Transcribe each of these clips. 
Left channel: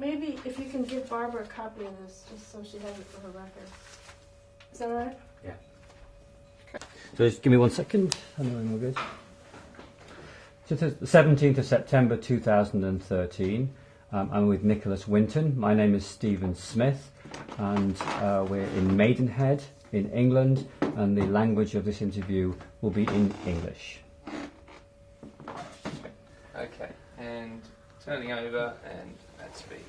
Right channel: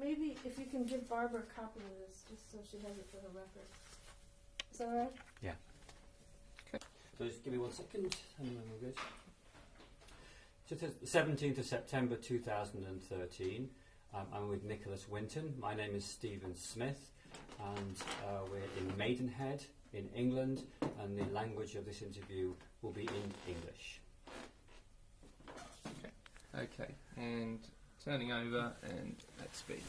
Maybe if you can give Barbara a copy of this, just so she has it for her record. Is that all right? Yeah. Okay. So just give me 1 second. I know I'm all good. So it's the 17th of September 2013. I'm with Nicholas Winton. My name is Stephen Smith, and we're in Maidenhead in England, and the language of this interview will be in English. Okay, and turning over, and let's speak.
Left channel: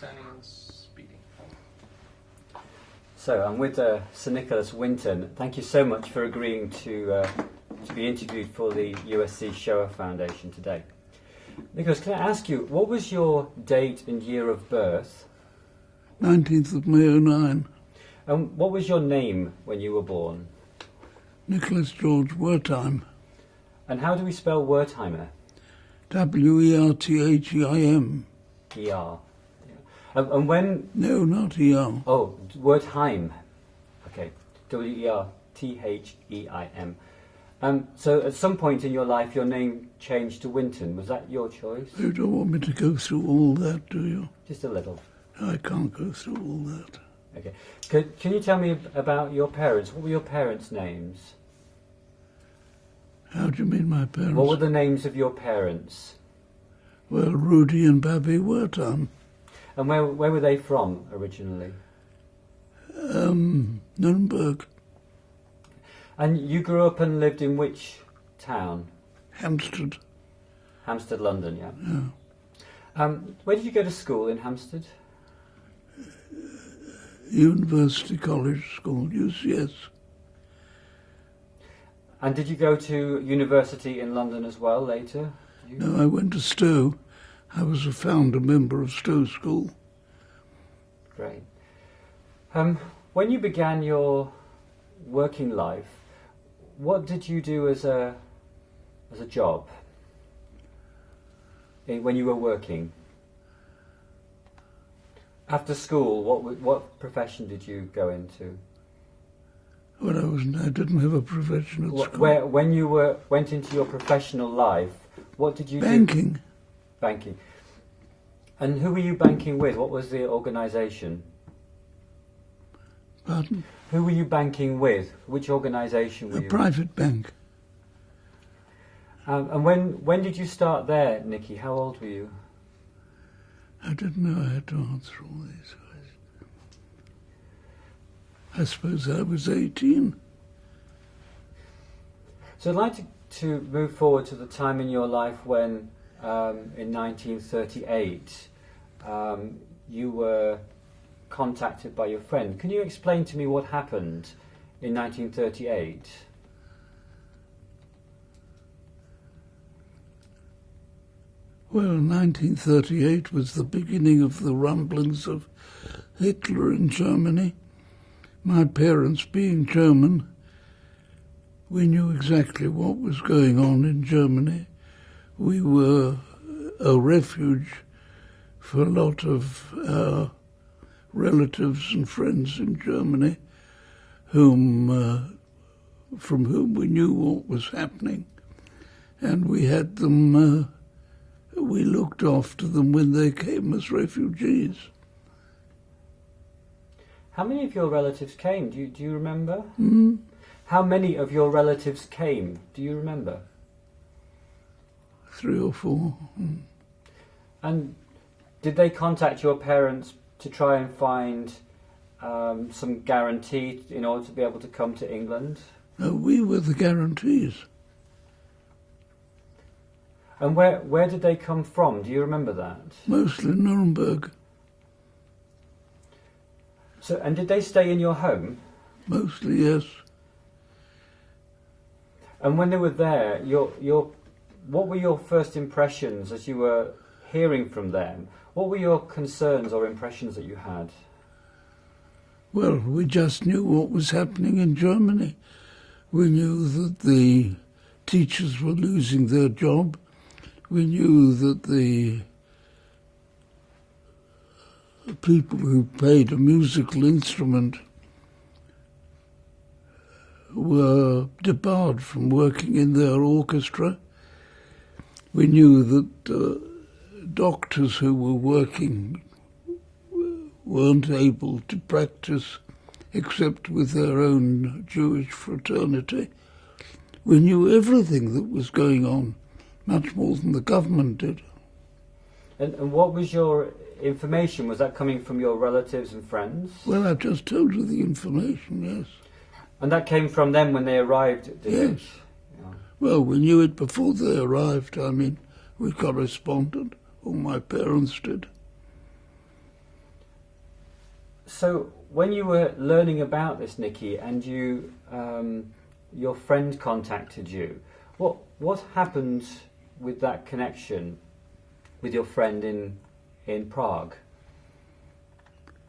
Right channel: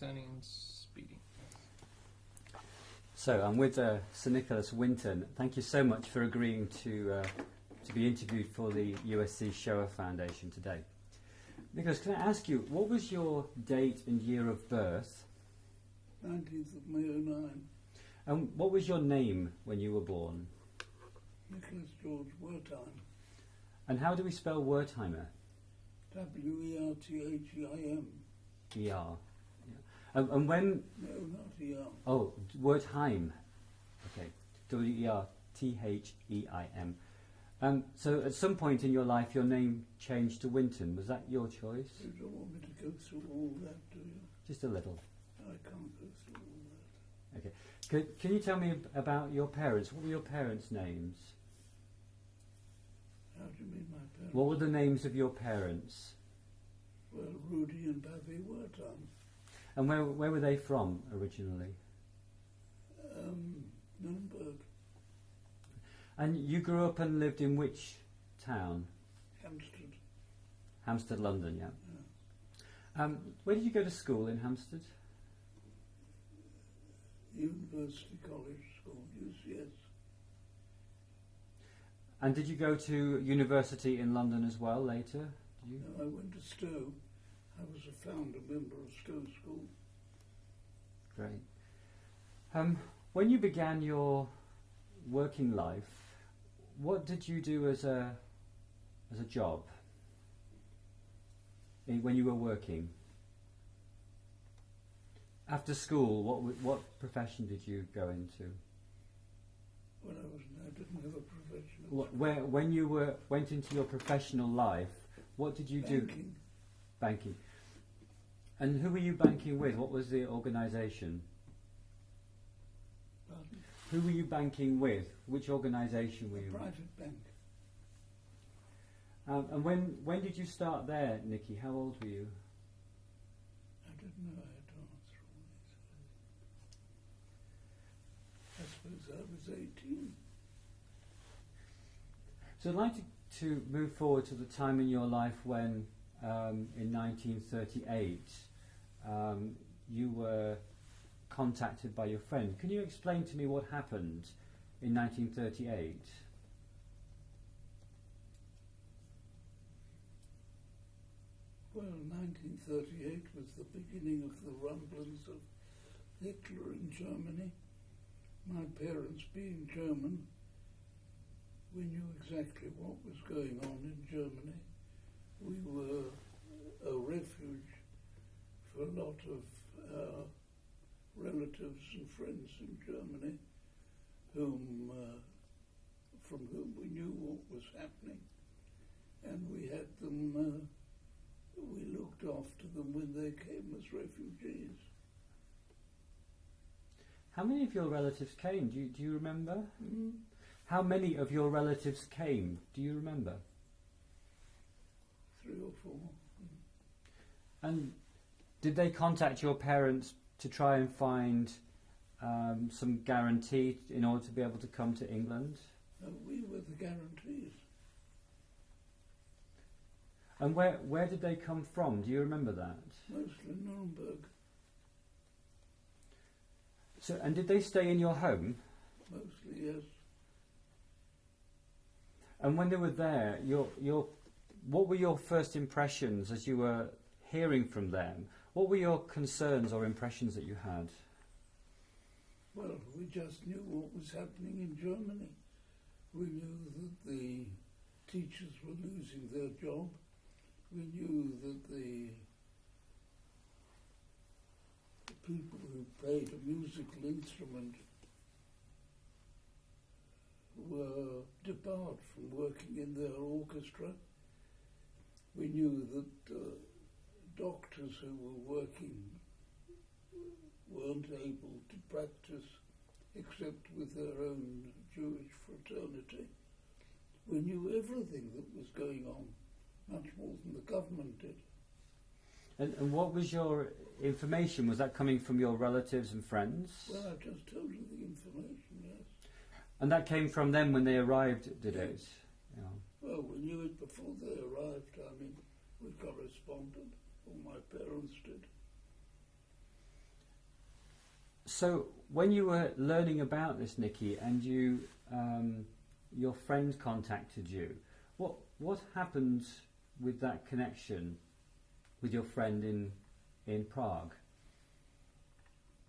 Turning and speeding. So I'm with Sir Nicholas Winton. Thank you so much for agreeing to be interviewed for the USC Shoah Foundation today. Nicholas, can I ask you, what was your date and year of birth? 19th of May 09. And what was your name when you were born? Nicholas George Wertheim. And how do we spell Wertheimer? W-E-R-T-H-E-I-M. E-R. And when... No, not E-R. Oh, Wertheim. Okay. W-E-R-T-H-E-I-M. So at some point in your life, your name changed to Winton. Was that your choice? You don't want me to go through all that, do you? Just a little. I can't go through all that. Okay. Can you tell me about your parents? What were your parents' names? How do you mean my parents? What were the names of your parents? Well, Rudy and Babby Wertheim. And where were they from originally? Nuremberg. And you grew up and lived in which town? Hampstead. Hampstead, London, yeah. Yeah. Where did you go to school in Hampstead? University College School, UCS. And did you go to university in London as well later? No, I went to Stowe. I was a founder member of Stowe School. Great. When you began your working life, what did you do as a job when you were working? After school, what profession did you go into? Well, I didn't have a profession at school. When you went into your professional life, what did you do? Banking. Banking. And who were you banking with? What was the organisation? Pardon? Who were you banking with? Which organisation were you? A private bank. And when did you start there, Nicky? How old were you? I didn't know I had to answer all these questions. I suppose I was 18. So I'd like to move forward to the time in your life when, in 1938, you were contacted by your friend. Can you explain to me what happened in 1938? Well, 1938 was the beginning of the rumblings of Hitler in Germany. My parents, being German, we knew exactly what was going on in Germany. We were a refuge for a lot of our relatives and friends in Germany, from whom we knew what was happening, and we had them. We looked after them when they came as refugees. How many of your relatives came? Do you remember? Mm. How many of your relatives came? Do you remember? 3 or 4. Mm. And did they contact your parents to try and find some guarantee in order to be able to come to England? No, we were the guarantees. And where did they come from? Do you remember that? Mostly Nuremberg. So, and did they stay in your home? Mostly, yes. And when they were there, what were your first impressions as you were hearing from them? What were your concerns or impressions that you had? Well, we just knew what was happening in Germany. We knew that the teachers were losing their job. we knew that the people who played a musical instrument were debarred from working in their orchestra. We knew that doctors who were working weren't able to practice except with their own Jewish fraternity. We knew everything that was going on, much more than the government did. And what was your information? Was that coming from your relatives and friends? Well, I've just told you the information, yes. And that came from them when they arrived, did it? Yes. Well, we knew it before they arrived. I mean, we corresponded, or my parents did. So when you were learning about this, Nicky, and you, your friend contacted you, what happened with that connection with your friend in Prague?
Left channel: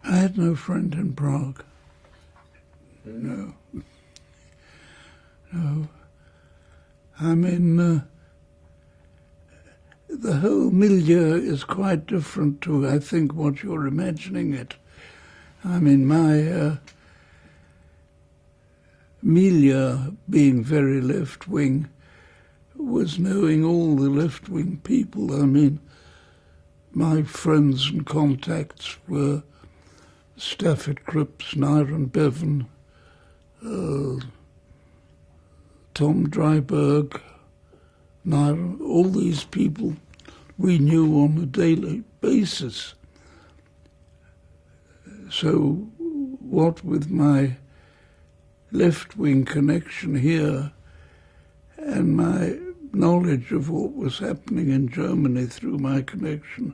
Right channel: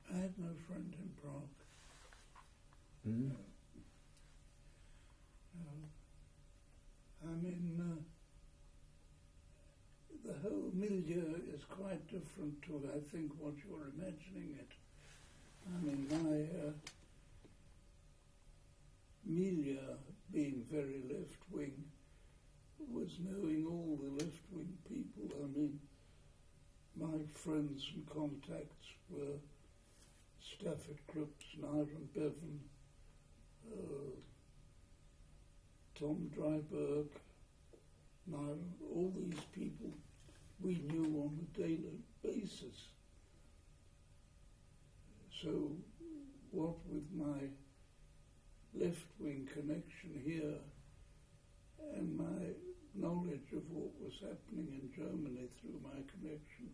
I had no friend in Prague. No. No. I mean, the whole milieu is quite different to, I think, what you're imagining it. I mean, my milieu, being very left-wing, was knowing all the left-wing people. I mean, my friends and contacts were Stafford Cripps, Nyron Bevan, Tom Dryberg, Nyron, all these people we knew on a daily basis. So what with my left-wing connection here and my knowledge of what was happening in Germany through my connection,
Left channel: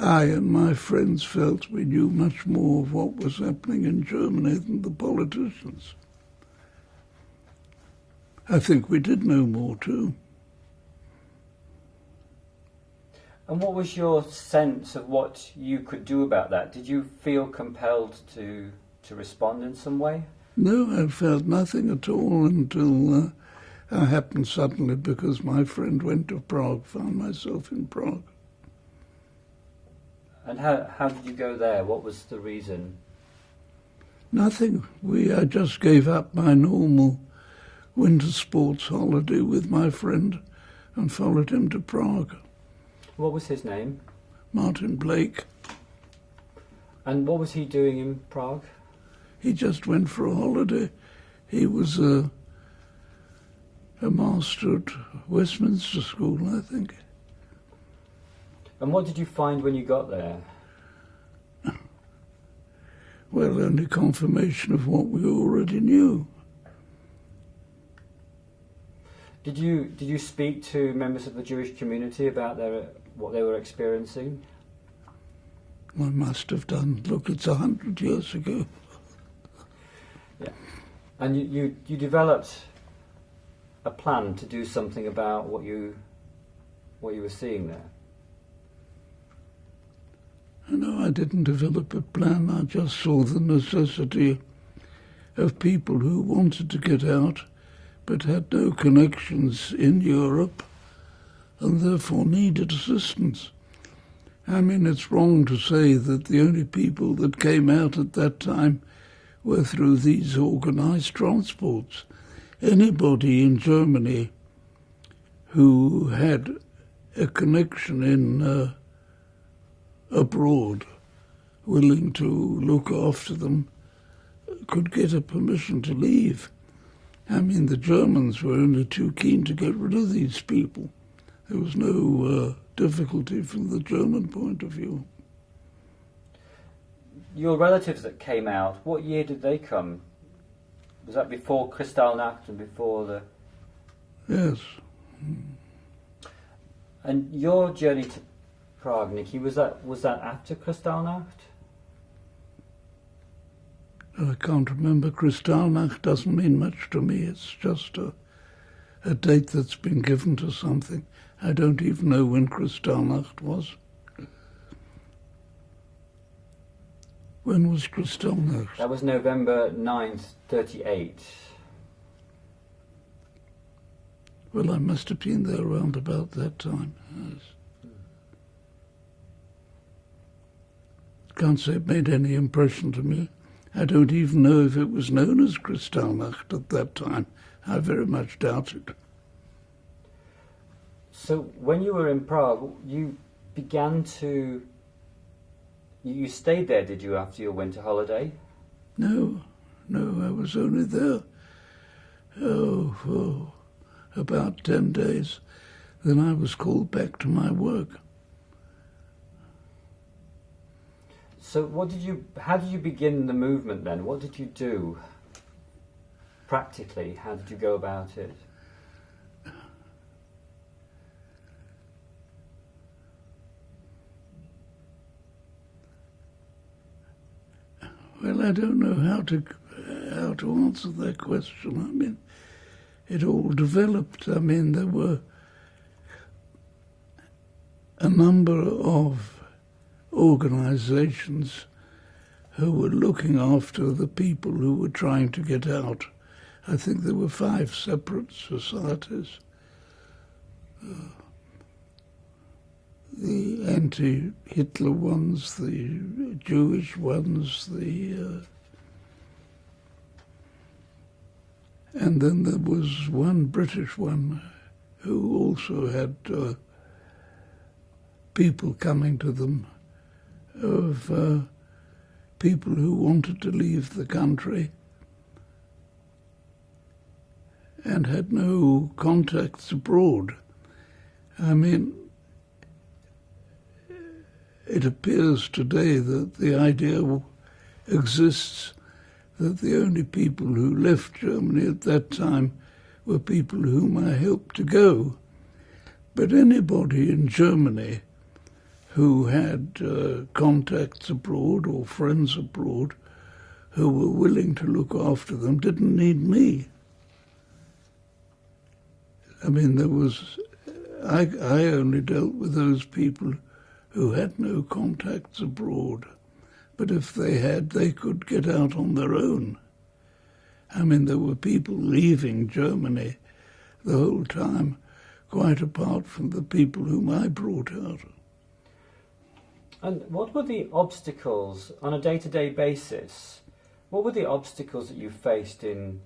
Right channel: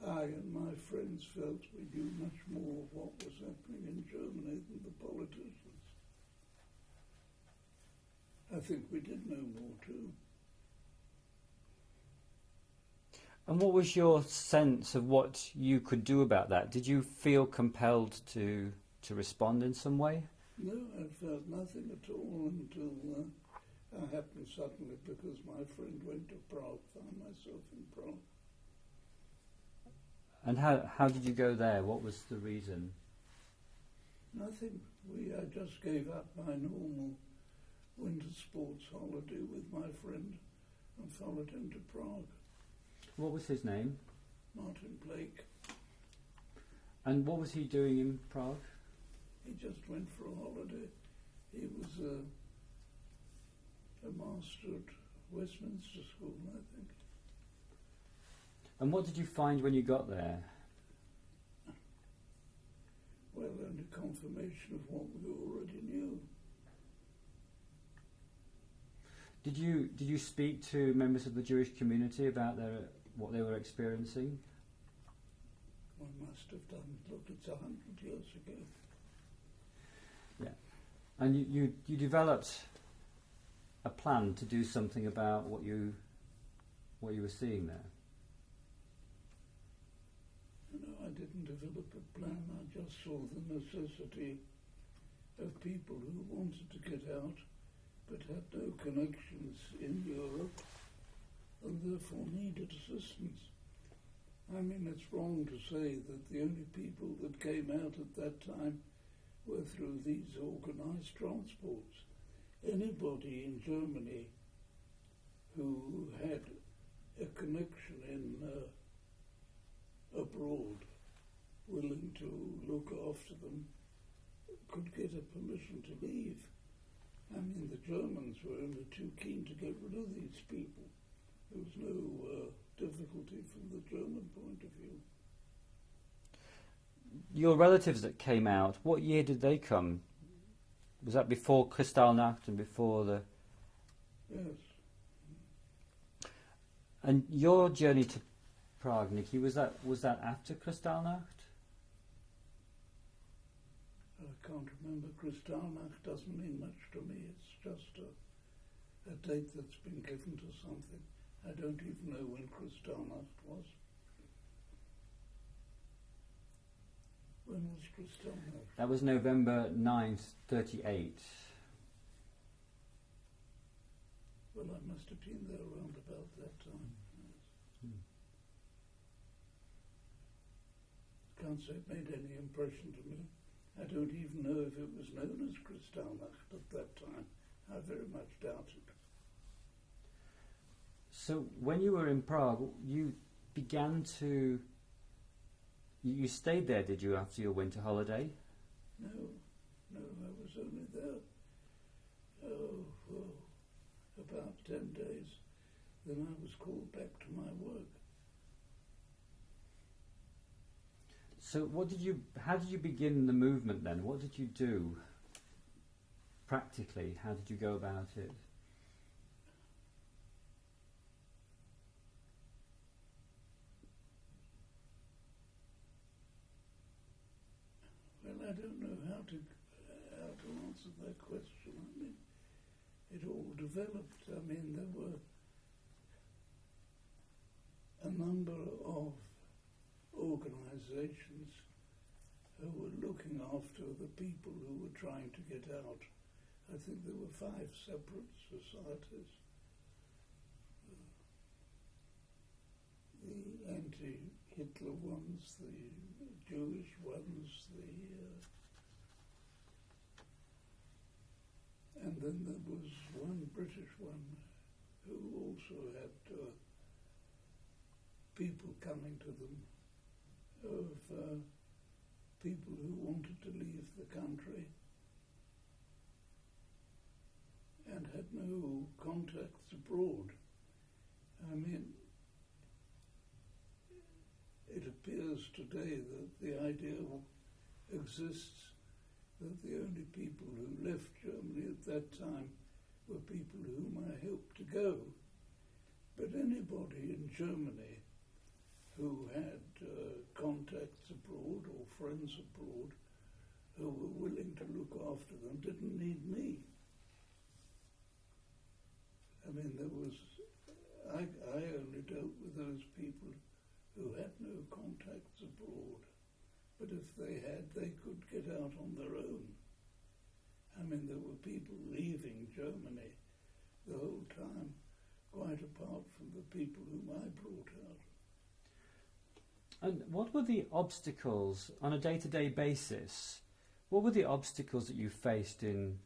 I and my friends felt we knew much more of what was happening in Germany than the politicians. I think we did know more too. And what was your sense of what you could do about that? Did you feel compelled to respond in some way? No, I felt nothing at all until I happened suddenly, because my friend went to Prague, found myself in Prague. And how did you go there? What was the reason? Nothing. I just gave up my normal winter sports holiday with my friend and followed him to Prague. What was his name? Martin Blake. And what was he doing in Prague? He just went for a holiday. He was a master at Westminster School, I think. And what did you find when you got there? Well, only confirmation of what we already knew. Did you speak to members of the Jewish community about what they were experiencing? I must have done. Look, it's 100 years ago. Yeah. And you developed a plan to do something about what you were seeing there? No, I didn't develop a plan. I just saw the necessity of people who wanted to get out but had no connections in Europe and therefore needed assistance. I mean, it's wrong to say that the only people that came out at that time were through these organized transports. Anybody in Germany who had a connection in abroad, willing to look after them, could get a permission to leave. I mean, the Germans were only too keen to get rid of these people. There was no difficulty from the German point of view. Your relatives that came out, what year did they come? Was that before Kristallnacht and before the... Yes. And your journey to Prague, Nicky, was that after Kristallnacht? I can't remember. Kristallnacht doesn't mean much to me. It's just a date that's been given to something. I don't even know when Kristallnacht was. When was Kristallnacht? That was November 9th, 38. Well, I must have been there around about that time, yes. Can't say it made any impression to me. I don't even know if it was known as Kristallnacht at that time. I very much doubt it. So when you were in Prague, you stayed there, did you, after your winter holiday? No, I was only there, for about 10 days. Then I was called back to my work. So how did you begin the movement then? What did you do? Practically, how did you go about it? Well, I don't know how to answer that question. I mean, it all developed. I mean, there were a number of organizations who were looking after the people who were trying to get out. I think there were 5 separate societies. The anti-Hitler ones, the Jewish ones, and then there was one British one who also had people coming to them of people who wanted to leave the country and had no contacts abroad. I mean, it appears today that the idea exists that the only people who left Germany at that time were people whom I helped to go. But anybody in Germany who had contacts abroad or friends abroad who were willing to look after them didn't need me. I mean, I only dealt with those people who had no contacts abroad. But if they had, they could get out on their own. I mean, there were people leaving Germany the whole time, quite apart from the people whom I brought out. And what were the obstacles, on a day-to-day basis, what were the obstacles that you faced in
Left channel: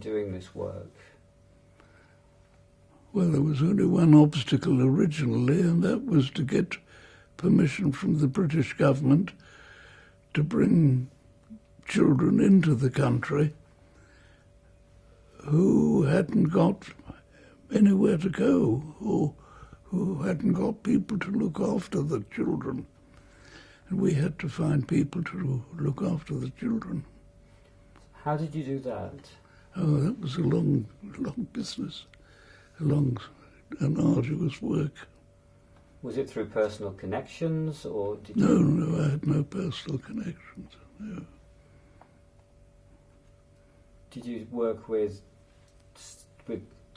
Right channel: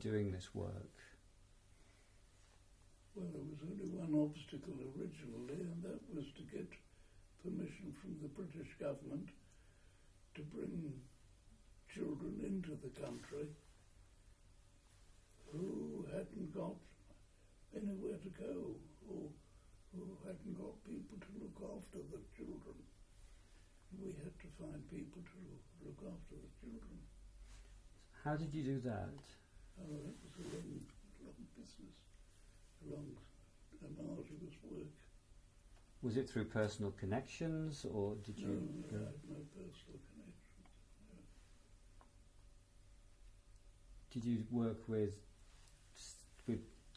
doing this work? Well, there was only one obstacle originally, and that was to get permission from the British government to bring children into the country who hadn't got anywhere to go or who hadn't got people to look after the children. And we had to find people to look after the children. How did you do that? Oh, that was a long business, a long and arduous work. Was it through personal connections, or did you... No, I had no personal connections, no. Did you work with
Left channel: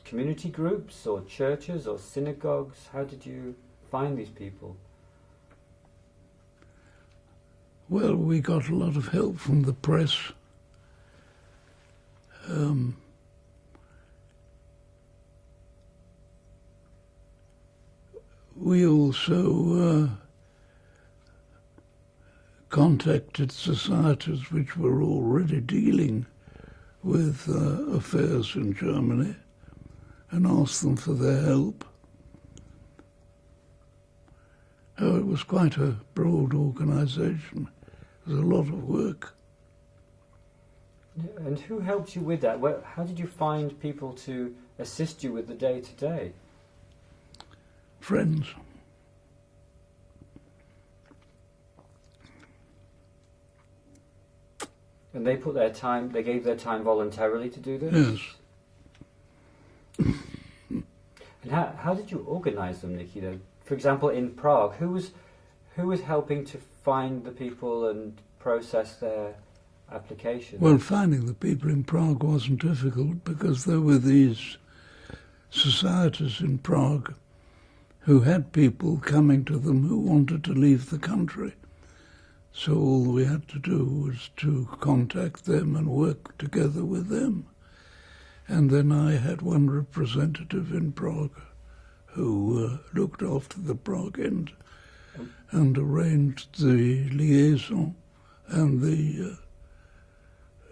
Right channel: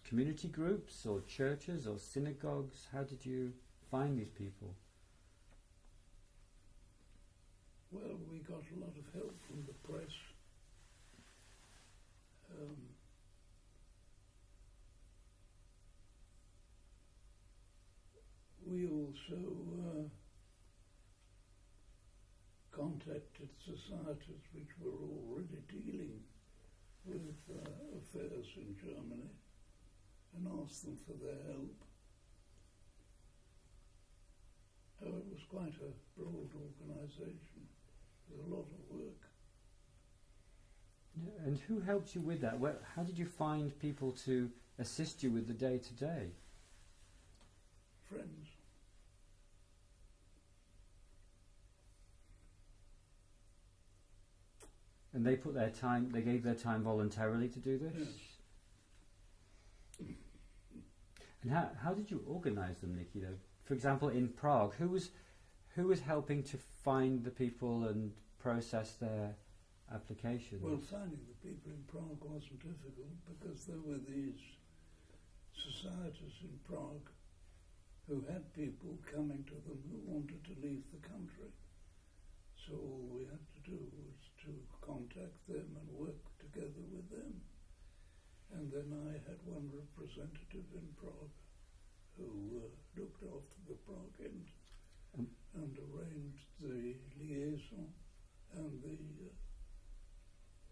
community groups or churches or synagogues? How did you find these people? Well, we got a lot of help from the press. We also contacted societies which were already dealing with affairs in Germany and asked them for their help. Oh, it was quite a broad organisation. It was a lot of work. And who helped you with that? How did you find people to assist you with the day-to-day? Friends. And they gave their time voluntarily to do this? Yes. And how did you organise them, Nikita? For example, in Prague, who was helping to find the people and process their applications? Well, finding the people in Prague wasn't difficult because there were these societies in Prague who had people coming to them who wanted to leave the country. So all we had to do was to contact them and work together with them. And then I had one representative in Prague who looked after the Prague end and arranged the liaison and the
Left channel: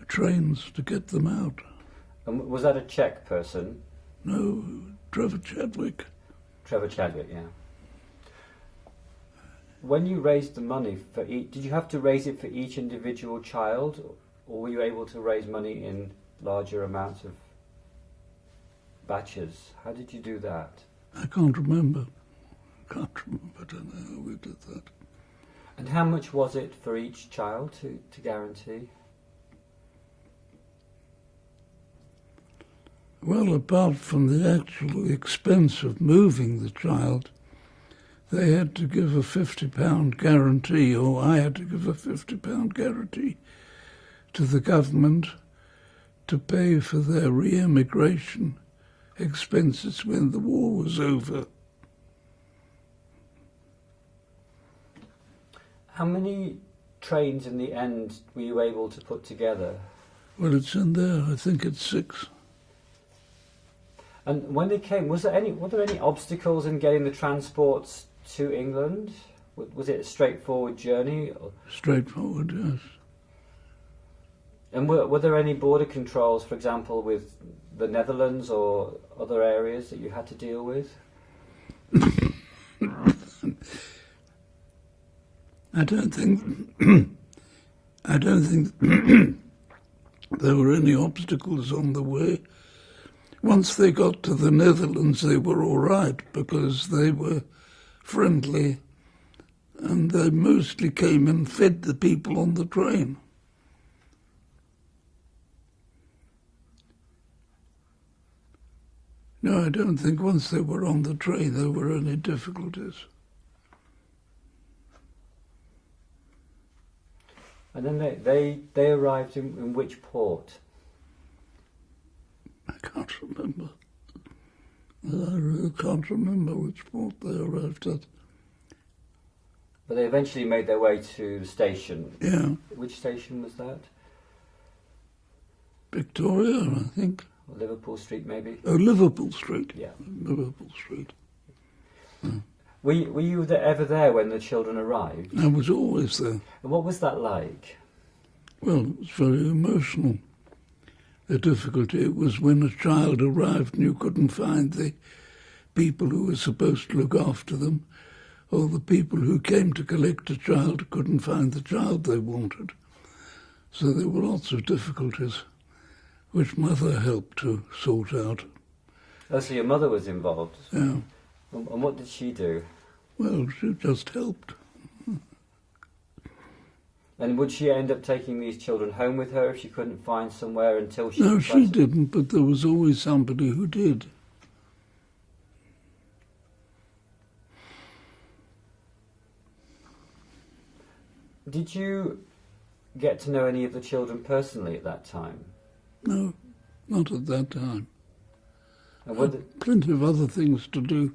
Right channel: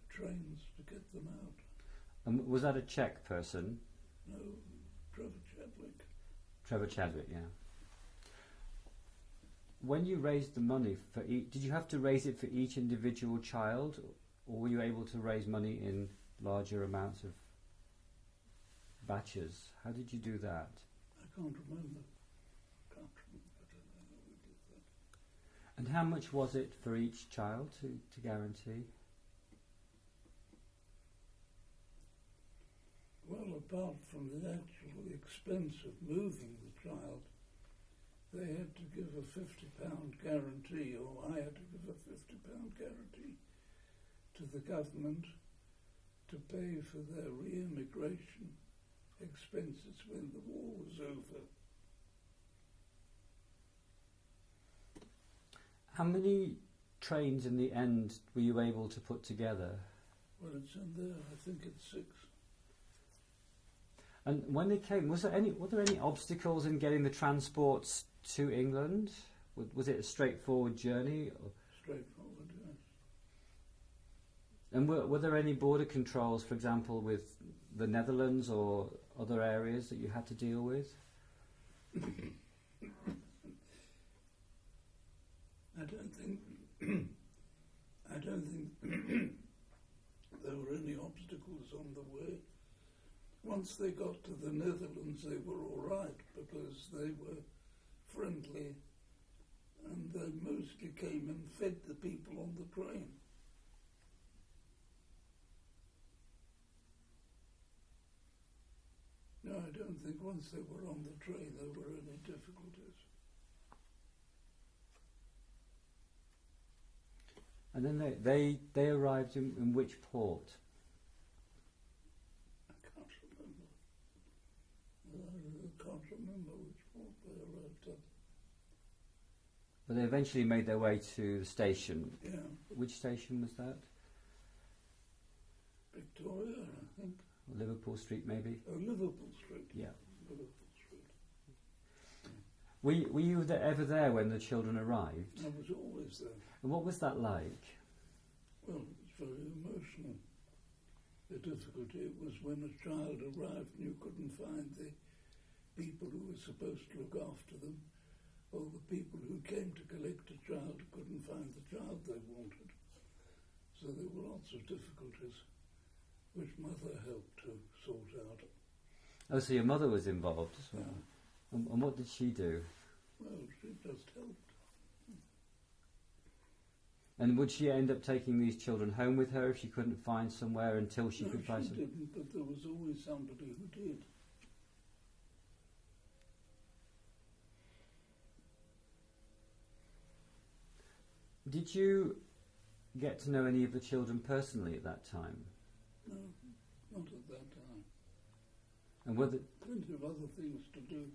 trains to get them out. And was that a Czech person? No, Trevor Chadwick. Trevor Chadwick, yeah. When you raised the money for each, did you have to raise it for each individual child, or were you able to raise money in larger amounts of batches? How did you do that? I can't remember. I don't know how we did that. And how much was it for each child to guarantee? Well, apart from the actual expense of moving the child, they had to give a £50 guarantee, or I had to give a £50 guarantee to the government to pay for their re-emigration expenses when the war was over. How many trains in the end were you able to put together? Well, it's in there. I think it's 6. And when they came, were there any obstacles in getting the transports to England? Was it a straightforward journey? Straightforward, yes. And were there any border controls, for example, with the Netherlands or other areas that you had to deal with? I don't think there were any obstacles on the way. Once they got to the Netherlands, they were all right because they were friendly and they mostly came and fed the people on the train. No, I don't think once they were on the train there were any difficulties. And then they arrived in which port? I can't remember. I really can't remember which port they arrived at. But they eventually made their way to the station. Yeah. Which station was that? Victoria, I think. Or Liverpool Street, maybe? Oh, Liverpool Street. Yeah. Liverpool Street. Were you ever there when the children arrived? I was always there. And what was that like? Well, it was very emotional. The difficulty was when a child arrived and you couldn't find the people who were supposed to look after them, or the people who came to collect a child couldn't find the child they wanted. So there were lots of difficulties, which Mother helped to sort out. Oh, so your mother was involved? Yeah. And what did she do? Well, she just helped. And would she end up taking these children home with her if she couldn't find somewhere until she... No, she didn't, but there was always somebody who did. Did you get to know any of the children personally at that time? No, not at that time. And I had plenty of other things to do.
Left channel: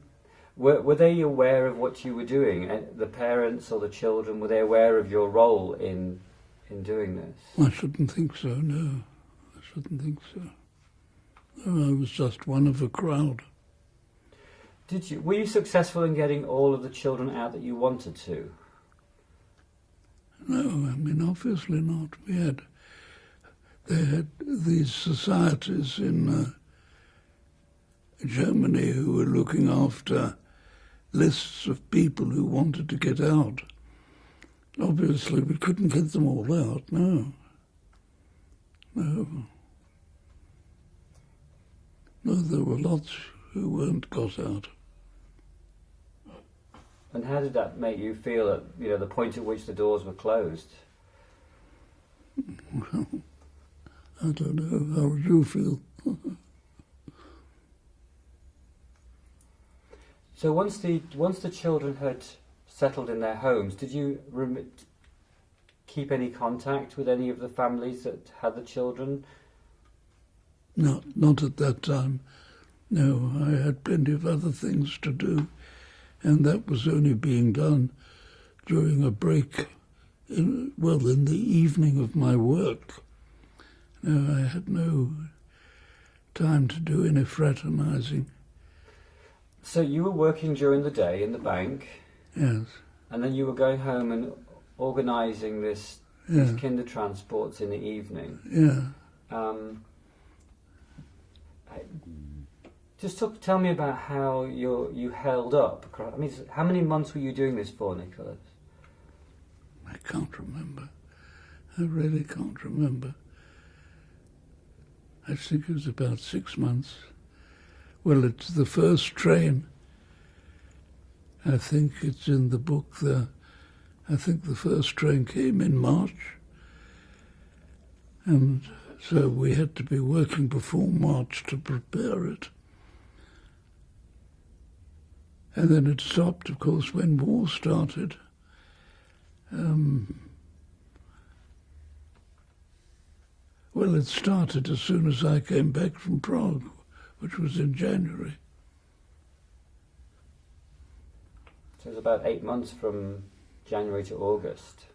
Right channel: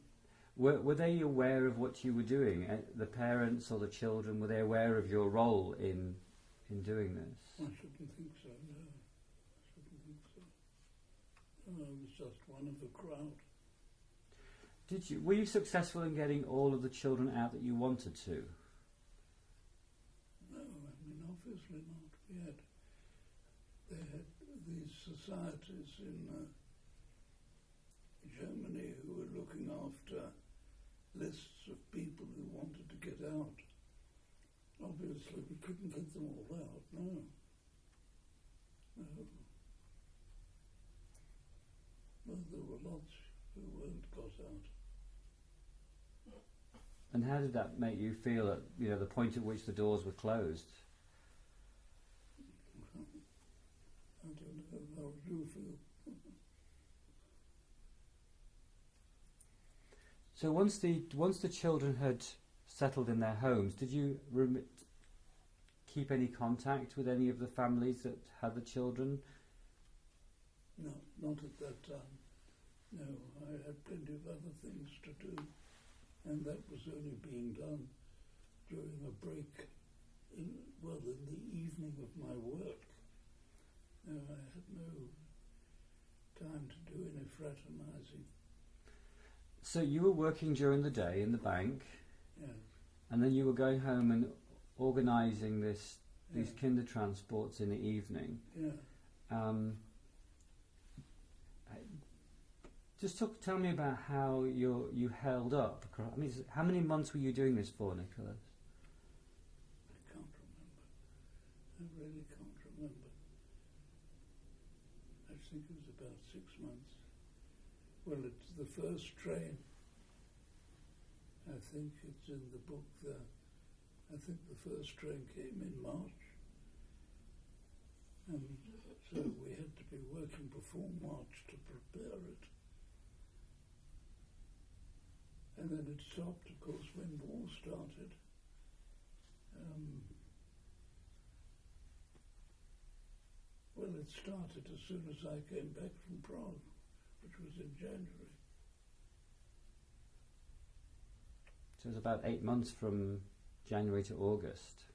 Were they aware of what you were doing? The parents or the children, were they aware of your role in doing this? I shouldn't think so, no. I shouldn't think so. No, I was just one of a crowd. Were you successful in getting all of the children out that you wanted to? No, I mean, obviously not. They had these societies in Germany who were looking after lists of people who wanted to get out. Obviously, we couldn't get them all out, no. No. No, there were lots who weren't got out. And how did that make you feel at the point at which the doors were closed? Well, I don't know. How would you feel? So once the children had settled in their homes, did you keep any contact with any of the families that had the children? No, not at that time. No, I had plenty of other things to do, and that was only being done during a break, in the evening of my work. No, I had no time to do any fraternising. So you were working during the day in the bank, Yes. and then you were going home and organising these Kindertransports in the evening. Yeah. Tell me about how you held up. I mean, how many months were you doing this for, Nicholas? I can't remember. I really can't remember. I think it was about 6 months. Well, it's the first train. I think it's in the book there. I think the first train came in March. And so we had to be working before March to prepare it. And then it stopped, of course, when war started. Well, it started as soon as I came back from Prague, which was in January. So it was about 8 months from January to August.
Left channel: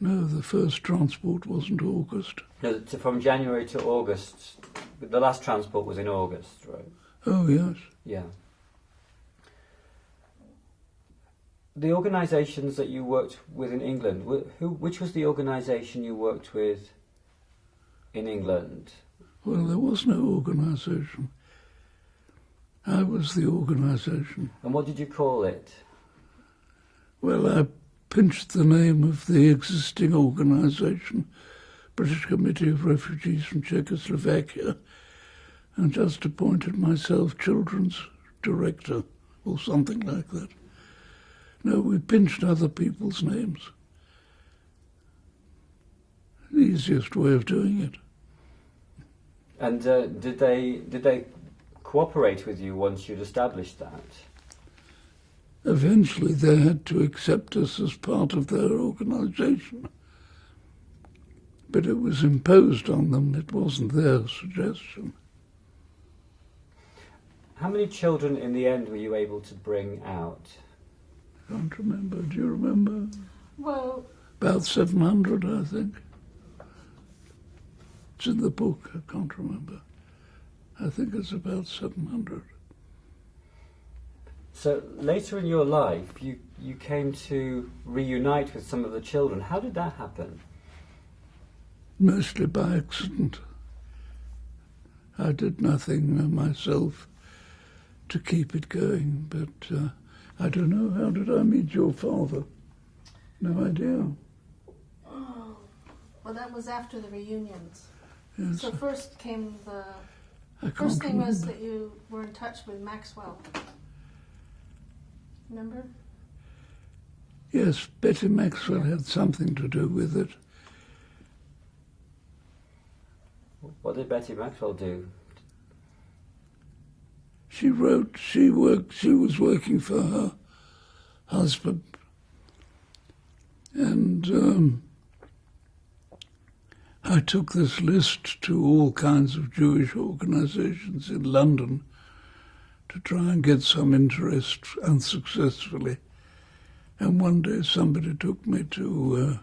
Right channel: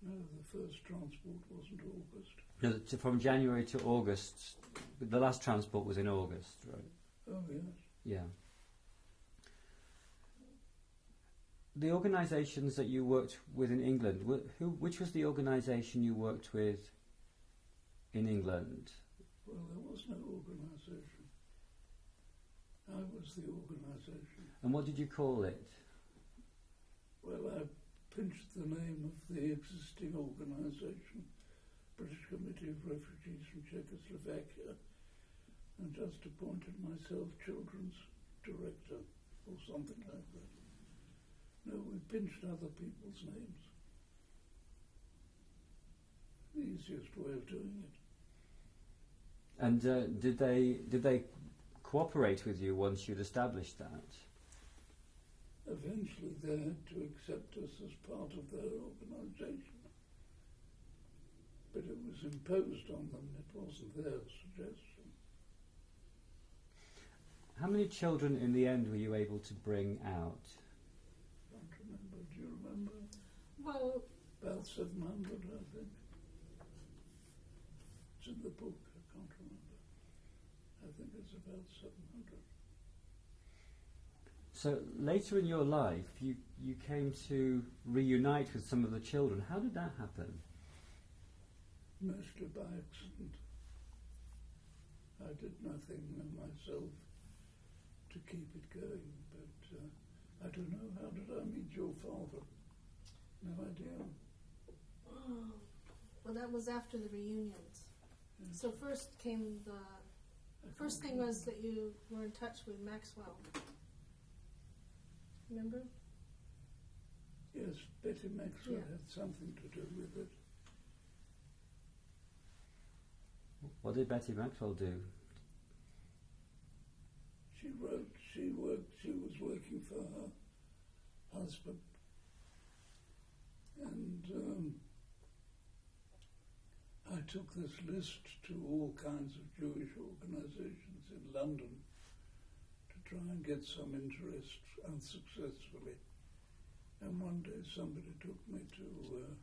No, the first transport wasn't August. No, from January to August. The last transport was in August, right? Oh, yes. Yeah. The organisations that you worked with in England, which was the organisation you worked with in England? Well, there was no organisation. I was the organisation. And what did you call it? Well, I pinched the name of the existing organisation, British Committee of Refugees from Czechoslovakia, and just appointed myself children's director or something like that. No, we pinched other people's names. The easiest way of doing it. And did they cooperate with you once you'd established that? Eventually they had to accept us as part of their organisation. But it was imposed on them, it wasn't their suggestion. How many children in the end were you able to bring out? I don't remember. Do you remember? Well, About 700, I think. It's in the book, I can't remember. I think it's about 700. So later in your life, you came to reunite with some of the children. How did that happen? Mostly by accident. I did nothing myself to keep it going, but I don't know, how did I meet your father? No idea. oh, well, that was after the reunions. Yes, So first came I can't first thing was remember. that you were in touch with Maxwell. Remember? Yes, Betty Maxwell had something to do with it. What did Betty Maxwell do? She was working for her husband. And I took this list to all kinds of Jewish organisations in London to try and get some interest, unsuccessfully. And one day somebody took me to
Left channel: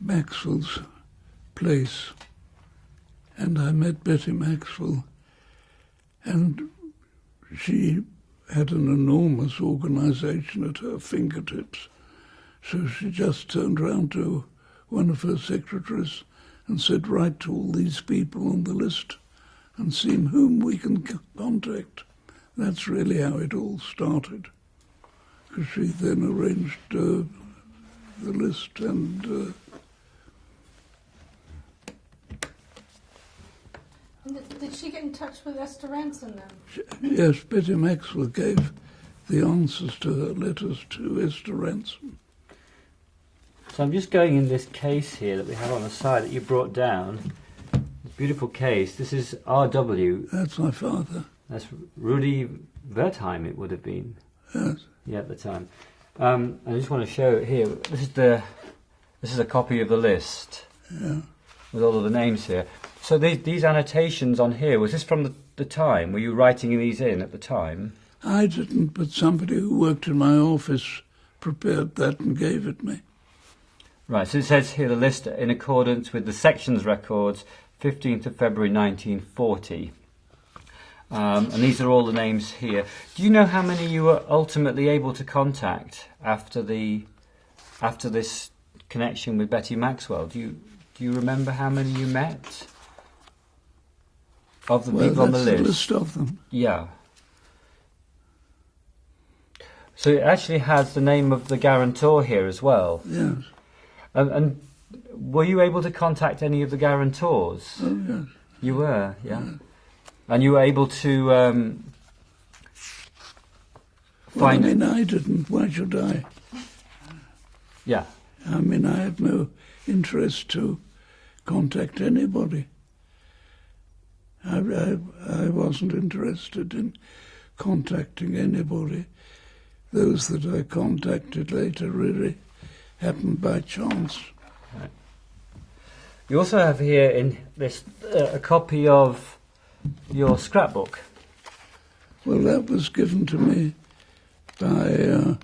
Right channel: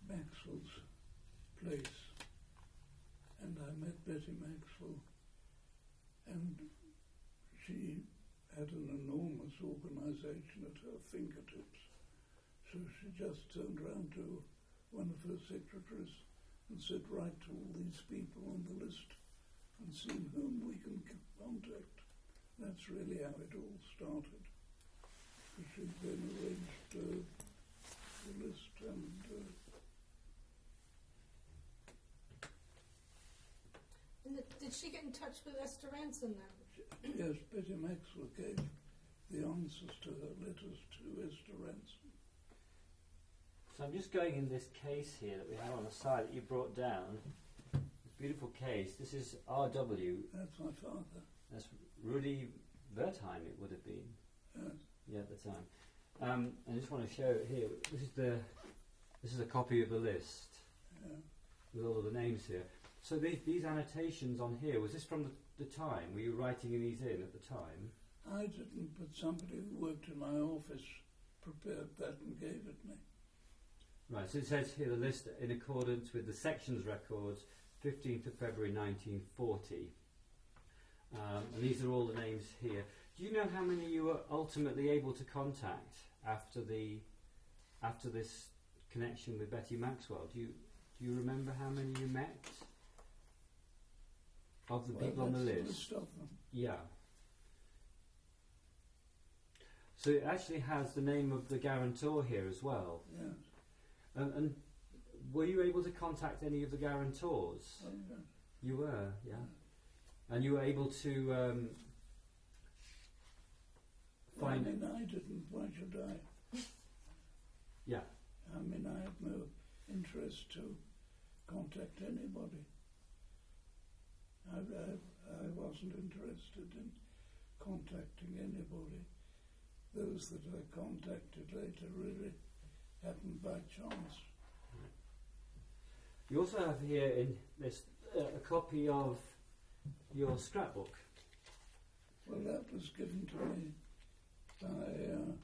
Maxwell's place, and I met Betty Maxwell, and she had an enormous organisation at her fingertips. So she just turned round to one of her secretaries and said, write to all these people on the list and see whom we can contact. That's really how it all started, because she then arranged the list and... Did she get in touch with Esther Ranson then? Yes, Betty Maxwell gave the answers to her letters to Esther Ranson. So I'm just going in this case here that we have on the side that you brought down. This beautiful case. This is R.W. That's my father. That's Rudy Wertheim, it would have been. Yes. Yeah, at the time. I just want to show it here. This is a copy of the list. Yeah. With all of the names here. So these annotations on here, was this from the time? Were you writing these in at the time? I didn't, but somebody who worked in my office prepared that and gave it me. Right, so it says here the list in accordance with the section's records, 15th of February 1940. And these are all the names here. Do you know how many you were ultimately able to contact after this connection with Betty Maxwell? Do you remember how many you met of the people on the list? That's the list of them. Yeah. So it actually has the name of the guarantor here as well. Yes. And were you able to contact any of the guarantors? Oh, yes. You were, yeah. Yes. And you were able to Well, I find... mean, I didn't. Why should I? Yeah. I mean, I had no interest to contact anybody. I wasn't interested in contacting anybody. Those that I contacted later really happened by chance. Right. You also have here in this a copy of your scrapbook. Well, that was given to me by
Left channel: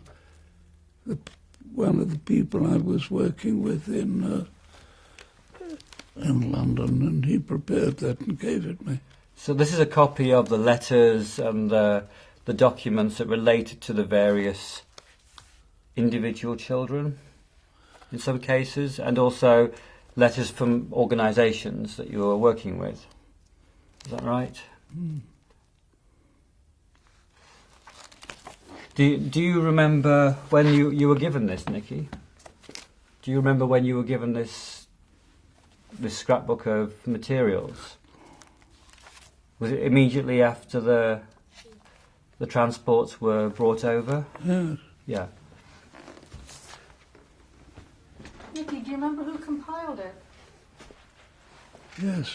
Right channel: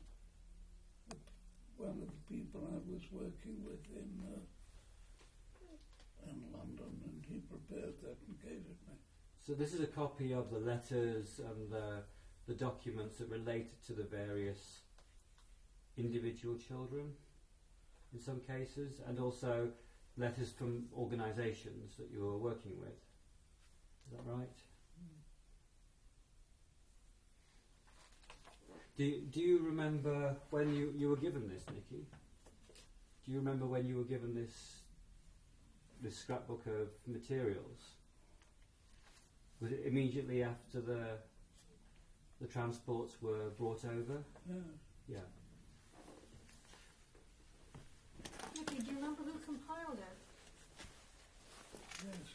one of the people I was working with in London, and he prepared that and gave it me. So this is a copy of the letters and the documents that related to the various individual children in some cases, and also letters from organisations that you were working with. Is that right? Mm. Do you remember when you were given this, Nikki? Do you remember when you were given this scrapbook of materials? Was it immediately after the transports were brought over? Yes. Yeah. Nicky, do you remember who compiled it? Yes.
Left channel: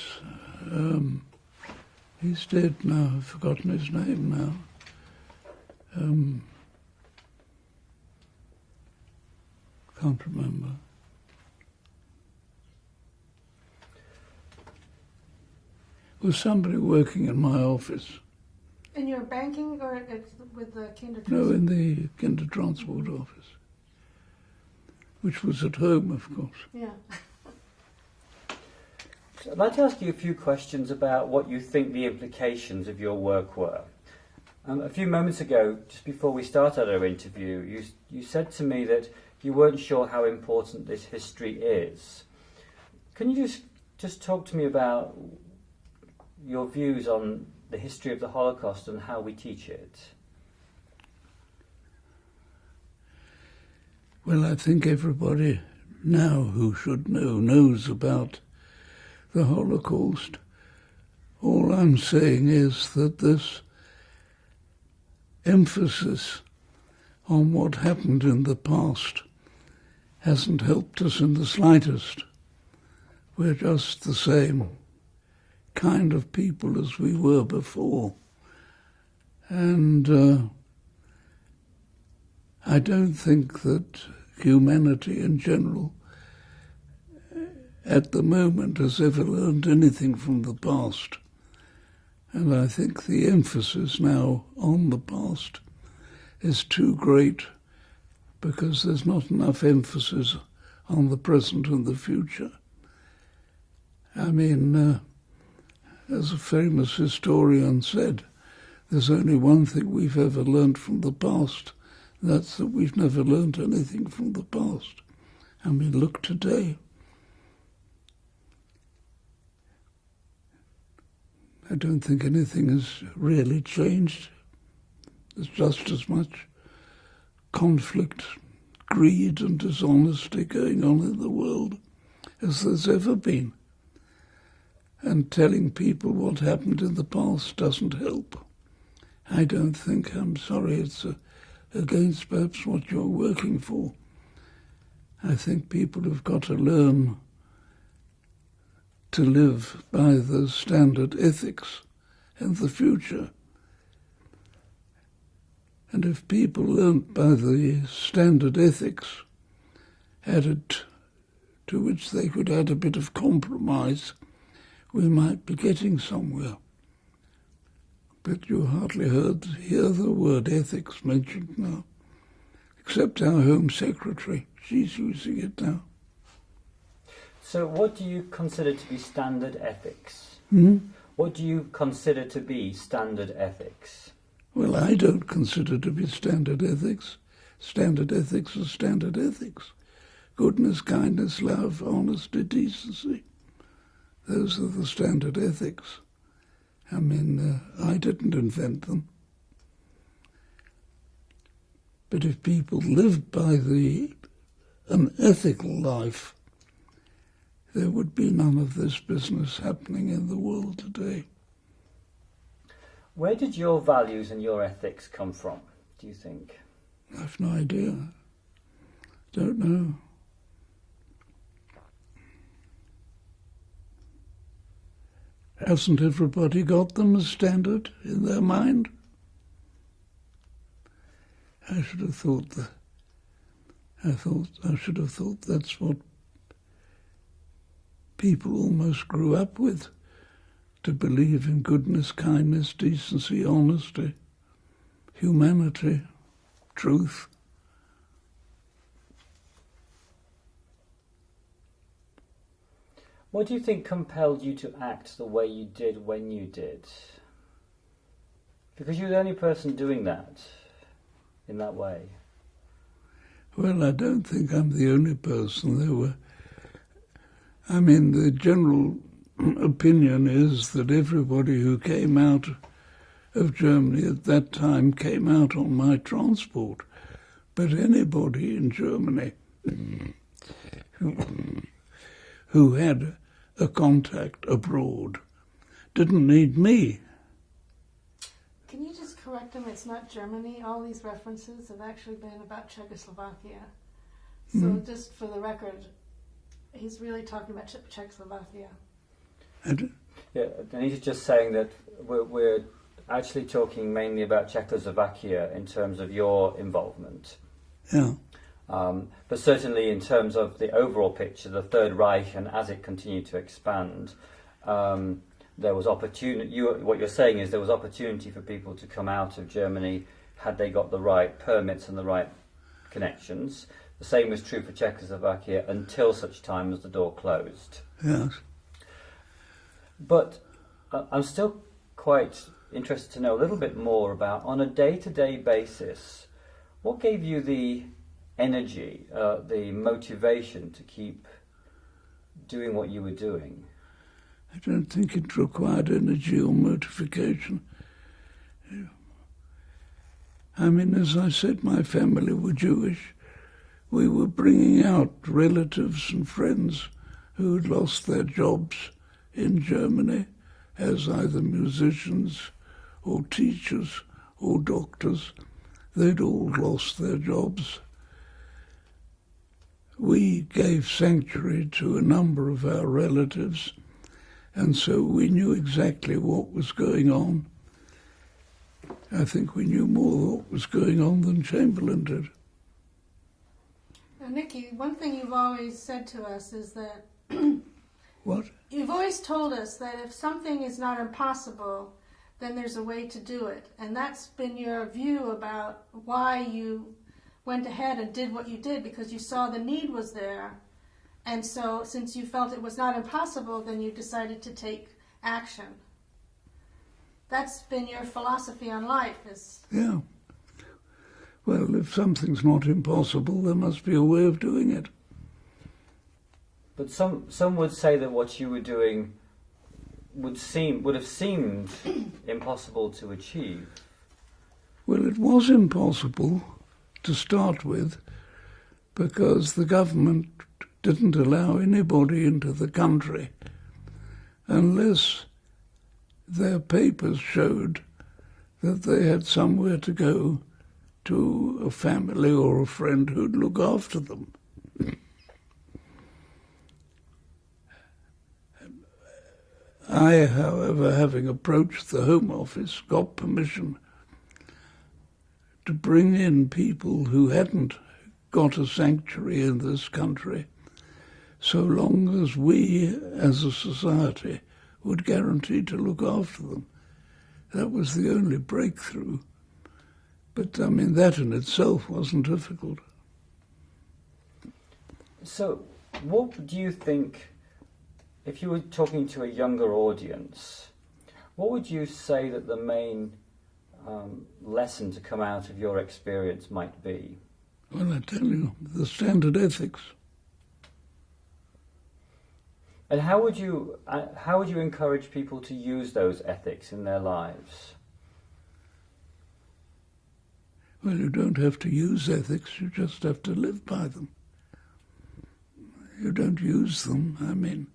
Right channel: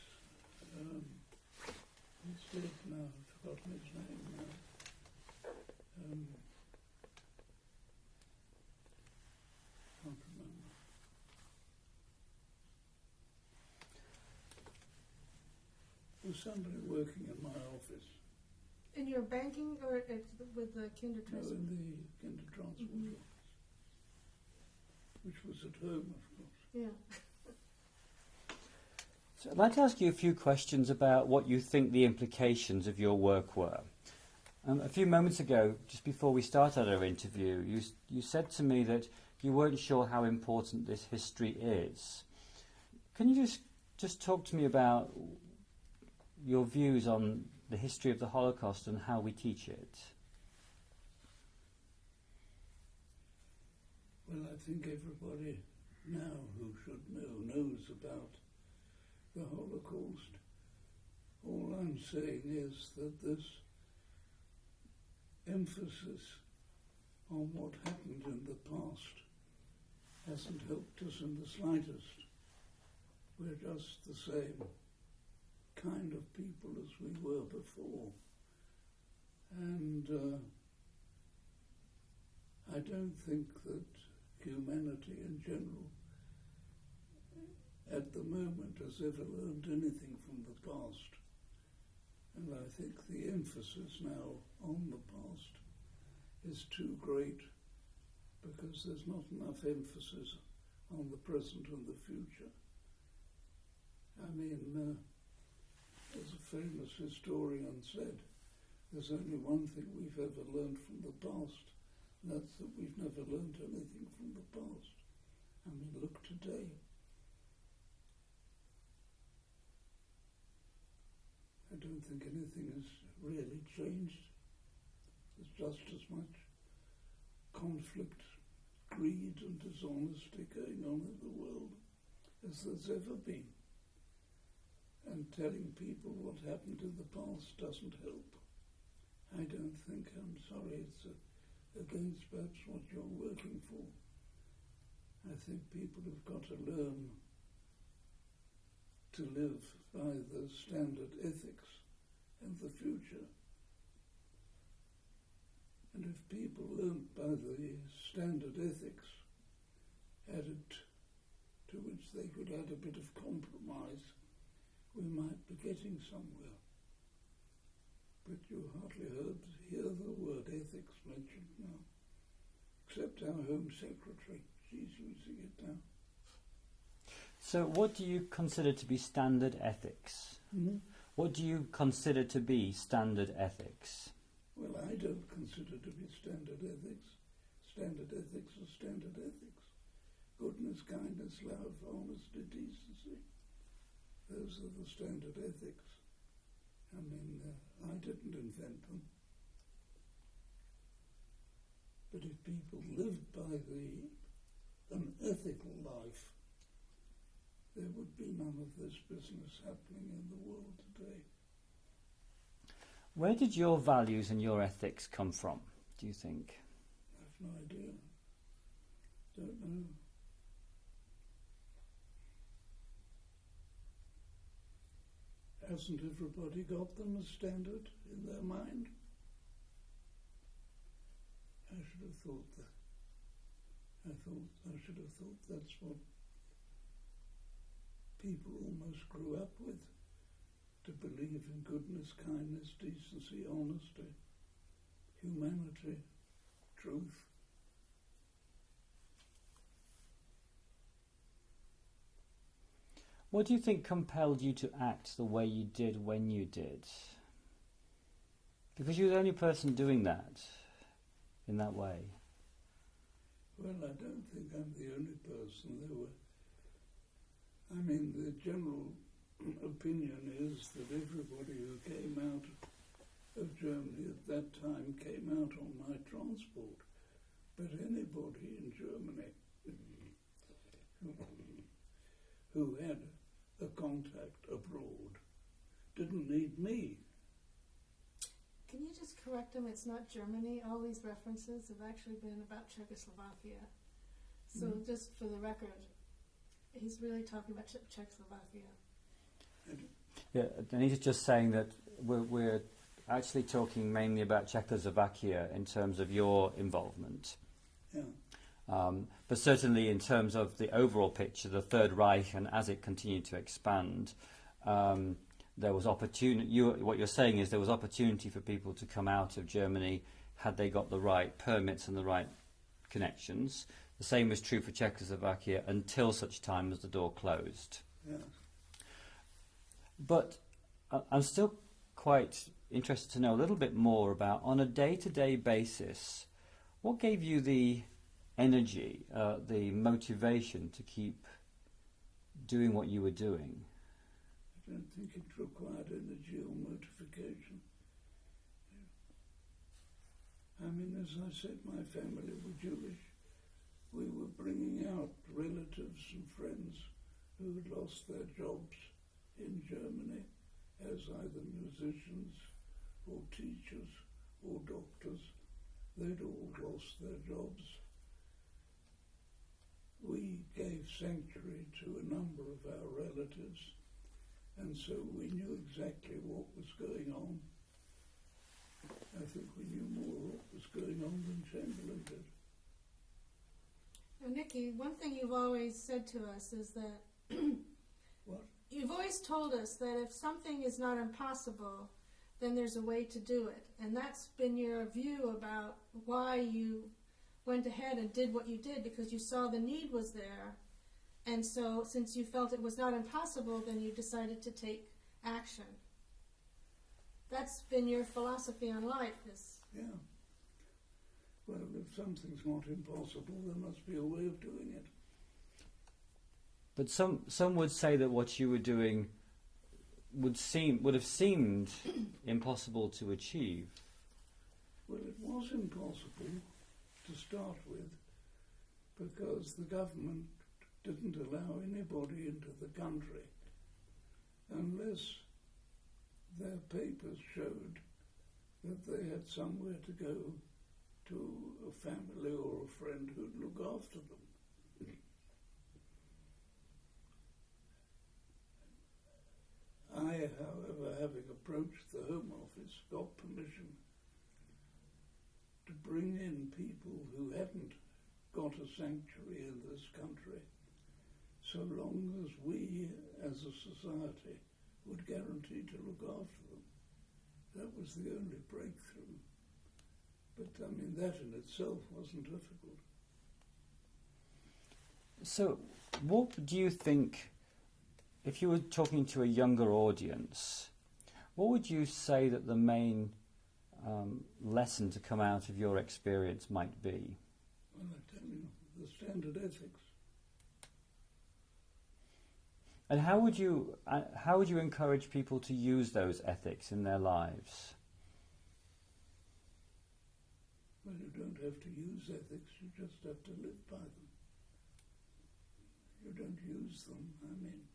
He's dead now. I've forgotten his name now. Can't remember. It was somebody working in my office. In your banking or with the Kindertransport? No, in the Kindertransport office, which was at home, of course. Yeah. So I'd like to ask you a few questions about what you think the implications of your work were. A few moments ago, just before we started our interview, you said to me that you weren't sure how important this history is. Can you just talk to me about your views on the history of the Holocaust and how we teach it? Well, I think everybody now who should know knows about the Holocaust. All I'm saying is that this emphasis on what happened in the past hasn't helped us in the slightest. We're just the same kind of people as we were before. And I don't think that humanity in general at the moment has ever learned anything from the past. And I think the emphasis now on the past is too great because there's not enough emphasis on the present and the future. I mean, as a famous historian said, there's only one thing we've ever learned from the past. That's that we've never learned anything from the past. I mean, look today. I don't think anything has really changed. There's just as much conflict, greed and dishonesty going on in the world as there's ever been. And telling people what happened in the past doesn't help. I don't think, I'm sorry, it's against perhaps what you're working for. I think people have got to learn to live by the standard ethics in the future. And if people learnt by the standard ethics added to which they could add a bit of compromise, we might be getting somewhere. But you hardly hear the word ethics mentioned now. except our Home Secretary. She's using it now. So what do you consider to be standard ethics? What do you consider to be standard ethics? Well, I don't consider to be standard ethics. Standard ethics are standard ethics. Goodness, kindness, love, honesty, decency. Those are the standard ethics. I mean, I didn't invent them. But if people lived by an ethical life, there would be none of this business happening in the world today. Where did your values and your ethics come from, do you think? I've no idea. Don't know. Hasn't everybody got them as standard in their mind? I should have thought that's what people almost grew up with, to believe in goodness, kindness, decency, honesty, humanity, truth. What do you think compelled you to act the way you did when you did? Because you're the only person doing that in that way. Well, I don't think I'm the only person. The general opinion is that everybody who came out of Germany at that time came out on my transport. But anybody in Germany who had a contact abroad didn't need me. Can you just correct him? It's not Germany. All these references have actually been about Czechoslovakia. So just for the record, he's really talking about Czechoslovakia. Yeah, and he's just saying that we're actually talking mainly about Czechoslovakia in terms of your involvement. Yeah. But certainly in terms of the overall picture, the Third Reich, and as it continued to expand, there was opportunity. What you're saying is there was opportunity for people to come out of Germany had they got the right permits and the right connections. The same was true for Czechoslovakia until such time as the door closed. Yes. But I'm still quite interested to know a little bit more about, on a day-to-day basis, what gave you the energy, the motivation to keep doing what you were doing? I don't think it required energy or motivation. I mean, as I said, my family were Jewish. We were bringing out relatives and friends who had lost their jobs in Germany as either musicians or teachers or doctors. They'd all lost their jobs. We gave sanctuary to a number of our relatives, and so we knew exactly what was going on. I think we knew more what was going on than Chamberlain did. Now, Nicky, one thing you've always said to us is that What? you've always told us that if something is not impossible, then there's a way to do it. And that's been your view about why you went ahead and did what you did, because you saw the need was there. And so since you felt it was not impossible, then you decided to take action. That's been your philosophy on life. Yeah. Well, if something's not impossible, there must be a way of doing it. But some would say that what you were doing would have seemed impossible to achieve. Well, it was impossible to start with because the government didn't allow anybody into the country unless their papers showed that they had somewhere to go, to a family or a friend who'd look after them. I, however, having approached the Home Office, got permission to bring in people who hadn't got a sanctuary in this country, so long as we, as a society, would guarantee to look after them. That was the only breakthrough. But, I mean, that in itself wasn't difficult. So, what do you think, if you were talking to a younger audience, what would you say that the main lesson to come out of your experience might be? Well, I tell you, the standard ethics. And how would you encourage people to use those ethics in their lives? Well, you don't have to use ethics, you just have to live by them. You don't use them, I mean.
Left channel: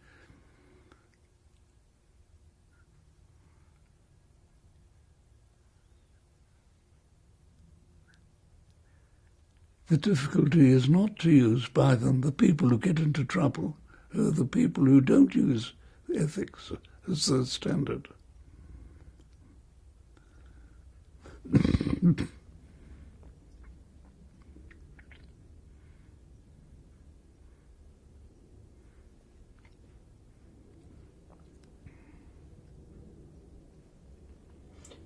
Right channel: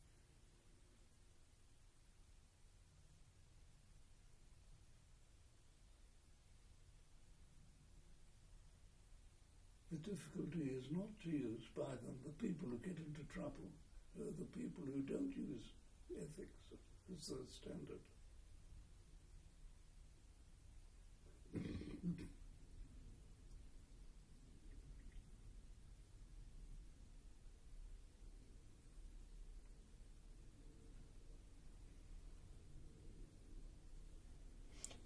The difficulty is not to use by them. The people who get into trouble are the people who don't use ethics as their standard.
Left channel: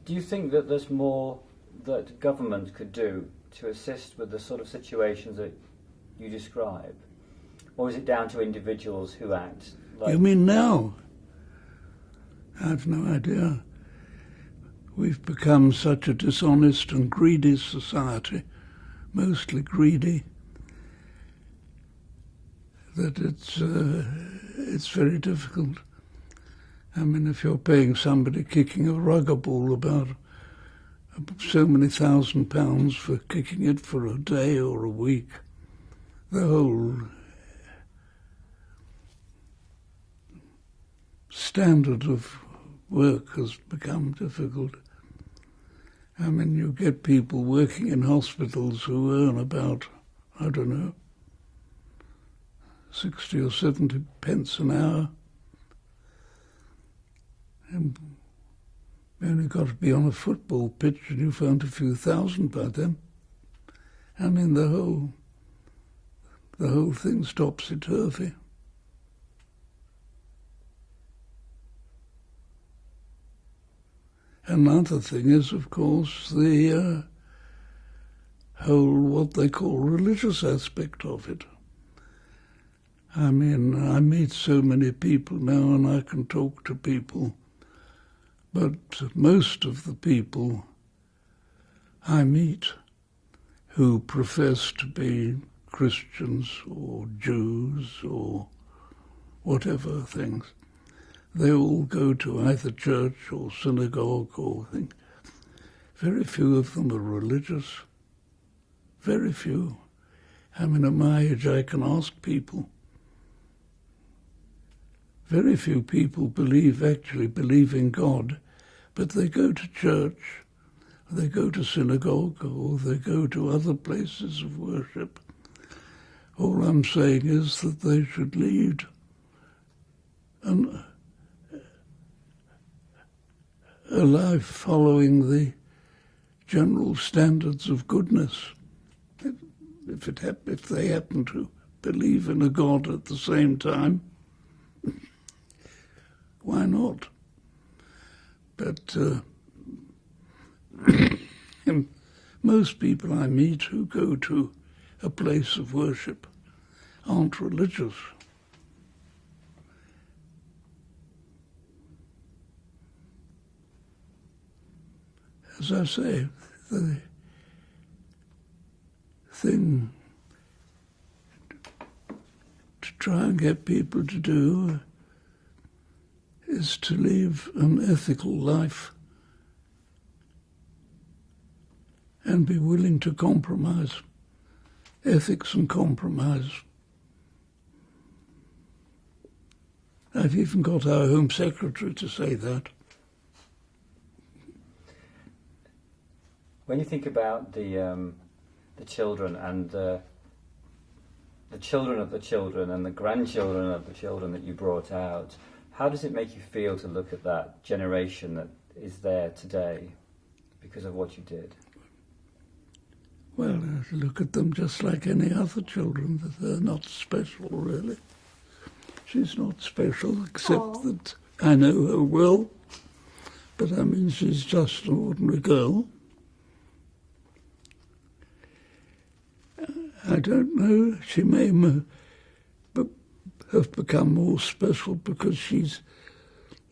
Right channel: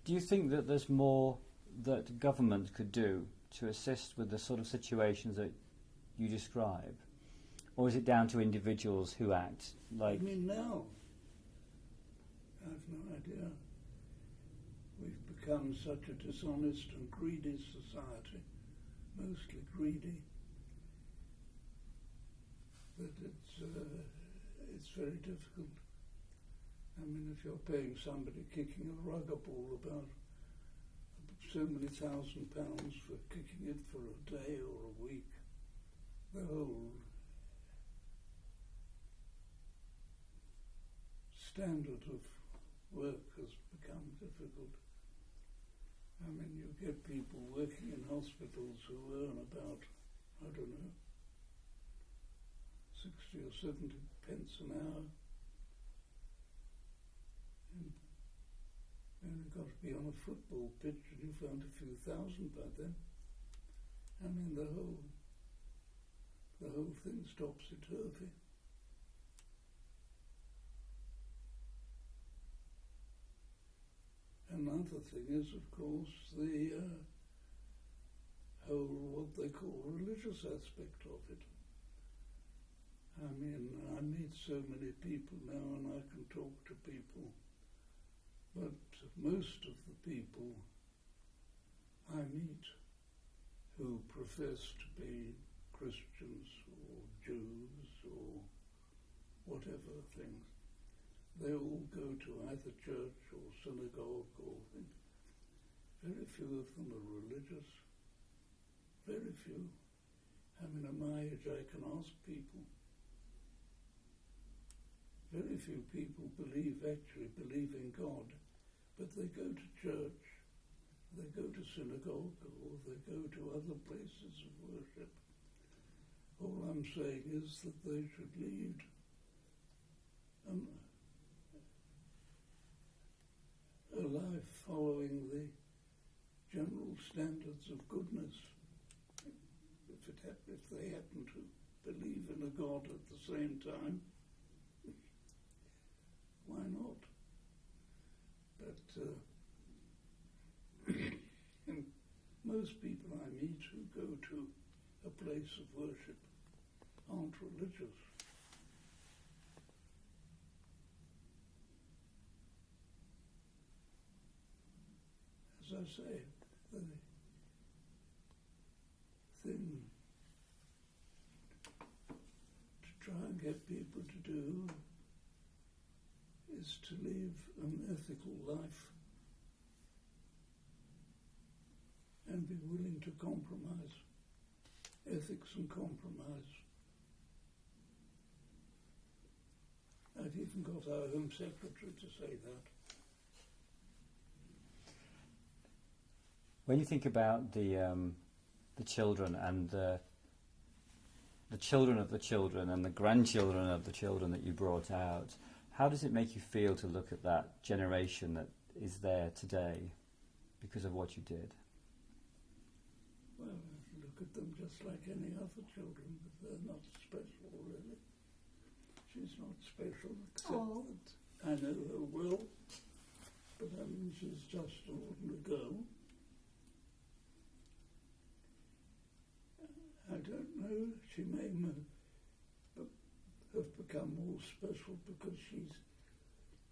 Do you think that there's more that government could do to assist with the sort of situations that you describe? Or is it down to individuals who act? You mean now? I've no idea. We've become such a dishonest and greedy society, mostly greedy, that it's very difficult. I mean, if you're paying somebody kicking a rugger ball about so many £1,000 for kicking it for a day or a week, the whole standard of work has become difficult. I mean, you get people working in hospitals who earn about, I don't know, 60 or 70 pence an hour. And you only got to be on a football pitch and you found a few thousand by then. I mean, the whole thing's topsy-turvy. Another thing is, of course, the whole, what they call, religious aspect of it. I mean, I meet so many people now and I can talk to people, but most of the people I meet who profess to be Christians or Jews or whatever things, they all go to either church or synagogue or thing. Very few of them are religious. Very few. I mean, at my age, I can ask people. Very few people actually believe in God, but they go to church, they go to synagogue, or they go to other places of worship. All I'm saying is that they should lead a life following the general standards of goodness. If they happen to believe in a God at the same time, why not? But most people I meet who go to a place of worship aren't religious. As I say, the thing to try and get people to do is to live an ethical life and be willing to compromise. Ethics and compromise. I've even got our Home Secretary to say that. When you think about the children and the children of the children and the grandchildren of the children that you brought out, how does it make you feel to look at that generation that is there today because of what you did? Well, I look at them just like any other children, that they're not special, really. She's not special, except that I know her well, but I mean, she's just an ordinary girl. I don't know. She may have become more special because she's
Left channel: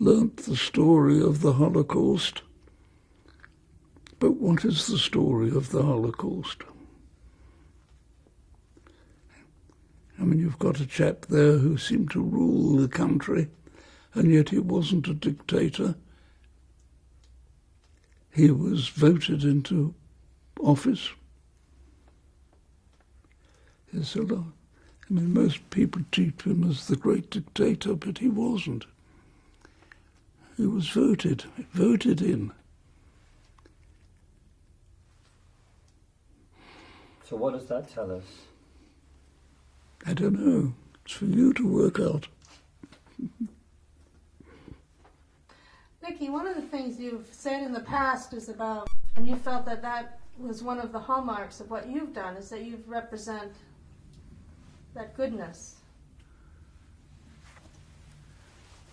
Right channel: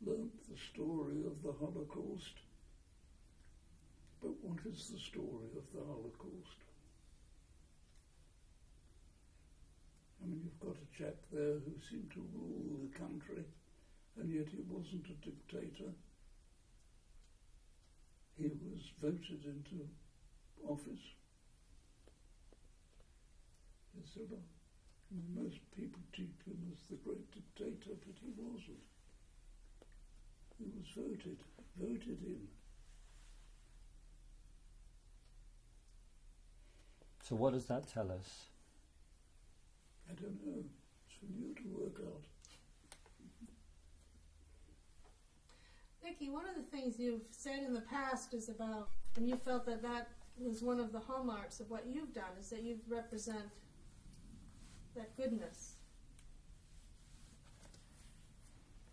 learnt the story of the Holocaust. But what is the story of the Holocaust? I mean, you've got a chap there who seemed to rule the country, and yet he wasn't a dictator. He was voted into office. There's a lot. I mean, most people treat him as the great dictator, but he wasn't. He was voted in. So what does that tell us? I don't know. It's for you to work out. Nikki, one of the things you've said in the past is about, and you felt that that was one of the hallmarks of what you've done, is that you represent that goodness.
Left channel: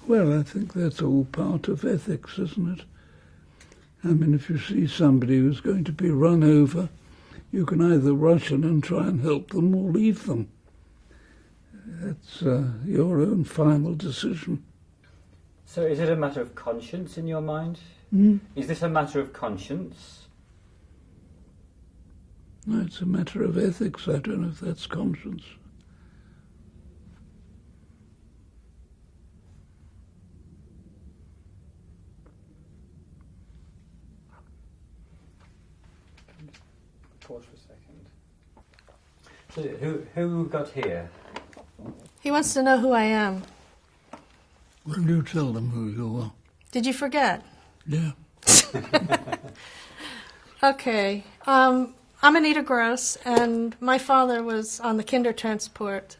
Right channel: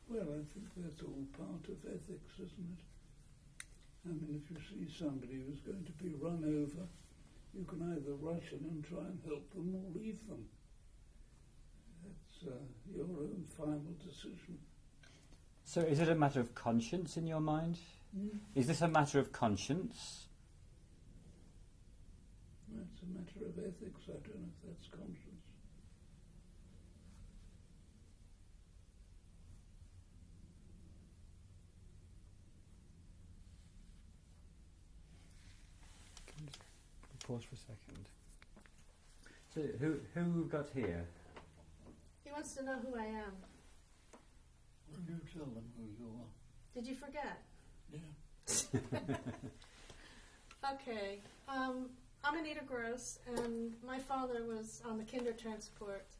Well, I think that's all part of ethics, isn't it? I mean, if you see somebody who's going to be run over, you can either rush in and try and help them or leave them. That's your own final decision. So is it a matter of conscience in your mind? Is this a matter of conscience? No, it's a matter of ethics. I don't know if that's conscience. Pause for a second. So who got here? He wants to know who I am. Well, you tell them who you are. Did you forget? Yeah. Okay. I'm Anita Gross, and my father was on the Kindertransport,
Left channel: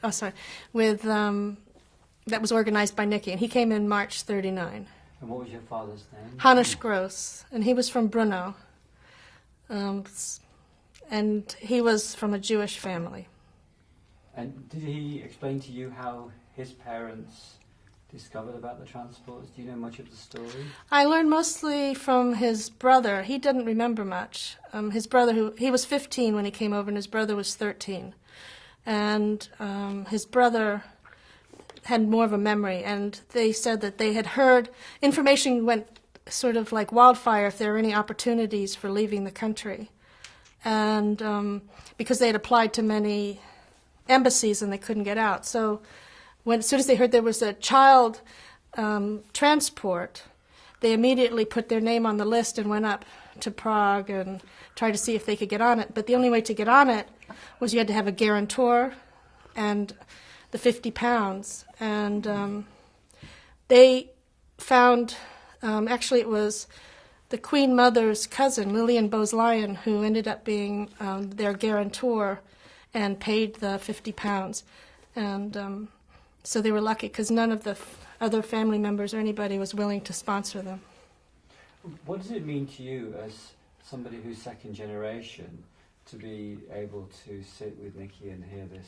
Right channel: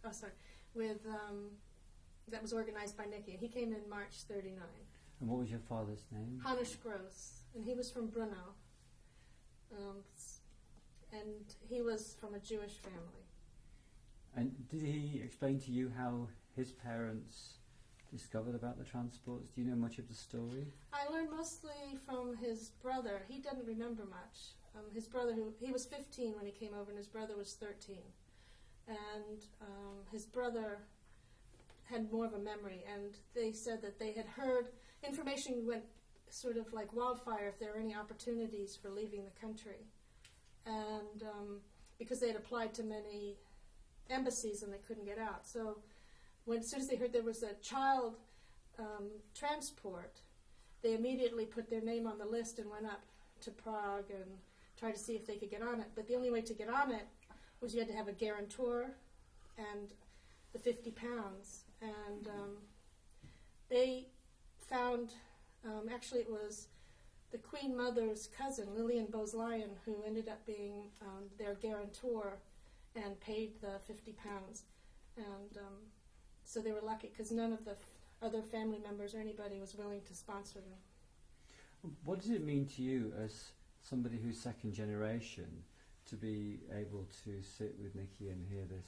that was organized by Nikki, and he came in March 1939. And what was your father's name? Hannes Gross, and he was from Brno. And he was from a Jewish family. And did he explain to you how his parents discovered about the transports? Do you know much of the story? I learned mostly from his brother. He didn't remember much. His brother, he was 15 when he came over, and his brother was 13. And his brother had more of a memory, and they said that they had heard, information went sort of like wildfire if there were any opportunities for leaving the country. And because they had applied to many embassies and they couldn't get out. So as soon as they heard there was a child transport, they immediately put their name on the list and went up to Prague and tried to see if they could get on it. But the only way to get on it was you had to have a guarantor and the 50 pounds. And they found, actually it was the Queen Mother's cousin, Lillian Bose-Lyon, who ended up being their guarantor and paid the 50 pounds. And so they were lucky because none of the other family members or anybody was willing to sponsor them. What does it mean to you as somebody who's second generation to be able to sit with Nikki and hear this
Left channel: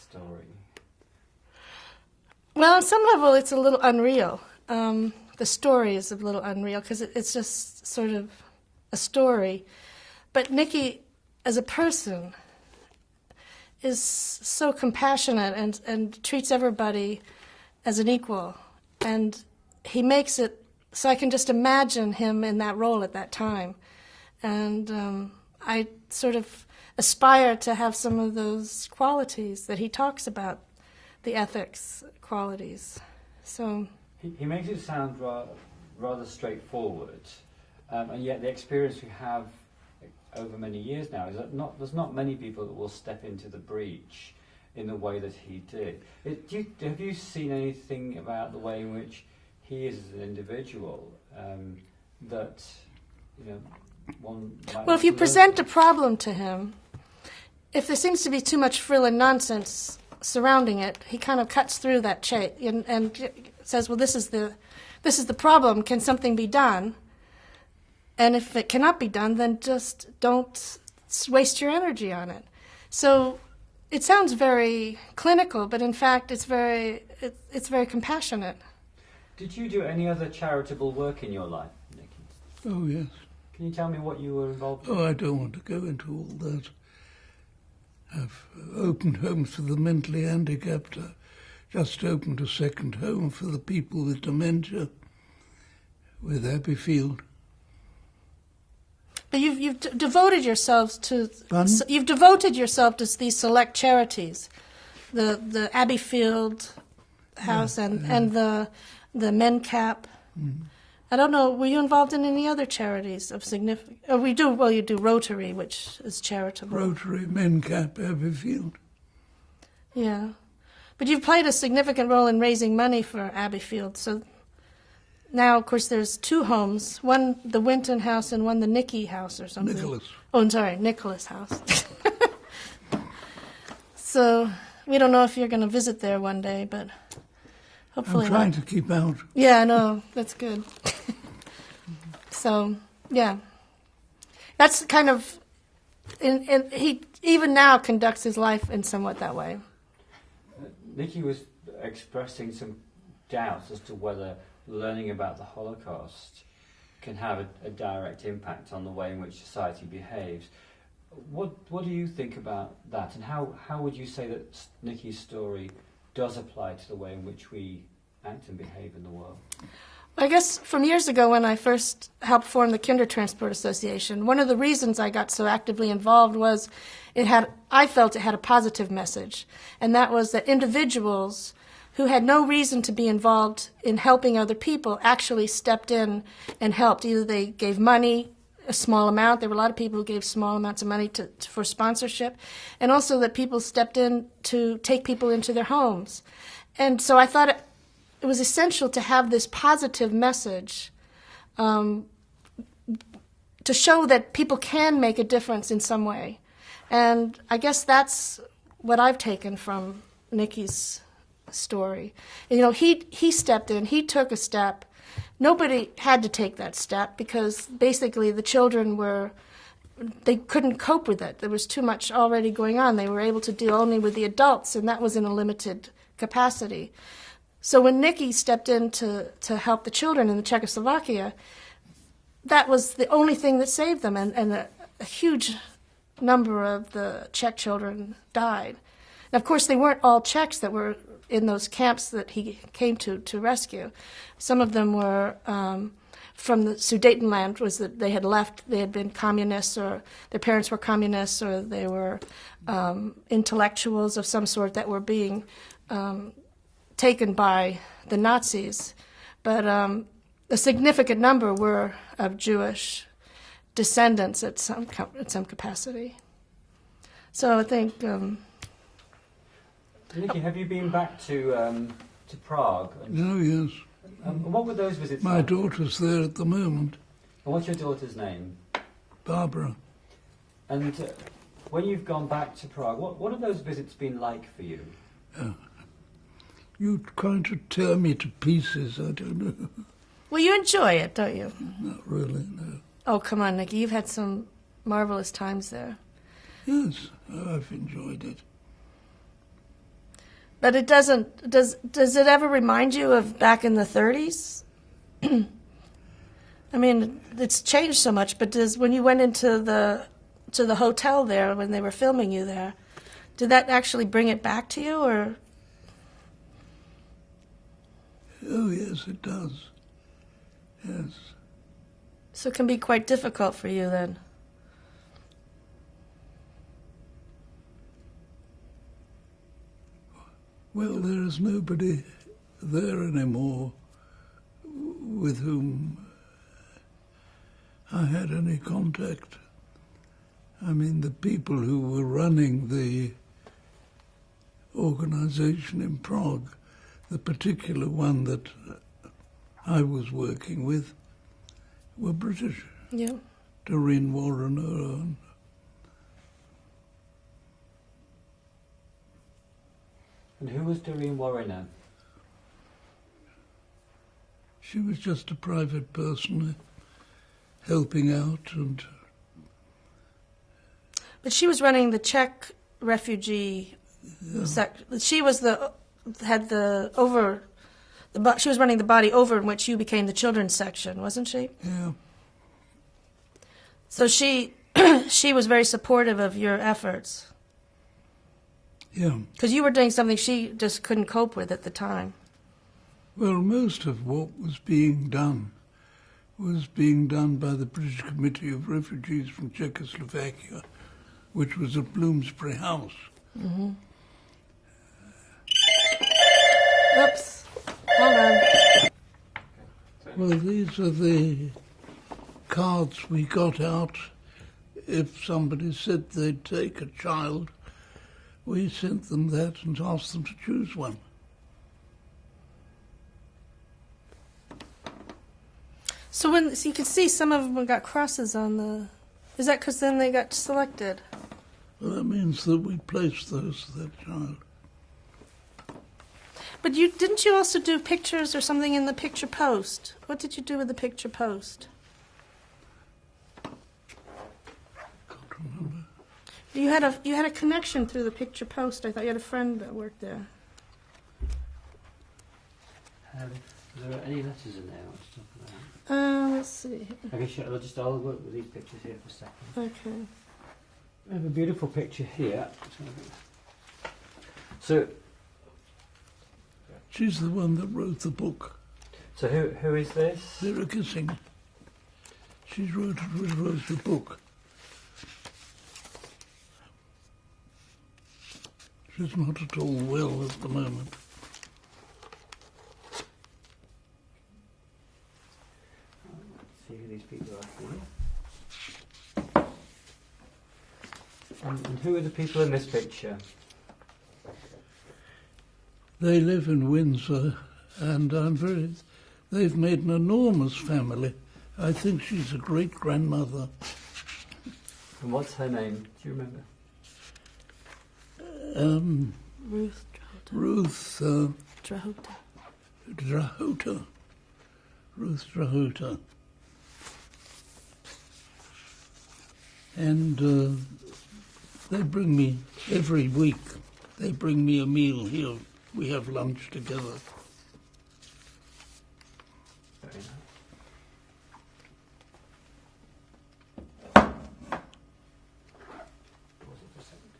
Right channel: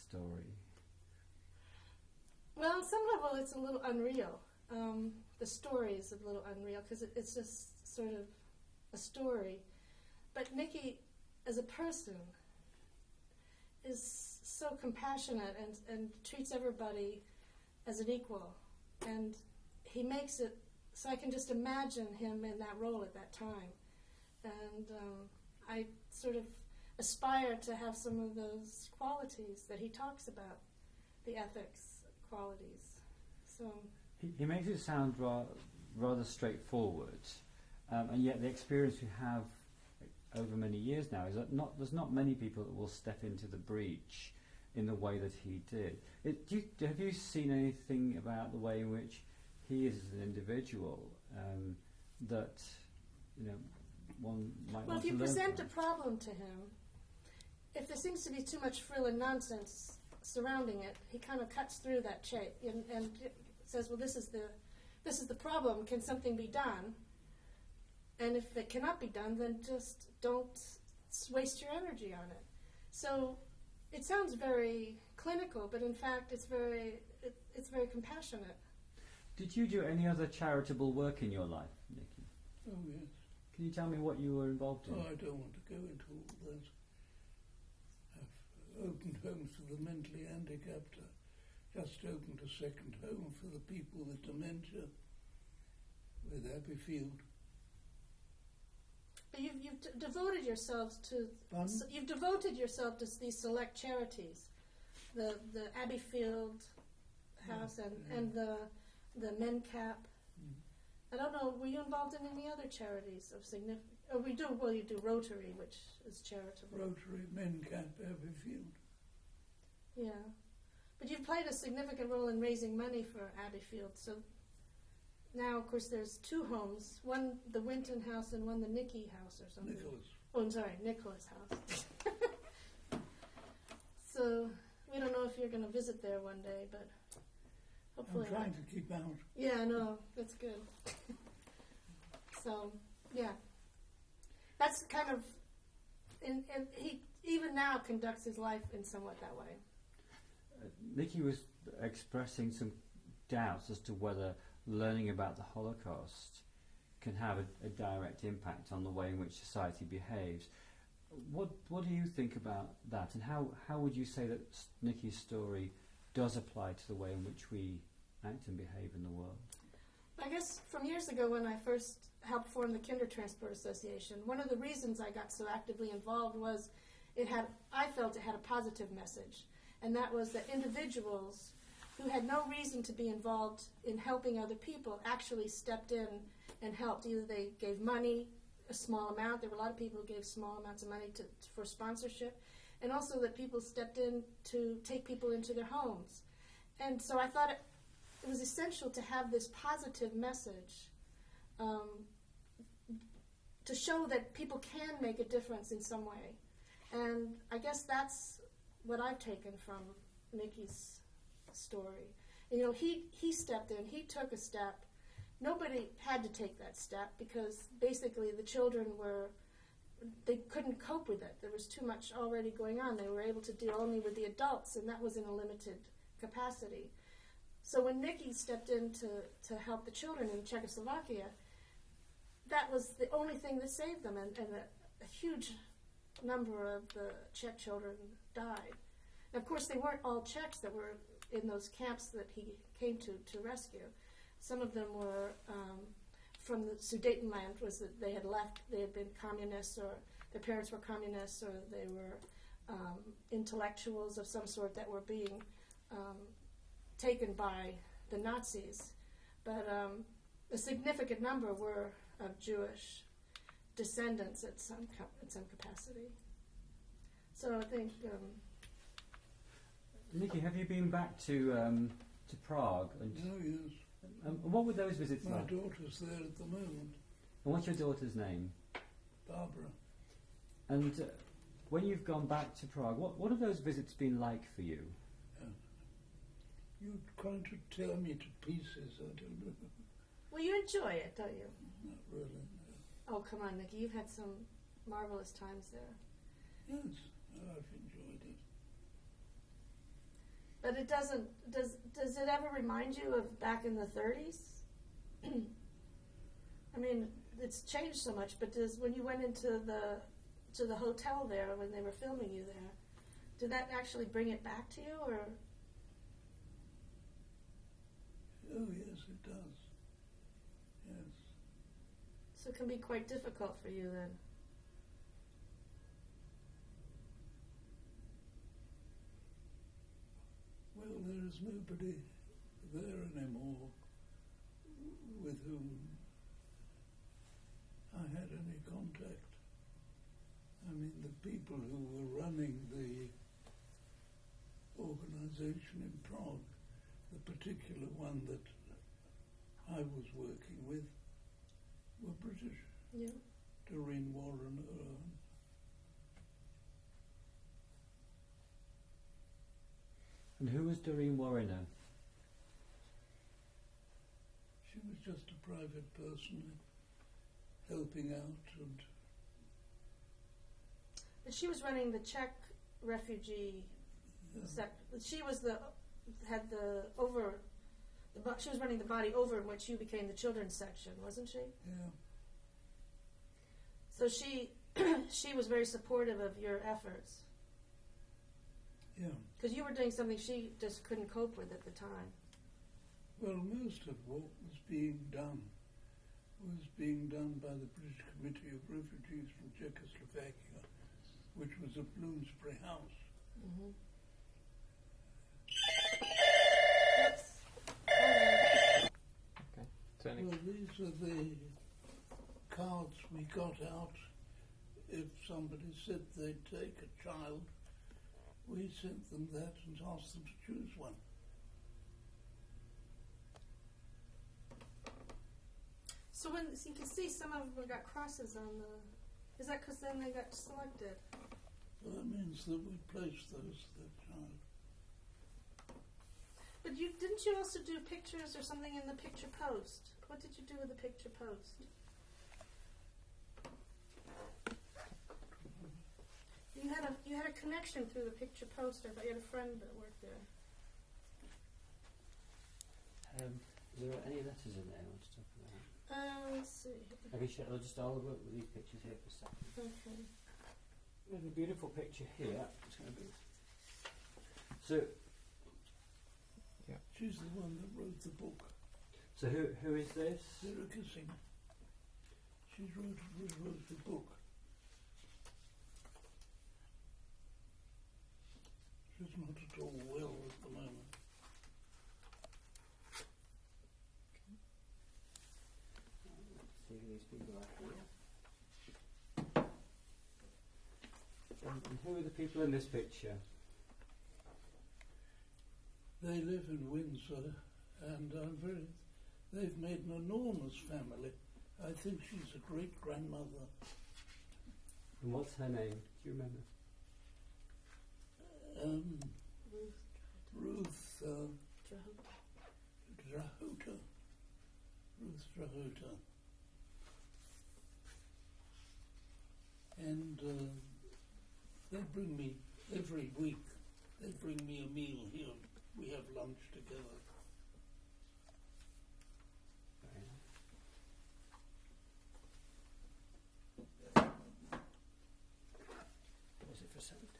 story? Well, on some level it's a little unreal. The story is a little unreal because it's just sort of a story. But Nikki, as a person, is so compassionate and treats everybody as an equal. And he makes it so I can just imagine him in that role at that time. And I sort of aspire to have some of those qualities that he talks about, the ethics qualities. So he makes it sound rather straightforward, and yet the experience we have over many years now is that there's not many people that will step into the breach in the way that he did. Have you seen anything about the way in which he is as an individual that one might? Well, if you present a problem to him, if there seems to be too much frill and nonsense surrounding it, he kind of cuts through that chain and says, "Well, this is the problem. Can something be done?" And if it cannot be done, then just don't waste your energy on it. So it sounds very clinical, but in fact, it's very compassionate. Did you do any other charitable work in your life, Nikki? Oh, yes. Can you tell me what you were involved in? Oh, I don't want to go into all that. I've opened homes for the mentally handicapped. I just opened a second home for the people with dementia with Abbeyfield. But you've devoted yourselves to Pardon? you've devoted yourself to these select charities, the Abbeyfield House and the MenCap. Mm-hmm. I don't know. Were you involved in any other charities of significance? Oh, we do. Well, you do Rotary, which is charitable. Rotary, MenCap, Abbeyfield. Yeah, but you've played a significant role in raising money for Abbeyfield. So now, of course, there's two homes: one the Winton House and one the Nicky House or something. Nicholas. Oh, I'm sorry, Nicholas House. So we don't know if you're going to visit there one day, but hopefully I'm trying not. to keep out. Yeah, I know. That's good. So, yeah. That's kind of... he even now conducts his life in somewhat that way. Nicky was expressing some doubts as to whether learning about the Holocaust can have a direct impact on the way in which society behaves. What do you think about that, and how would you say that Nicky's story does apply to the way in which we act and behave in the world? I guess from years ago when I first helped form the Kindertransport Association, one of the reasons I got so actively involved was I felt it had a positive message, and that was that individuals who had no reason to be involved in helping other people actually stepped in and helped. Either they gave money, a small amount. There were a lot of people who gave small amounts of money for sponsorship, and also that people stepped in to take people into their homes. And so I thought it was essential to have this positive message to show that people can make a difference in some way. And I guess that's what I've taken from Nicky's story. You know, he stepped in, he took a step. Nobody had to take that step because basically the children they couldn't cope with it. There was too much already going on. They were able to deal only with the adults, and that was in a limited capacity. So when Nicky stepped in to help the children in the Czechoslovakia, that was the only thing that saved them, and a huge number of the Czech children died. And of course, they weren't all Czechs that were in those camps that he came to rescue. Some of them were from the Sudetenland, was that they had left, they had been communists, or their parents were communists, or they were intellectuals of some sort that were being taken by the Nazis. But a significant number were of Jewish descendants at some capacity. So I think... Nicky, have you been back to Prague? Oh, yes. What were those visits My like? daughter's there at the moment, And what's your daughter's name? Barbara. And when you've gone back to Prague, what have those visits been like for you? You're trying to tear me to pieces, I don't know. Well, you enjoy it, don't you? Not really, no. Oh, come on, Nicky. You've had some marvelous times there. Yes, I've enjoyed it. But it doesn't... Does it ever remind you of back in the 30s? I mean, it's changed so much, but when you went into the hotel there when they were filming you there, did that actually bring it back to you, or... Oh, yes, it does. Yes. So it can be quite difficult for you then. Well, there is nobody there anymore with whom I had any contact. I mean, the people who were running the organization in Prague, the particular one that I was working with, were British. Yeah. Doreen Warrener. And who was Doreen Warrener? She was just a private person helping out, and But she was running the Czech refugee she was she was running the body over in which you became the children's section, wasn't she? yeah. So she she was very supportive of your efforts. Yeah. Because you were doing something she just couldn't cope with at the time. Well, most of what was being done by the British Committee of Refugees from Czechoslovakia, which was at Bloomsbury House. Mm-hmm. Oops. Hold on. Well, these are the cards we got out. If somebody said they'd take a child, we sent them that and asked them to choose one. So you can see some of them got crosses on the... Is that because then they got selected? Well, that means that we placed those to that child. But didn't you also do pictures or something in the picture post? What did you do with the picture post? Can't remember. You had a connection through the picture post. I thought you had a friend that worked there. Are there any letters in there? Let's see. I'll work with these pictures here for a second. Okay. We have a beautiful picture here. So She's the one that wrote the book. So who is this? They're kissing. She wrote the book. She's not at all well at the moment. Let's see who these people are here. And who are the people in this picture? They live in Windsor, and they've made an enormous family. I think she's a great-grandmother. And what's her name? Do you remember? Ruth Drahota. Ruth Drahota. And they bring me every week. They bring me a meal here. We have lunch together. Very nice. Pause it for a second.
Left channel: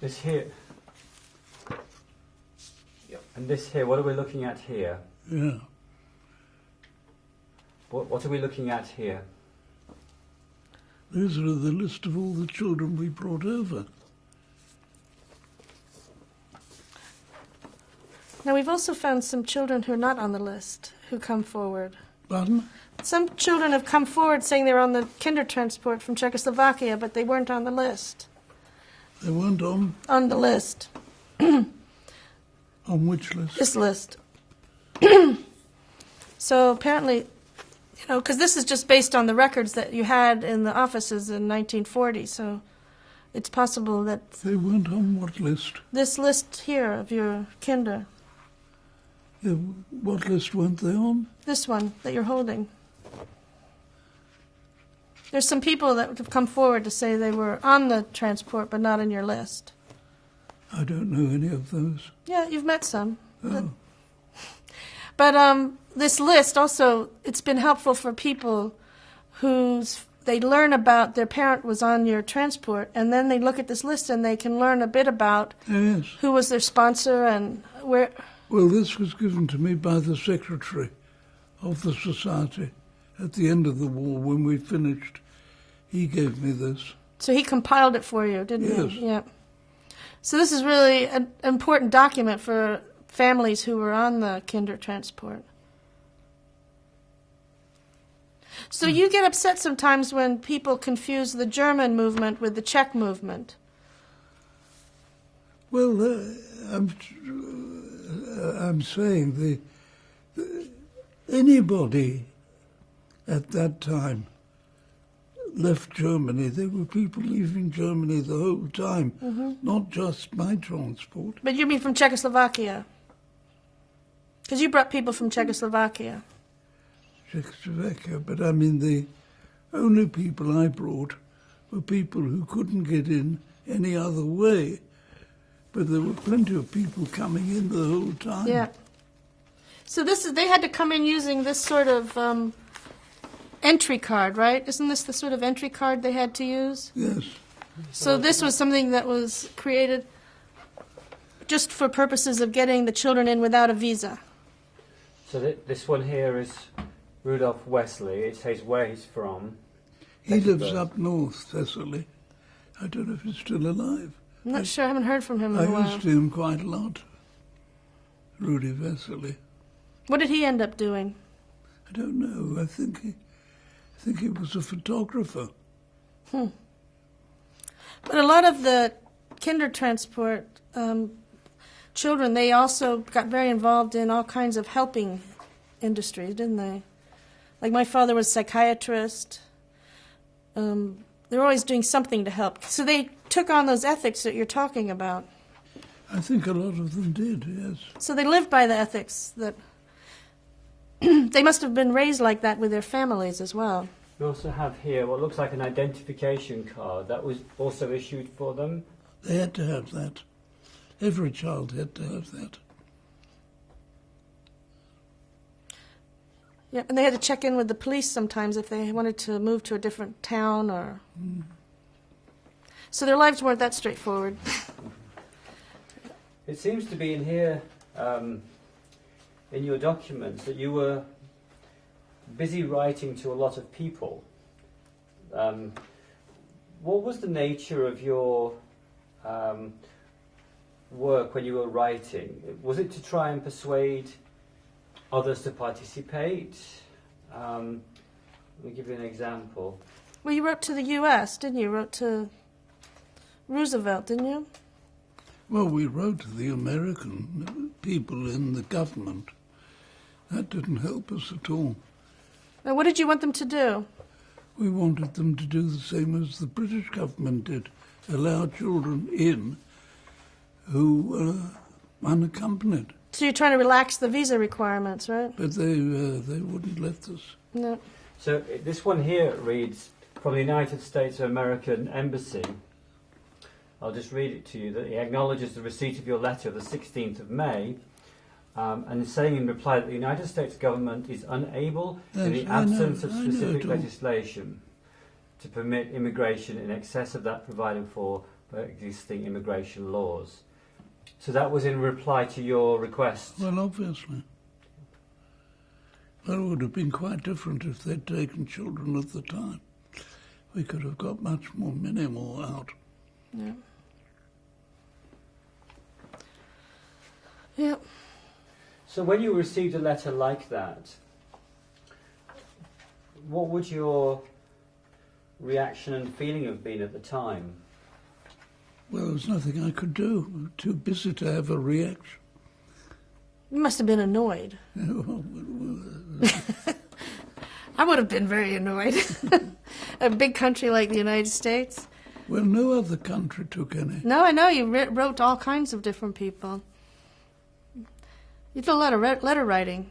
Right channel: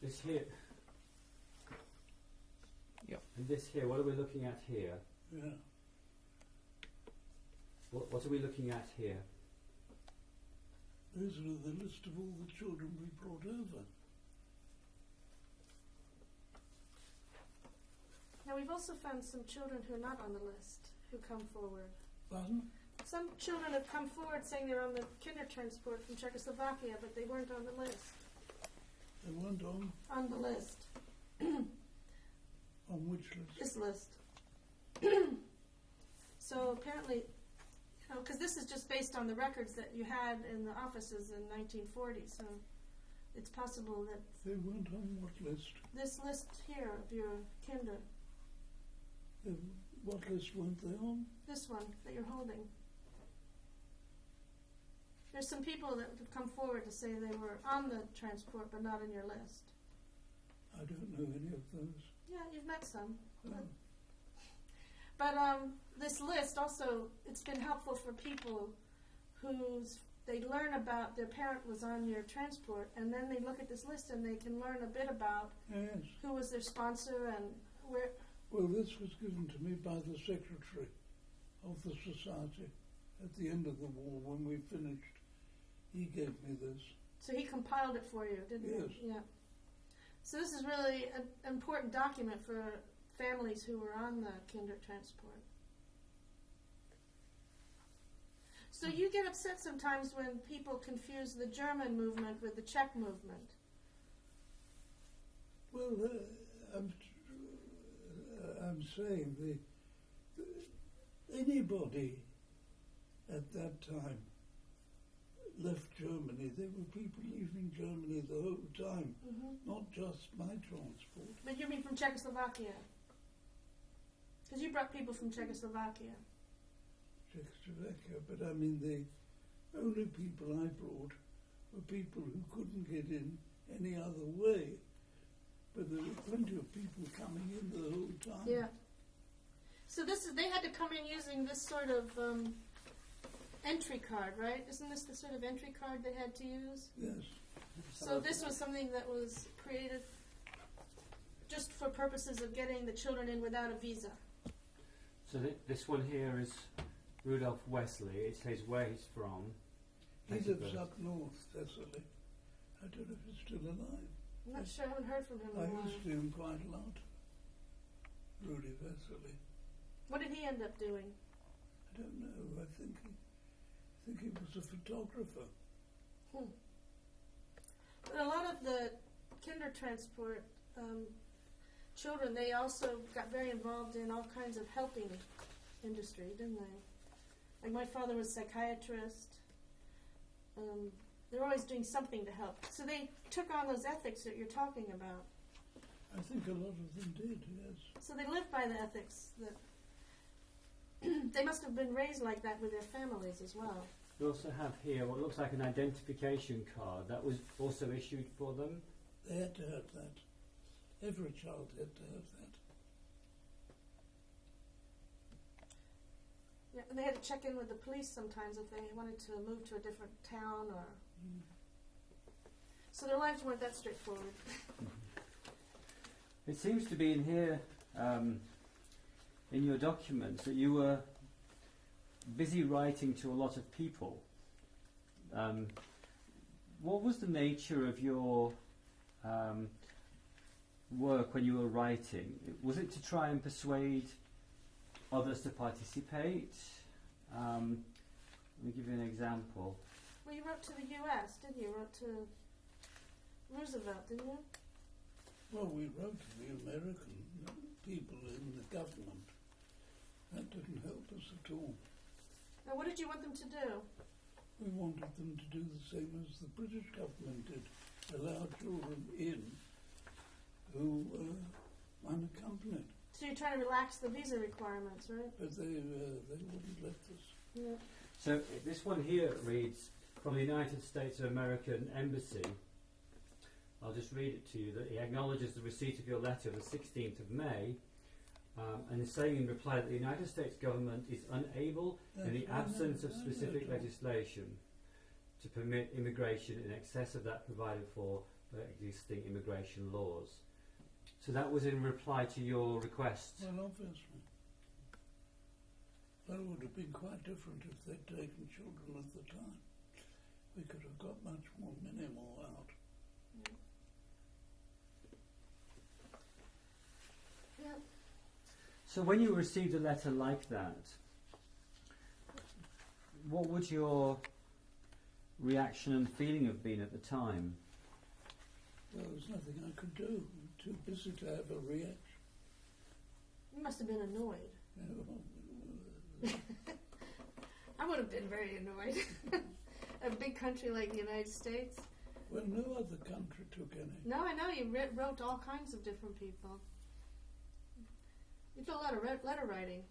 This here. Yep. And this here, what are we looking at here? Yeah. What are we looking at here? These are the list of all the children we brought over. Now, we've also found some children who are not on the list who come forward. Pardon? Some children have come forward saying they were on the Kindertransport from Czechoslovakia, but they weren't on the list. They weren't on? On the list. On which list? This list. So apparently, because this is just based on the records that you had in the offices in 1940, so it's possible that... They weren't on what list? This list here of your kinder. Yeah, what list weren't they on? This one that you're holding. There's some people that have come forward to say they were on the transport but not in your list. I don't know any of those. Yeah, you've met some. Oh. But this list also, it's been helpful for people they learn about their parent was on your transport, and then they look at this list and they can learn a bit about Yes. who was their sponsor and where... Well, this was given to me by the secretary of the society at the end of the war when we finished. He gave me this. So he compiled it for you, didn't Yes. he? Yeah. So this is really an important document for families who were on the Kindertransport. So you get upset sometimes when people confuse the German movement with the Czech movement. Well, I'm saying anybody at that time left Germany. There were people leaving Germany the whole time, not just my transport. But you mean from Czechoslovakia? Because you brought people from Czechoslovakia. Czechoslovakia, but I mean the only people I brought were people who couldn't get in any other way. But there were plenty of people coming in the whole time. Yeah. So they had to come in using this sort of entry card, right? Isn't this the sort of entry card they had to use? Yes. So this was something that was created just for purposes of getting the children in without a visa. So this one here is Rudolph Wesley. It says where he's from. He lives up north, Cecily. I don't know if he's still alive. I'm not sure. I haven't heard from him in a I while. used him quite a lot. Rudy Wesley. What did he end up doing? I don't know. I think he was a photographer. But a lot of the Kindertransport children, they also got very involved in all kinds of helping industries, didn't they? Like my father was a psychiatrist. They're always doing something to help. So they took on those ethics that you're talking about. I think a lot of them did, yes. So they lived by the ethics that they must have been raised like that with their families as well. We also have here what looks like an identification card that was also issued for them. They had to have that. Every child had to have that. Yeah, and they had to check in with the police sometimes if they wanted to move to a different town or... So their lives weren't that straightforward. It seems to be in here, in your documents, that you were busy writing to a lot of people. What was the nature of your work when you were writing? Was it to try and persuade others to participate? Let me give you an example. Well, you wrote to the U.S., didn't you? You wrote to Roosevelt, didn't you? Well, we wrote to the American people in the government. That didn't help us at all. Now, what did you want them to do? We wanted them to do the same as the British government did, allow children in who were unaccompanied. So you're trying to relax the visa requirements, right? But they wouldn't let us. No. So this one here reads, from the United States of American Embassy. I'll just read it to you, that he acknowledges the receipt of your letter of the 16th of May, and is saying in reply that the United States government is unable, in the absence of specific legislation, to permit immigration in excess of that provided for by existing immigration laws. So that was in reply to your request? Well, obviously. Well, it would have been quite different if they'd taken children at the time. We could have got much more minimal out. Yeah. Yep. So when you received a letter like that, what would your reaction and feeling have been at the time? Well, there was nothing I could do. We were too busy to have a reaction. You must have been annoyed. I would have been very annoyed. A big country like the United States. Well, no other country took any. No, I know. You wrote to all kinds of different people. You did a lot of letter writing.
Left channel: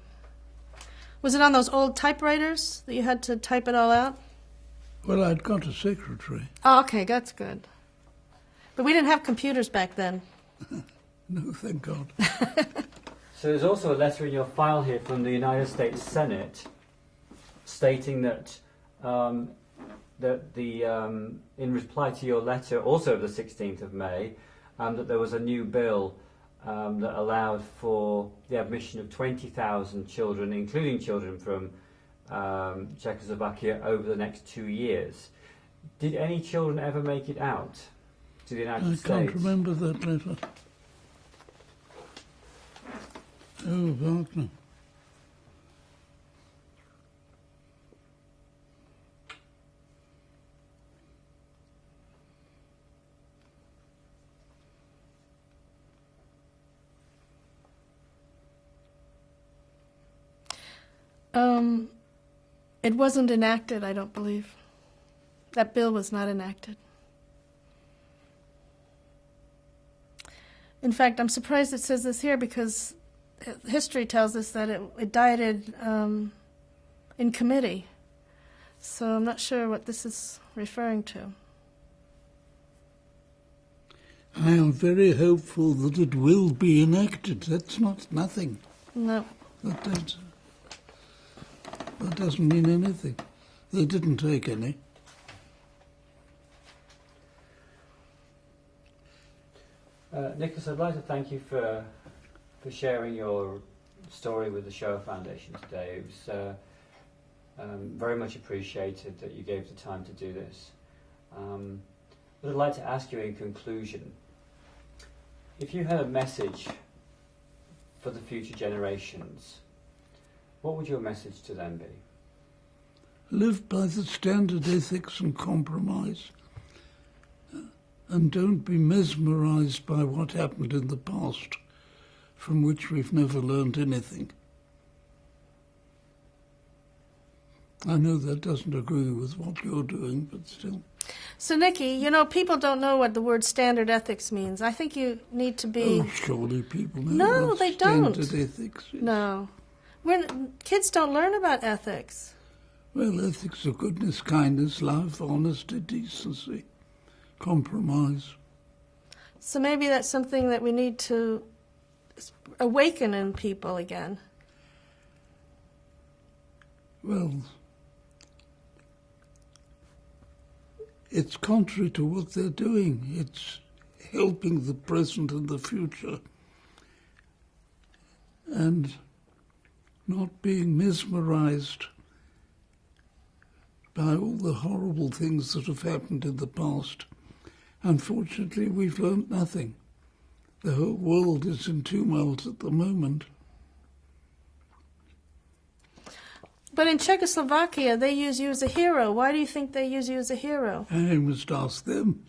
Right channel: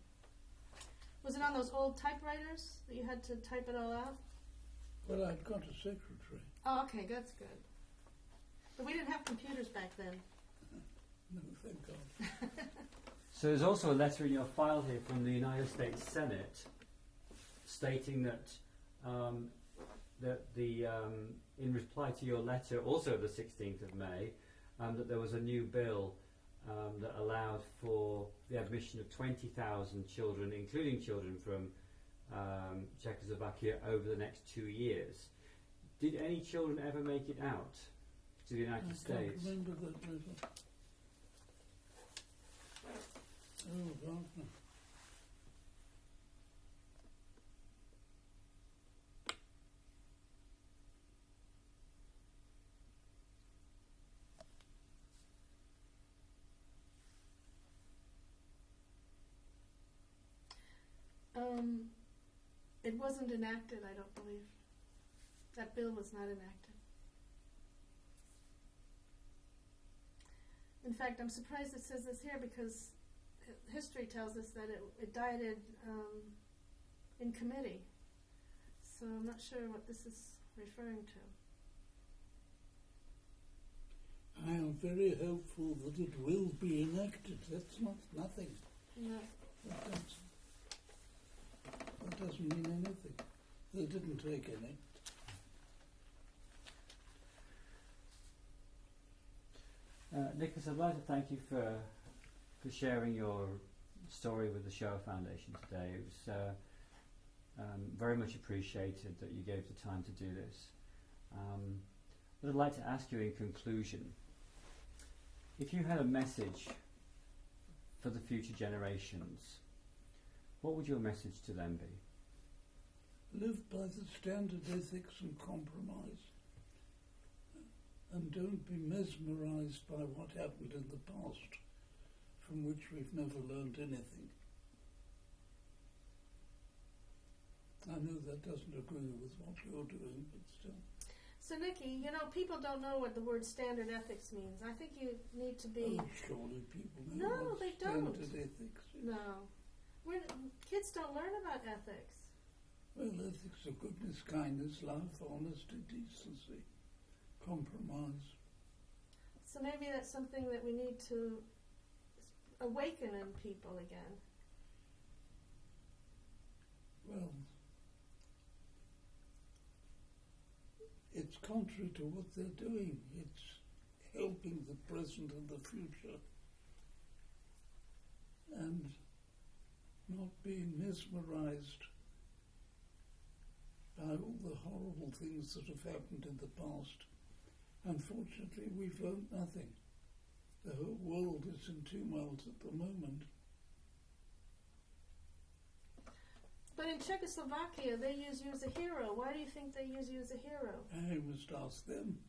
Was it on those old typewriters that you had to type it all out? Well, I'd got a secretary. Oh, okay, that's good. But we didn't have computers back then. No, thank God. So there's also a letter in your file here from the United States Senate stating that in reply to your letter, also of the 16th of May, that there was a new bill that allowed for the admission of 20,000 children, including children from Czechoslovakia, over the next 2 years. Did any children ever make it out to the United States? I can't remember that letter. Oh, Wagner. It wasn't enacted, I don't believe. That bill was not enacted. In fact, I'm surprised it says this here because history tells us that it died in committee. So I'm not sure what this is referring to. I am very hopeful that it will be enacted. That's not nothing. No. That doesn't mean anything. They didn't take any. Nicholas, I'd like to thank you for sharing your story with the Shoah Foundation today. It was very much appreciated that you gave the time to do this. But I'd like to ask you in conclusion, if you had a message for the future generations, what would your message to them be? Live by the standard ethics and compromise, and don't be mesmerized by what happened in the past, from which we've never learned anything. I know that doesn't agree with what you're doing, but still. So, Nikki, you know, people don't know what the word standard ethics means. I think you need to be... Oh, surely people know No, what they don't. standard ethics is. No. Kids don't learn about ethics. Well, ethics are goodness, kindness, love, honesty, decency, compromise. So maybe that's something that we need to awaken in people again. Well, it's contrary to what they're doing. It's helping the present and the future and not being mesmerized by all the horrible things that have happened in the past. Unfortunately, we've learnt nothing. The whole world is in tumult at the moment. But in Czechoslovakia, they use you as a hero. Why do you think they use you as a hero? I must ask them.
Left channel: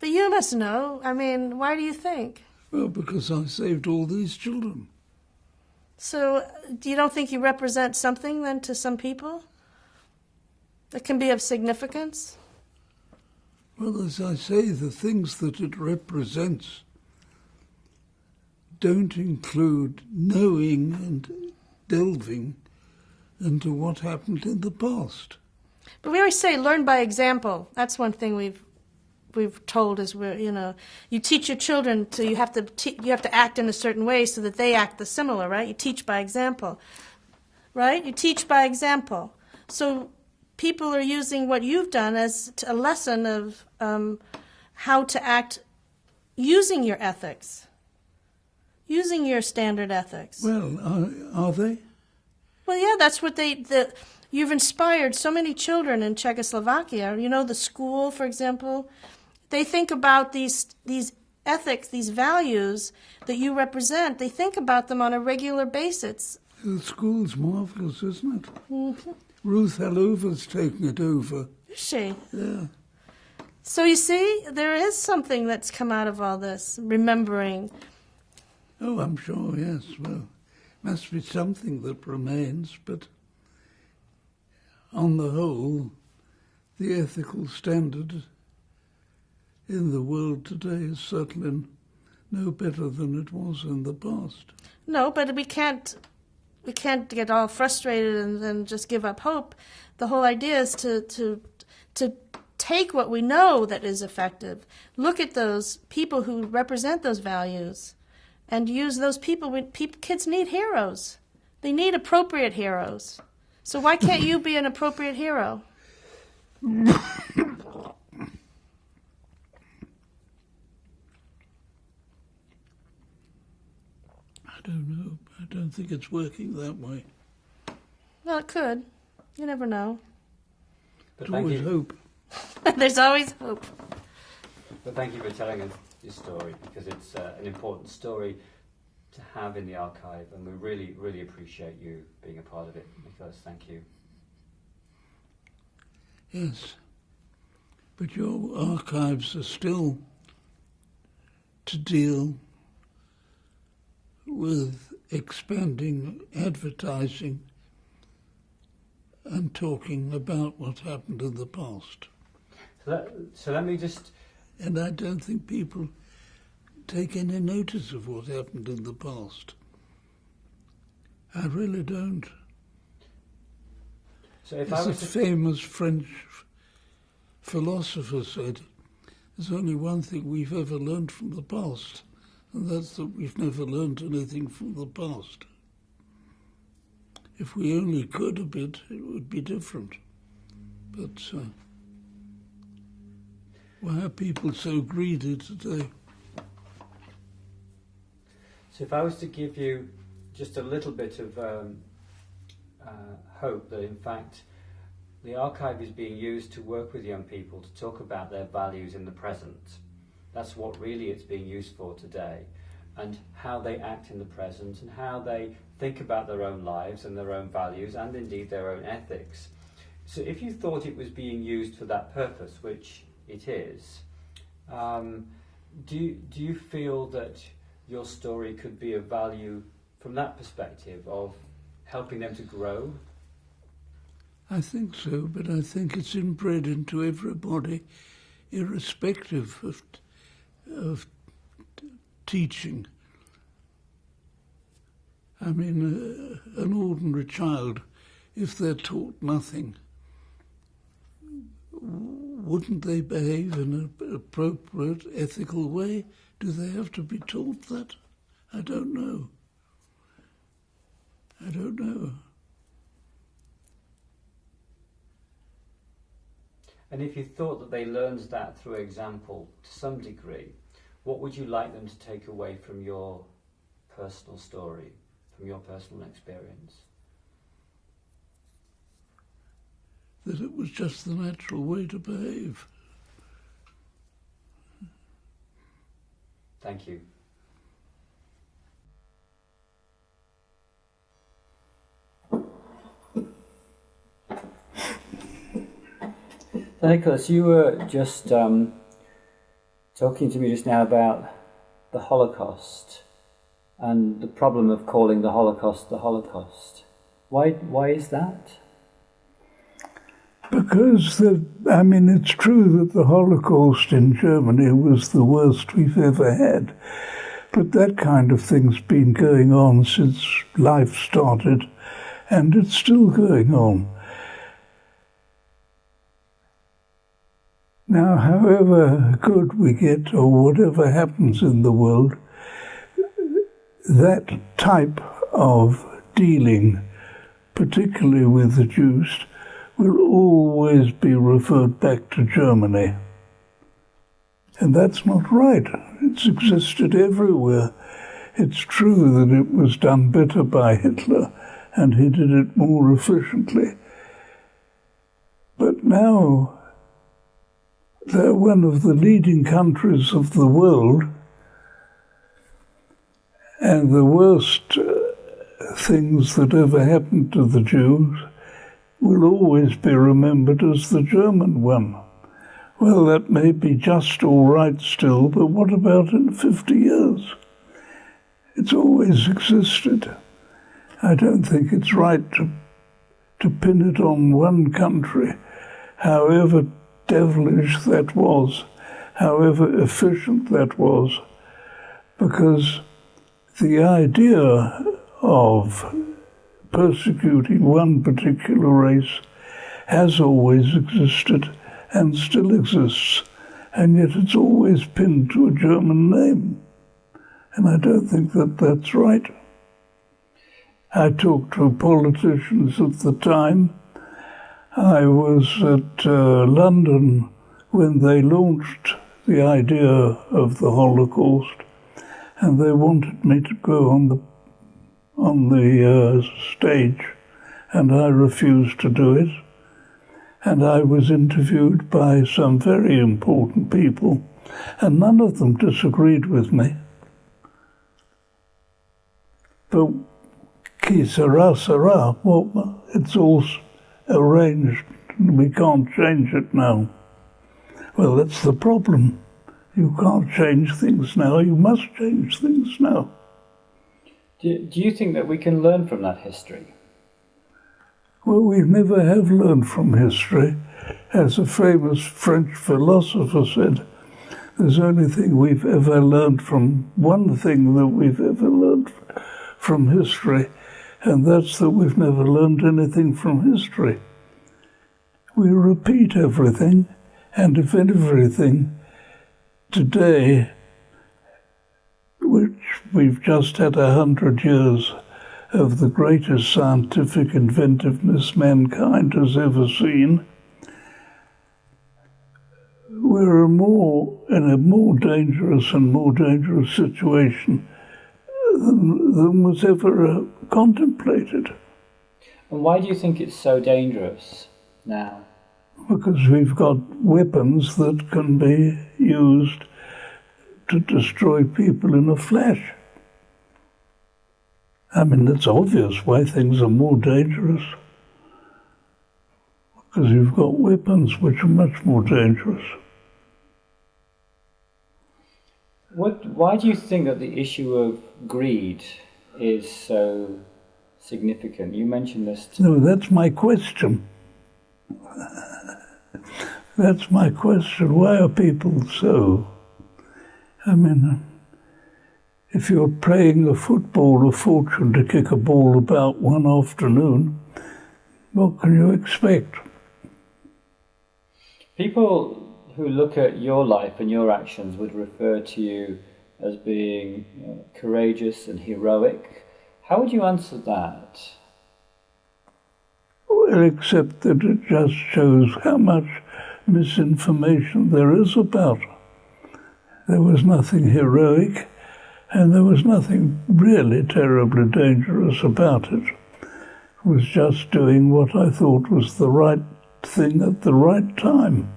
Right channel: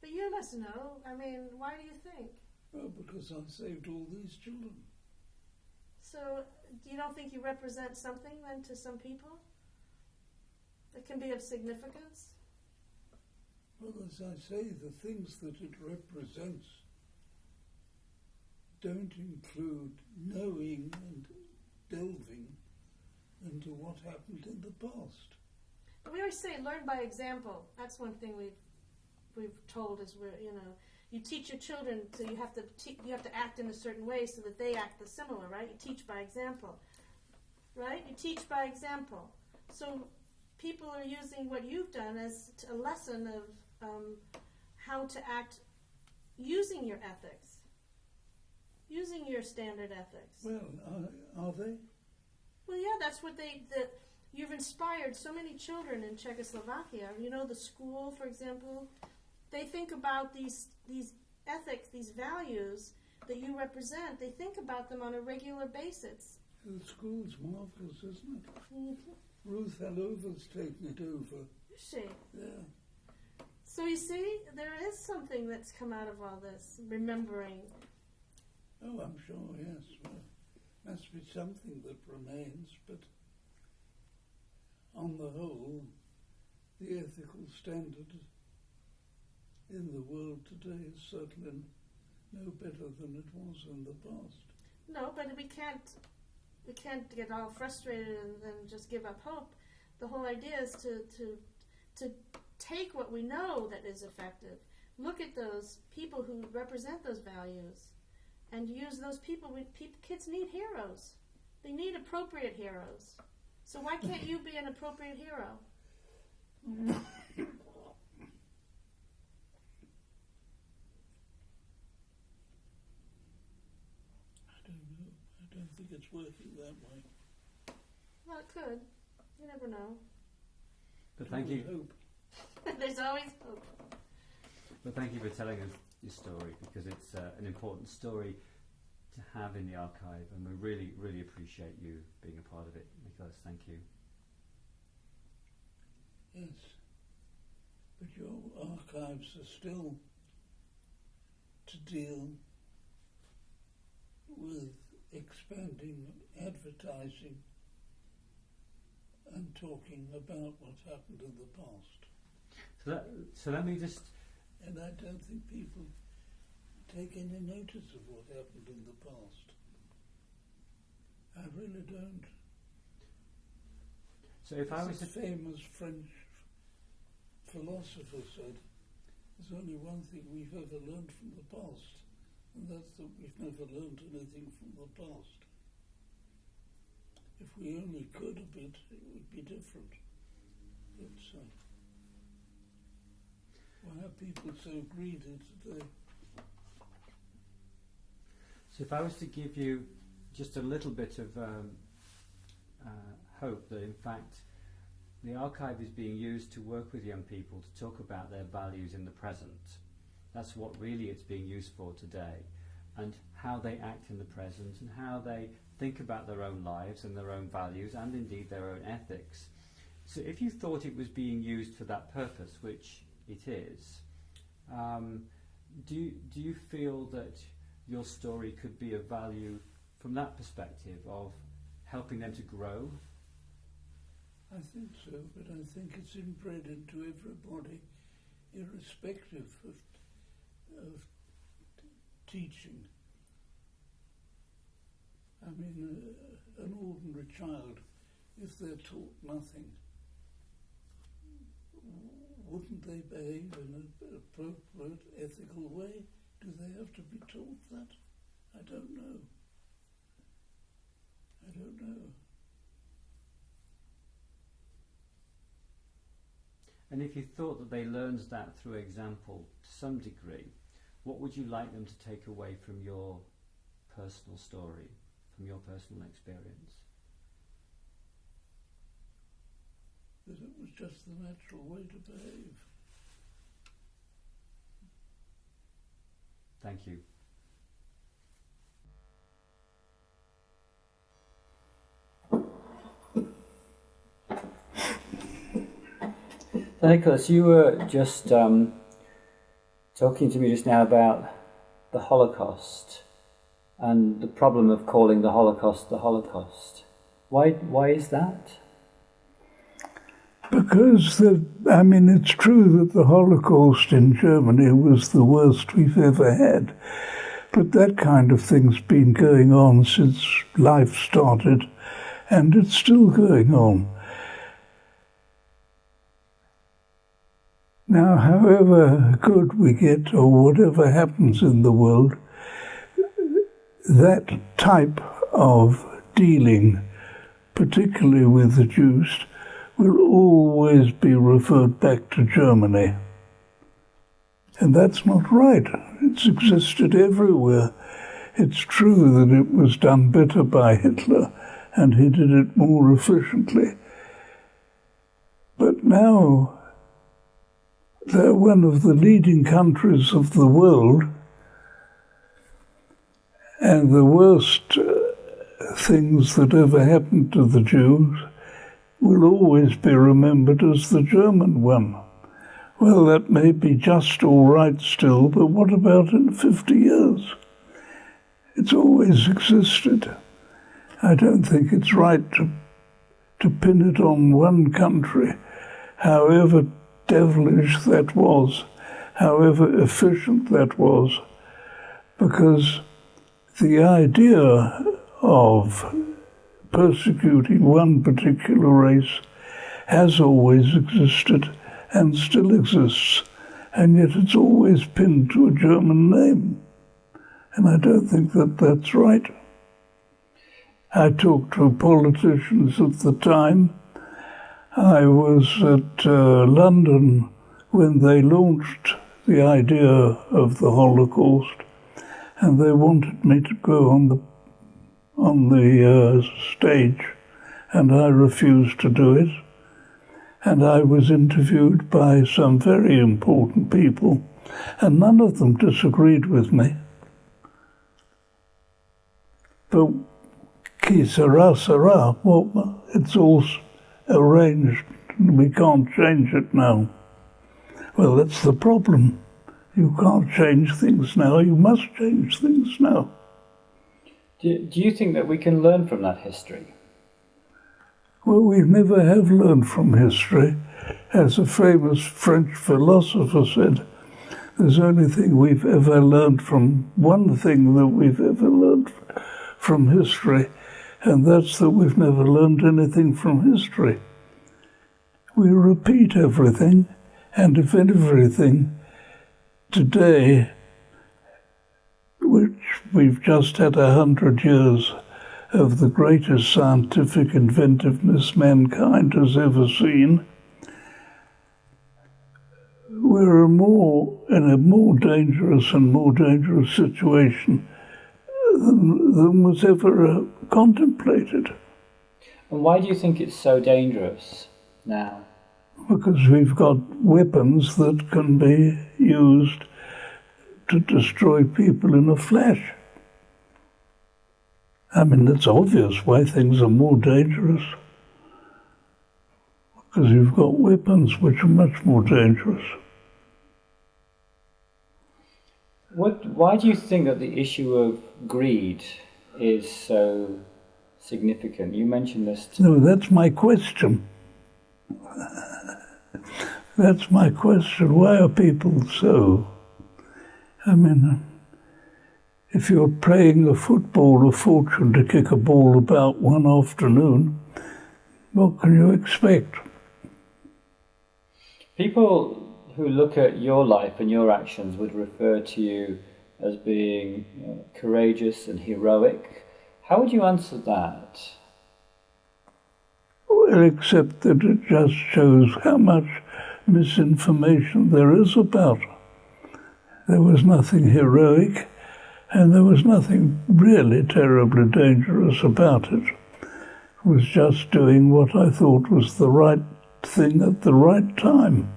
But you must know. I mean, why do you think? Well, because I saved all these children. So you don't think you represent something then to some people that can be of significance? Well, as I say, the things that it represents don't include knowing and delving into what happened in the past. But we always say learn by example. That's one thing we've told is you teach your children to you have to act in a certain way so that they act the similar, right? You teach by example, right? You teach by example. So people are using what you've done as a lesson of how to act using your ethics, using your standard ethics. Well, are they? Well, yeah, that's what you've inspired so many children in Czechoslovakia. You know, the school, for example, they think about these ethics, these values that you represent. They think about them on a regular basis. The school's marvellous, isn't it? Mm-hmm. Ruth Hallover's taken it over. Is she? Yeah. So you see, there is something that's come out of all this, remembering. Oh, I'm sure, yes. Well, must be something that remains, but on the whole, the ethical standard in the world today is certainly no better than it was in the past. No, but we can't get all frustrated and then just give up hope. The whole idea is to take what we know that is effective, look at those people who represent those values, and use those people. Kids need heroes. They need appropriate heroes. So why can't you be an appropriate hero? I don't know. I don't think it's working that way. Well, it could. You never know. But There's always hope. There's always hope. But thank you for telling us your story, because it's an important story to have in the archive, and we really, really appreciate you being a part of it, Nicholas. Thank you. Yes. But your archives are still to deal with expanding advertising and talking about what happened in the past. So let me just... And I don't think people take any notice of what happened in the past. I really don't. So if As a famous French philosopher said, there's only one thing we've ever learned from the past, and that's that we've never learned anything from the past. If we only could a bit, it would be different. But why are people so greedy today? So if I was to give you just a little bit of hope that in fact the archive is being used to work with young people to talk about their values in the present. That's what really it's being used for today, and how they act in the present and how they think about their own lives and their own values and indeed their own ethics. So if you thought it was being used for that purpose, which it is, do you feel that your story could be of value from that perspective of helping them to grow? I think so, but I think it's inbred into everybody, irrespective of teaching. I mean, an ordinary child, if they're taught nothing, wouldn't they behave in an appropriate, ethical way? Do they have to be taught that? I don't know. I don't know. And if you thought that they learned that through example to some degree, what would you like them to take away from your personal story, from your personal experience? That it was just the natural way to behave. Thank you. So Nicholas, you were just talking to me just now about the Holocaust and the problem of calling the Holocaust the Holocaust. Why is that? Because, it's true that the Holocaust in Germany was the worst we've ever had, but that kind of thing's been going on since life started, and it's still going on. Now, however good we get, or whatever happens in the world, that type of dealing, particularly with the Jews, will always be referred back to Germany. And that's not right. It's existed everywhere. It's true that it was done better by Hitler, and he did it more efficiently. But now they're one of the leading countries of the world, and the worst things that ever happened to the Jews will always be remembered as the German one. Well, that may be just all right still, but what about in 50 years? It's always existed. I don't think it's right to pin it on one country, however devilish that was, however efficient that was, because the idea of persecuting one particular race has always existed and still exists, and yet it's always pinned to a German name. And I don't think that that's right. I talked to politicians at the time. I was at London when they launched the idea of the Holocaust, and they wanted me to go on the stage, and I refused to do it. And I was interviewed by some very important people, and none of them disagreed with me. But qui sera, sera. Well, it's all arranged, and we can't change it now. Well, that's the problem. You can't change things now. You must change things now. Do you think that we can learn from that history? Well, we never have learned from history. As a famous French philosopher said, there's only thing we've ever learned from, one thing that we've ever learned from history, and that's that we've never learned anything from history. We repeat everything, and if everything, today, which we've just had 100 years of the greatest scientific inventiveness mankind has ever seen, we're in a more dangerous and more dangerous situation than was ever contemplated. And why do you think it's so dangerous now? Because we've got weapons that can be used to destroy people in a flash. I mean, it's obvious why things are more dangerous. Because you've got weapons which are much more dangerous. Why do you think that the issue of greed is so significant? You mentioned this. No, that's my question. That's my question. Why are people so? I mean, if you're paying a football a fortune to kick a ball about one afternoon, what can you expect? People who look at your life and your actions would refer to you as being courageous and heroic. How would you answer that? Well, except that it just shows how much misinformation there is about it. There was nothing heroic, and there was nothing really terribly dangerous about it. It was just doing what I thought was the right thing at the right time.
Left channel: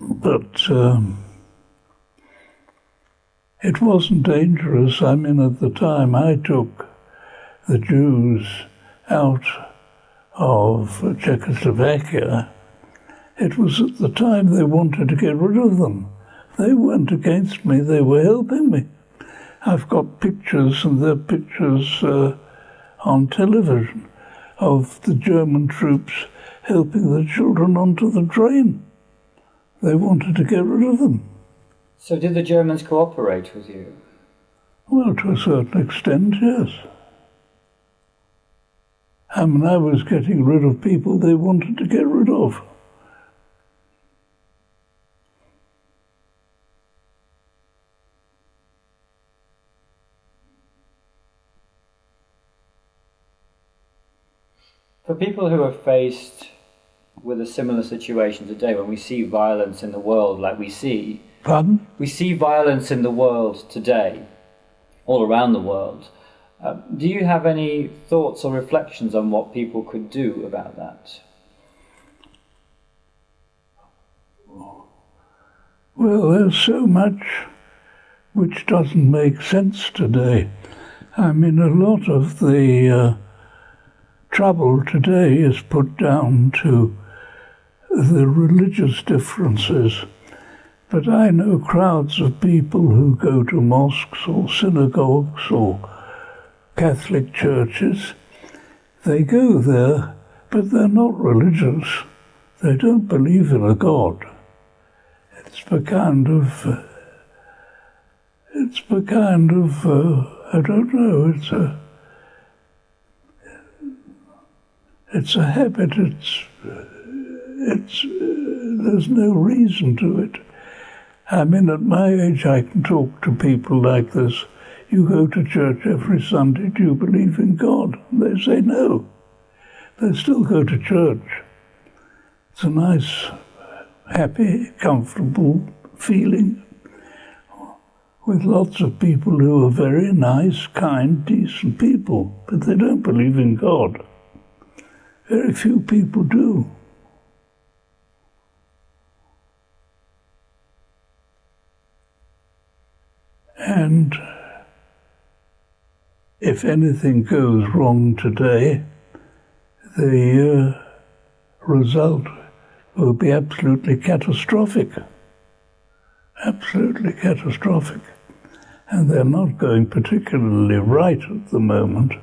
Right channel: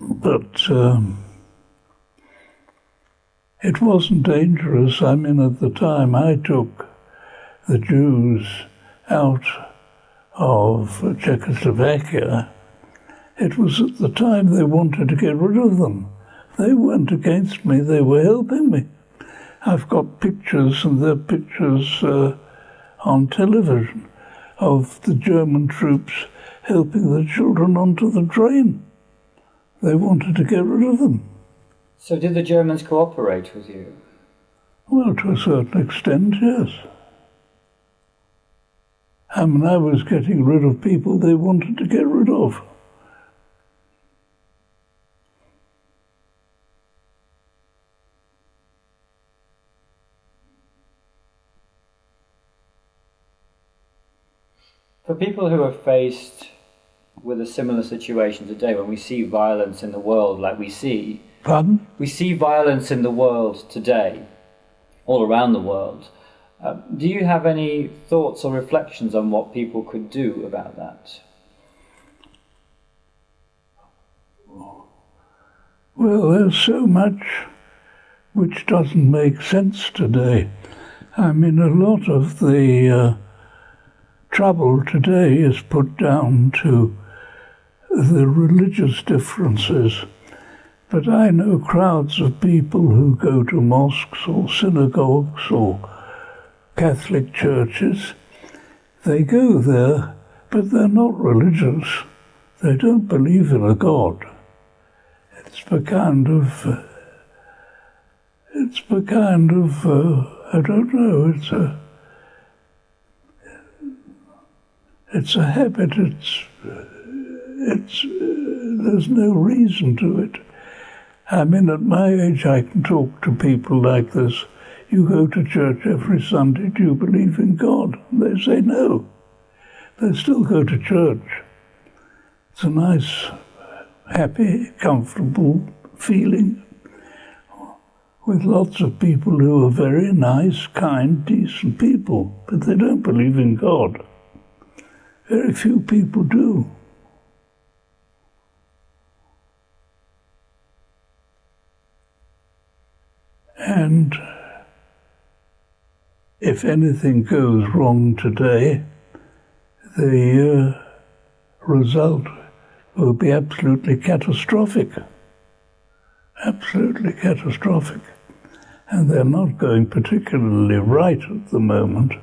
But it wasn't dangerous. I mean, at the time I took the Jews out of Czechoslovakia, it was at the time they wanted to get rid of them. They weren't against me, they were helping me. I've got pictures, and they're pictures on television, of the German troops helping the children onto the train. They wanted to get rid of them. So did the Germans cooperate with you? Well, to a certain extent, yes. I mean, I was getting rid of people they wanted to get rid of. For people who are faced with a similar situation today, when we see violence in the world like we see... Pardon? We see violence in the world today, all around the world. Do you have any thoughts or reflections on what people could do about that? Well, there's so much which doesn't make sense today. I mean, a lot of the trouble today is put down to the religious differences. But I know crowds of people who go to mosques or synagogues or Catholic churches. They go there, but they're not religious. They don't believe in a God. It's a kind of, I don't know, it's a habit, there's no reason to it. I mean, at my age, I can talk to people like this. You go to church every Sunday, do you believe in God? And they say no. They still go to church. It's a nice, happy, comfortable feeling with lots of people who are very nice, kind, decent people, but they don't believe in God. Very few people do. And if anything goes wrong today, the result will be absolutely catastrophic. Absolutely catastrophic. And they're not going particularly right at the moment.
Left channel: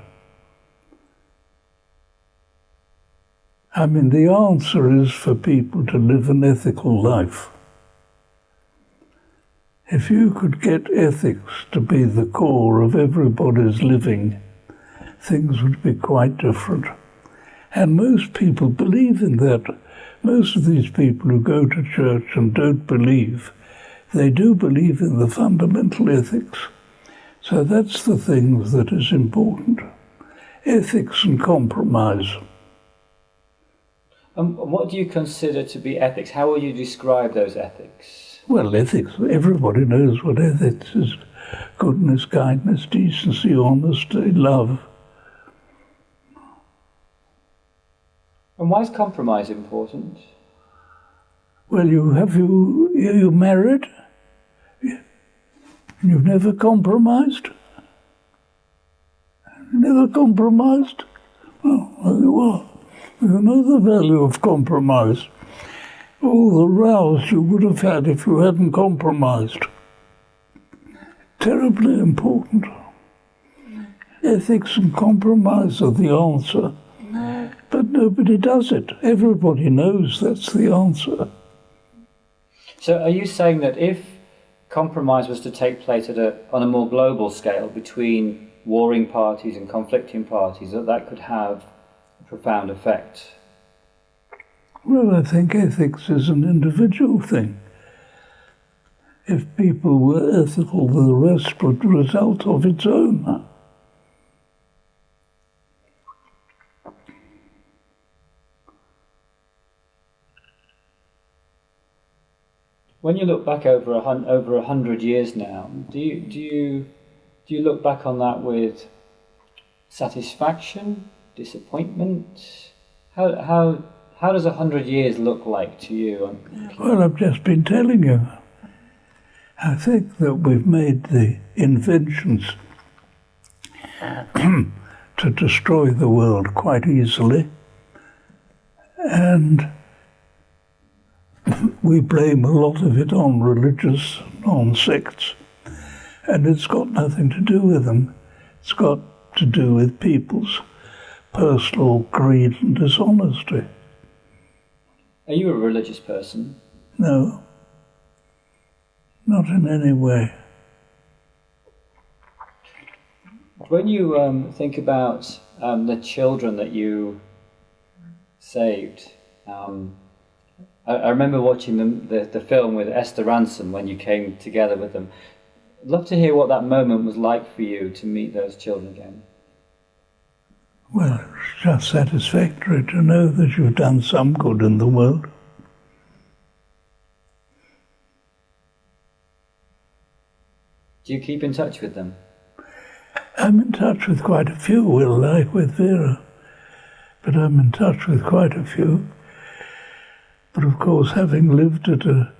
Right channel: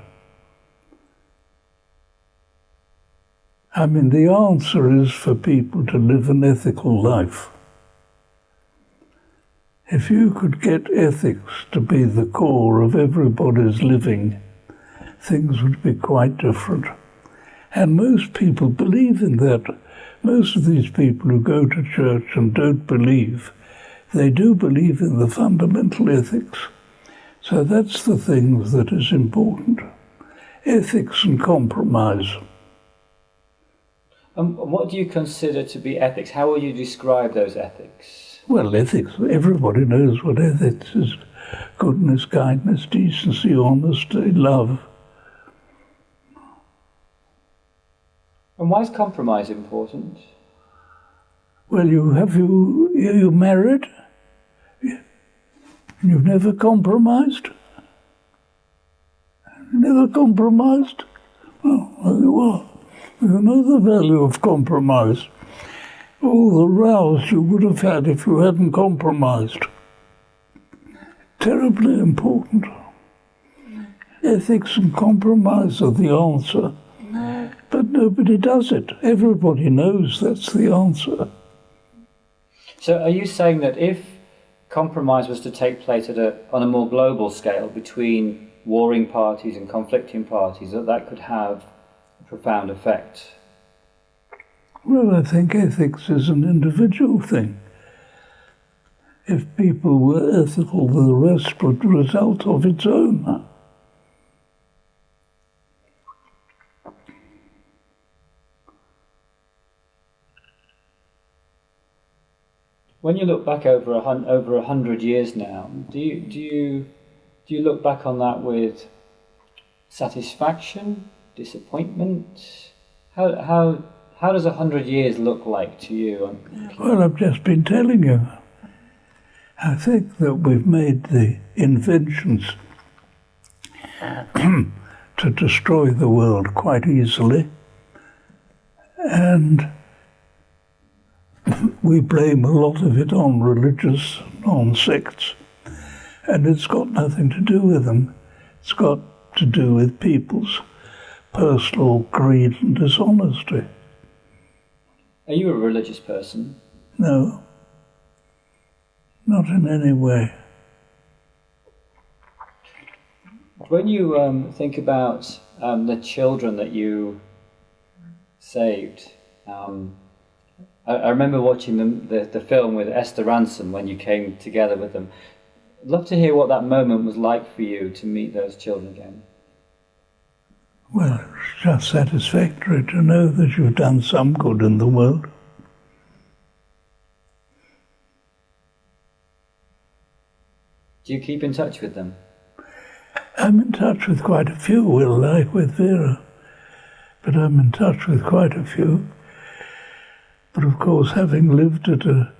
I mean, the answer is for people to live an ethical life. If you could get ethics to be the core of everybody's living, things would be quite different. And most people believe in that. Most of these people who go to church and don't believe, they do believe in the fundamental ethics. So that's the thing that is important. Ethics and compromise. What do you consider to be ethics? How will you describe those ethics? Well, ethics, everybody knows what ethics is. goodness, kindness, decency, honesty, love. And why is compromise important? Well, you married? You've never compromised? Never compromised? Well, there you are. You know the value of compromise. All the rows you would have had if you hadn't compromised. Terribly important. Ethics and compromise are the answer. But nobody does it. Everybody knows that's the answer. So are you saying that if compromise was to take place on a more global scale between warring parties and conflicting parties, that could have a profound effect? Well, I think ethics is an individual thing. If people were ethical, the rest would result of its own. When you look back over 100 years now, do you look back on that with satisfaction, disappointment? How does 100 years look like to you? Well, I've just been telling you. I think that we've made the inventions to destroy the world quite easily, and we blame a lot of it on religious, on sects, and it's got nothing to do with them. It's got to do with people's personal greed and dishonesty. Are you a religious person? No, not in any way. When you think about the children that you saved, I remember watching the film with Esther Ransom when you came together with them. I'd love to hear what that moment was like for you to meet those children again. Well, it's just satisfactory to know that you've done some good in the world. Do you keep in touch with them? I'm in touch with quite a few, like with Vera, but I'm in touch with quite a few. But of course, having lived at an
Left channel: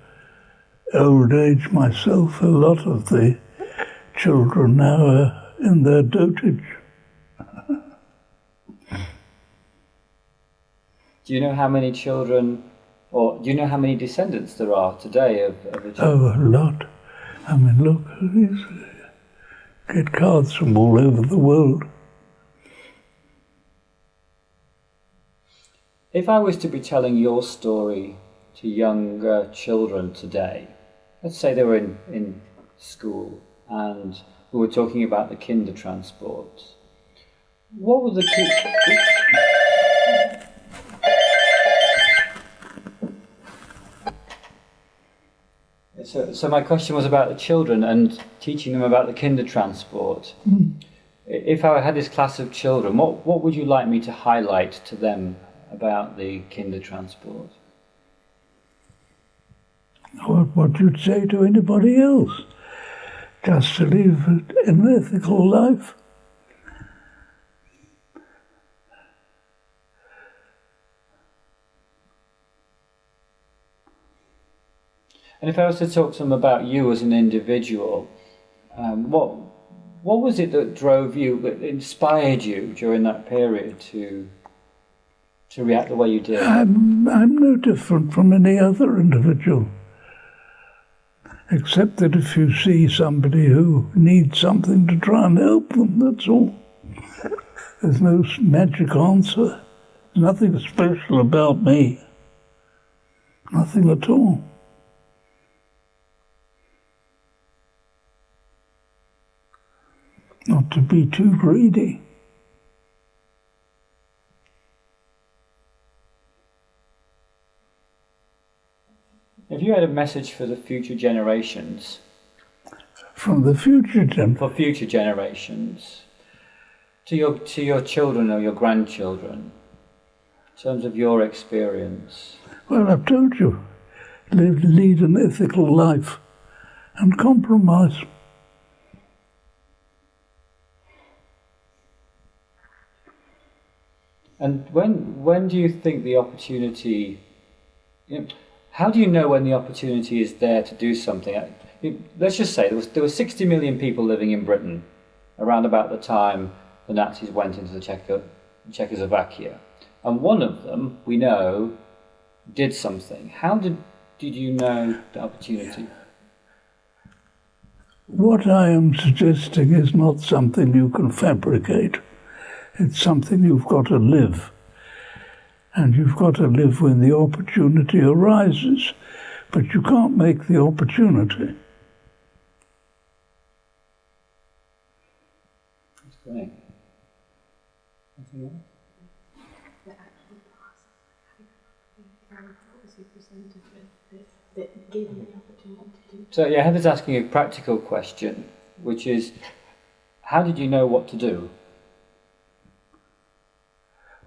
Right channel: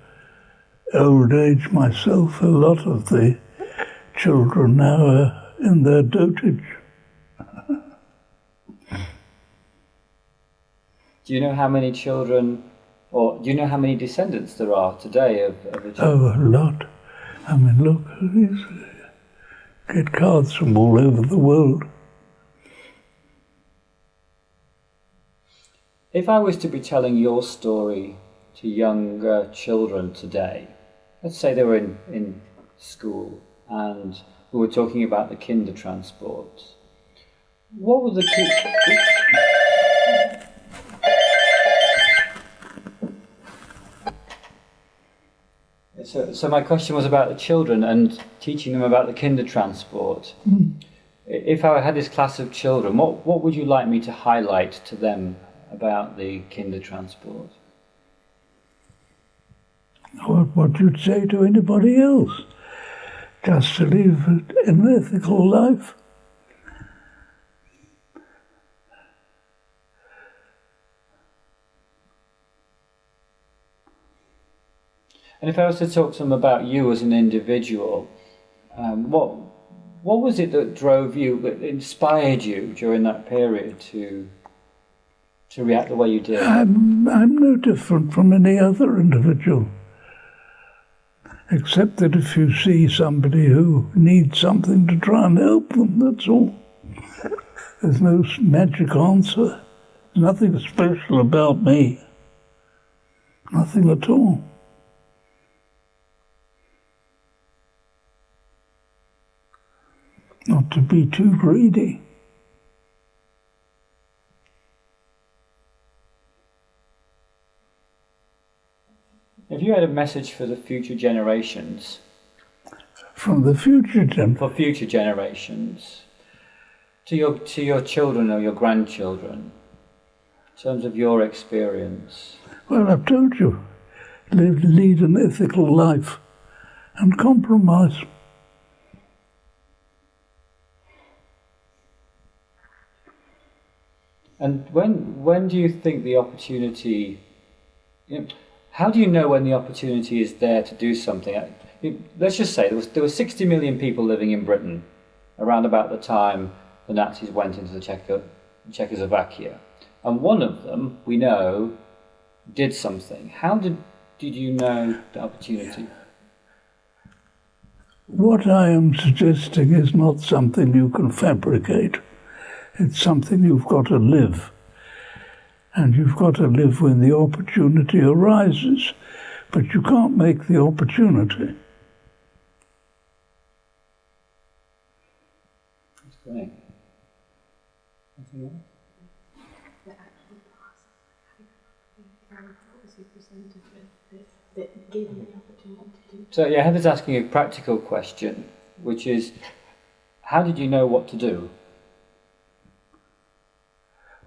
old age myself, a lot of the children now are in their dotage. Do you know how many children, or do you know how many descendants there are today of the children? Oh, a lot. I mean, look, get cards from all over the world. If I was to be telling your story to younger children today, let's say they were in school and we were talking about the Kindertransport, what would the So my question was about the children and teaching them about the Kindertransport. If I had this class of children, what would you like me to highlight to them about the Kindertransport? What you'd say to anybody else, just to live an ethical life. And if I was to talk to them about you as an individual, what was it that drove you, that inspired you during that period to react the way you did? I'm no different from any other individual, except that if you see somebody who needs something, to try and help them, that's all. There's no magic answer. There's nothing special about me. Nothing at all. Not to be too greedy. If you had a message for the future generations, from the future for future generations, to your children or your grandchildren, in terms of your experience? Well, I've told you, lead an ethical life and compromise. And when do you think the opportunity, how do you know when the opportunity is there to do something? Let's just say there were 60 million people living in Britain around about the time the Nazis went into the Czechoslovakia. And one of them, we know, did something. How did you know the opportunity? What I am suggesting is not something you can fabricate. It's something you've got to live. And you've got to live when the opportunity arises. But you can't make the opportunity. That's great. Anything else? So yeah, Heather's asking a practical question, which is, how did you know what to do?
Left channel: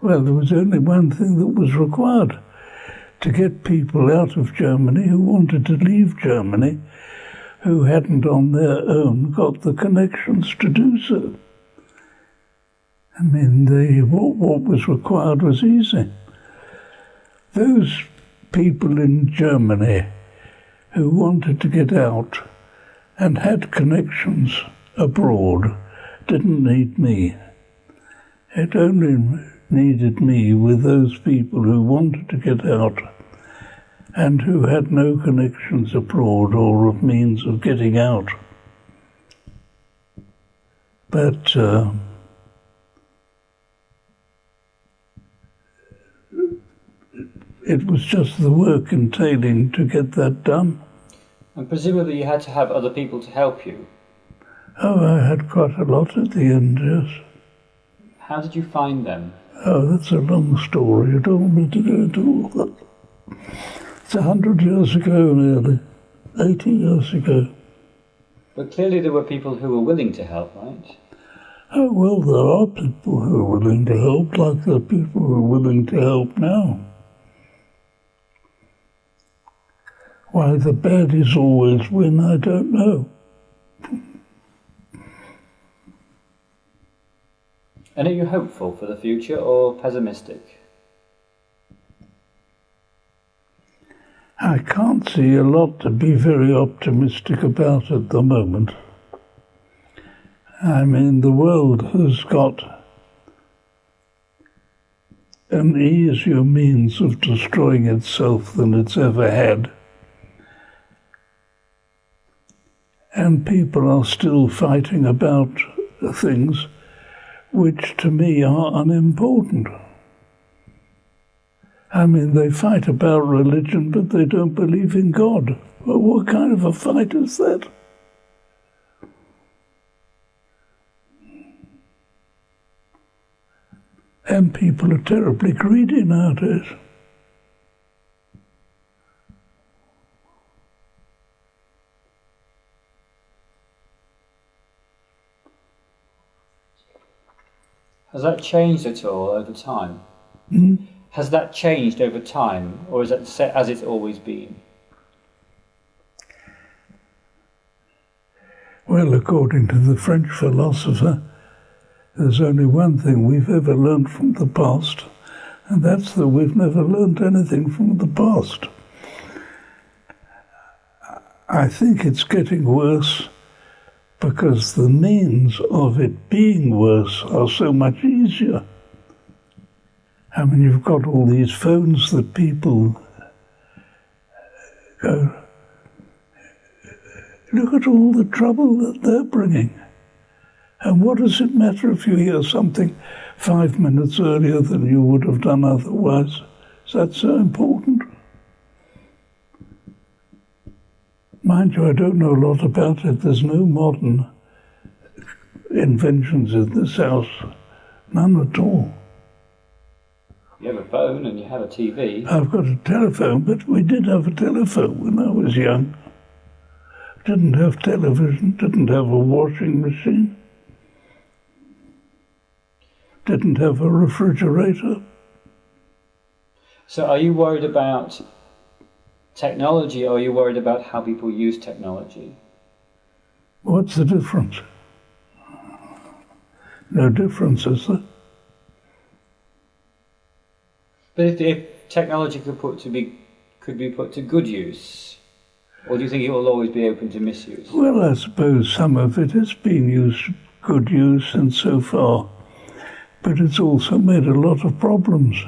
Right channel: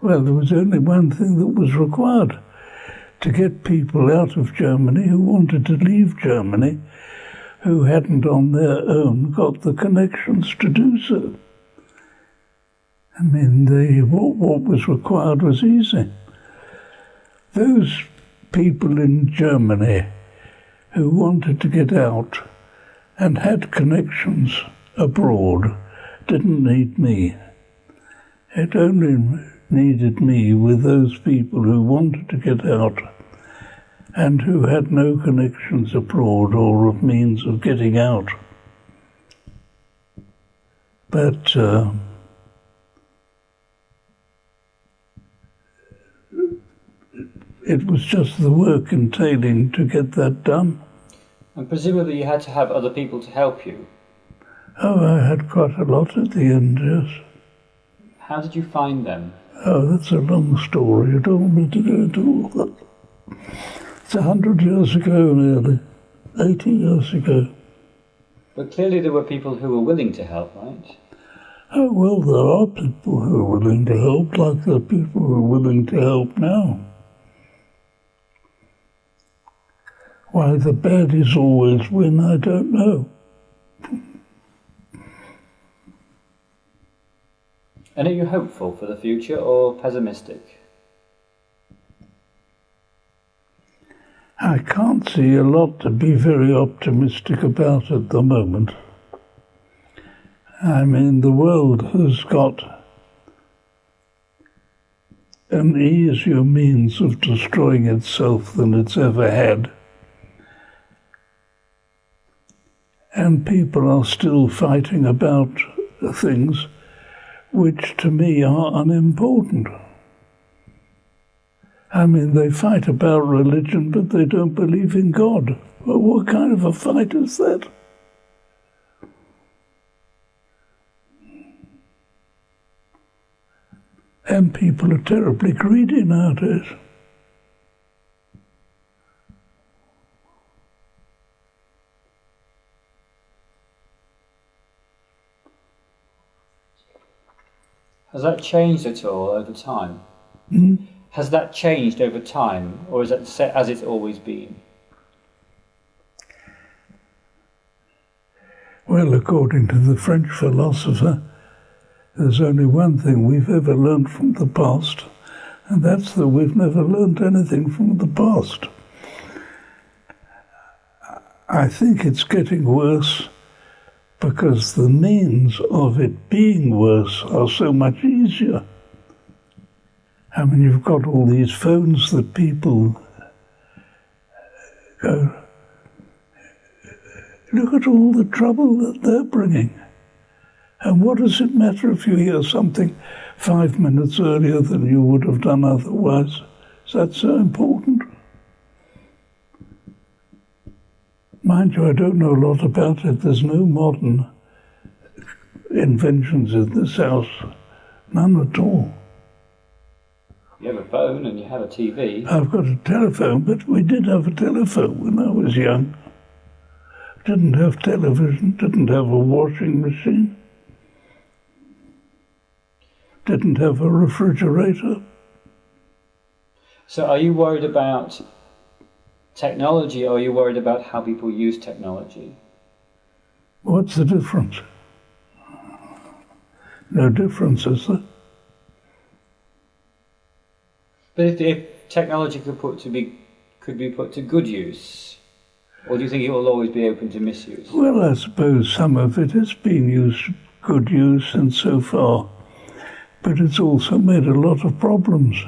Well, there was only one thing that was required: to get people out of Germany who wanted to leave Germany, who hadn't on their own got the connections to do so. I mean, what was required was easy. Those people in Germany who wanted to get out and had connections abroad didn't need me. It only needed me with those people who wanted to get out and who had no connections abroad or of means of getting out. But it was just the work entailing to get that done. And presumably you had to have other people to help you. Oh, I had quite a lot at the end, yes. How did you find them? Oh, that's a long story. You don't want me to go into all that. It's 100 years ago, nearly. 80 years ago. But clearly there were people who were willing to help, right? Oh, well, there are people who are willing to help, like there are people who are willing to help now. Why the baddies always win, I don't know. And are you hopeful for the future or pessimistic? I can't see a lot to be very optimistic about at the moment. I mean, the world has got an easier means of destroying itself than it's ever had. And people are still fighting about things which to me are unimportant. I mean, they fight about religion, but they don't believe in God. Well, what kind of a fight is that? And people are terribly greedy nowadays. Has that changed at all over time? Has that changed over time, or is it set as it's always been? Well, according to the French philosopher, there's only one thing we've ever learned from the past, and that's that we've never learned anything from the past. I think it's getting worse because the means of it being worse are so much easier. I mean, you've got all these phones that people go, look at all the trouble that they're bringing. And what does it matter if you hear something 5 minutes earlier than you would have done otherwise? Is that so important? Mind you, I don't know a lot about it. There's no modern inventions in this house. None at all. You have a phone and you have a TV. I've got a telephone, but we did have a telephone when I was young. Didn't have television, didn't have a washing machine, didn't have a refrigerator. So are you worried about technology, or are you worried about how people use technology? What's the difference? No difference, is there? But if technology could be put to good use, or do you think it will always be open to misuse? Well, I suppose some of it has been used for good use and so far, but it's also made a lot of problems.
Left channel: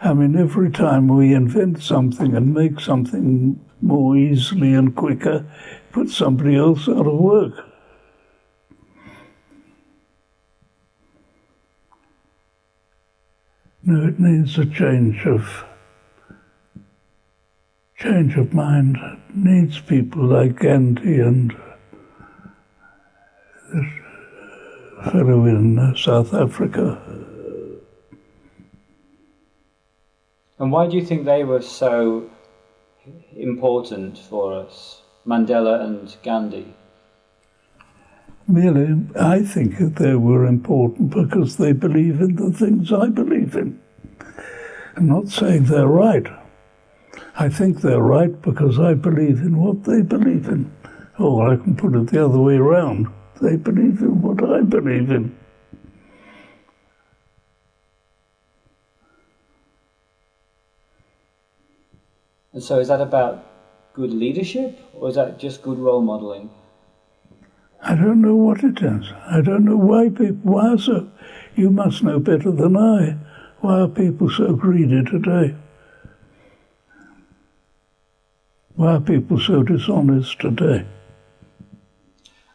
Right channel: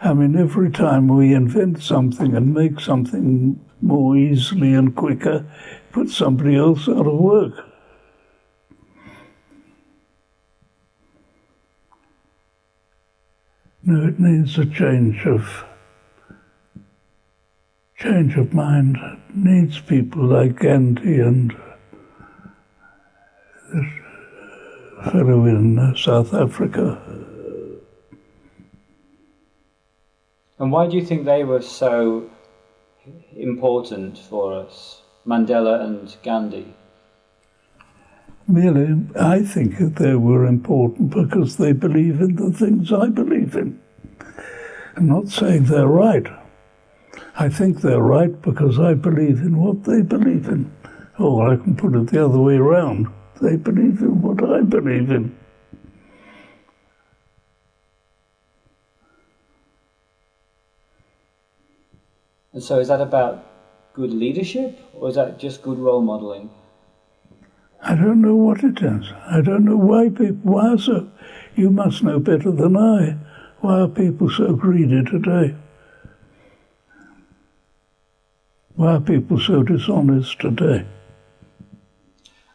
I mean, every time we invent something and make something more easily and quicker, put somebody else out of work. No, it needs a change of mind. It needs people like Gandhi and the fellow in South Africa. And why do you think they were so important for us, Mandela and Gandhi? Merely, I think that they were important because they believe in the things I believe in. I'm not saying they're right. I think they're right because I believe in what they believe in. Or I can put it the other way around. They believe in what I believe in. And so is that about good leadership, or is that just good role modelling? I don't know what it is. I don't know why are so... You must know better than I. Why are people so greedy today? Why are people so dishonest today?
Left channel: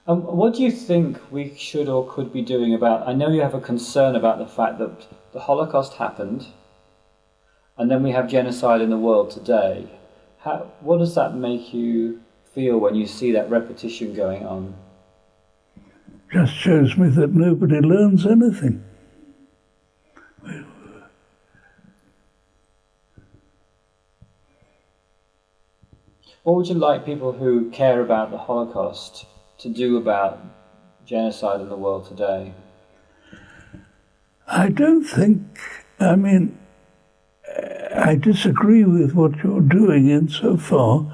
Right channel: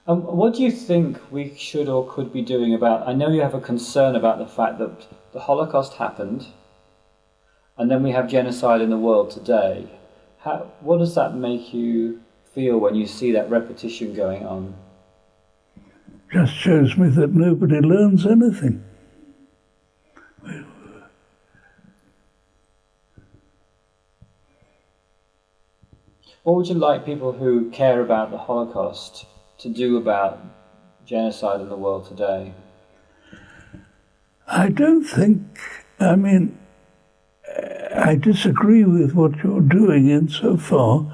What do you think we should or could be doing about... I know you have a concern about the fact that the Holocaust happened, and then we have genocide in the world today. What does that make you feel when you see that repetition going on? Just shows me that nobody learns anything. What would you like people who care about the Holocaust to do about genocide in the world today? I don't think... I mean, I disagree with what you're doing insofar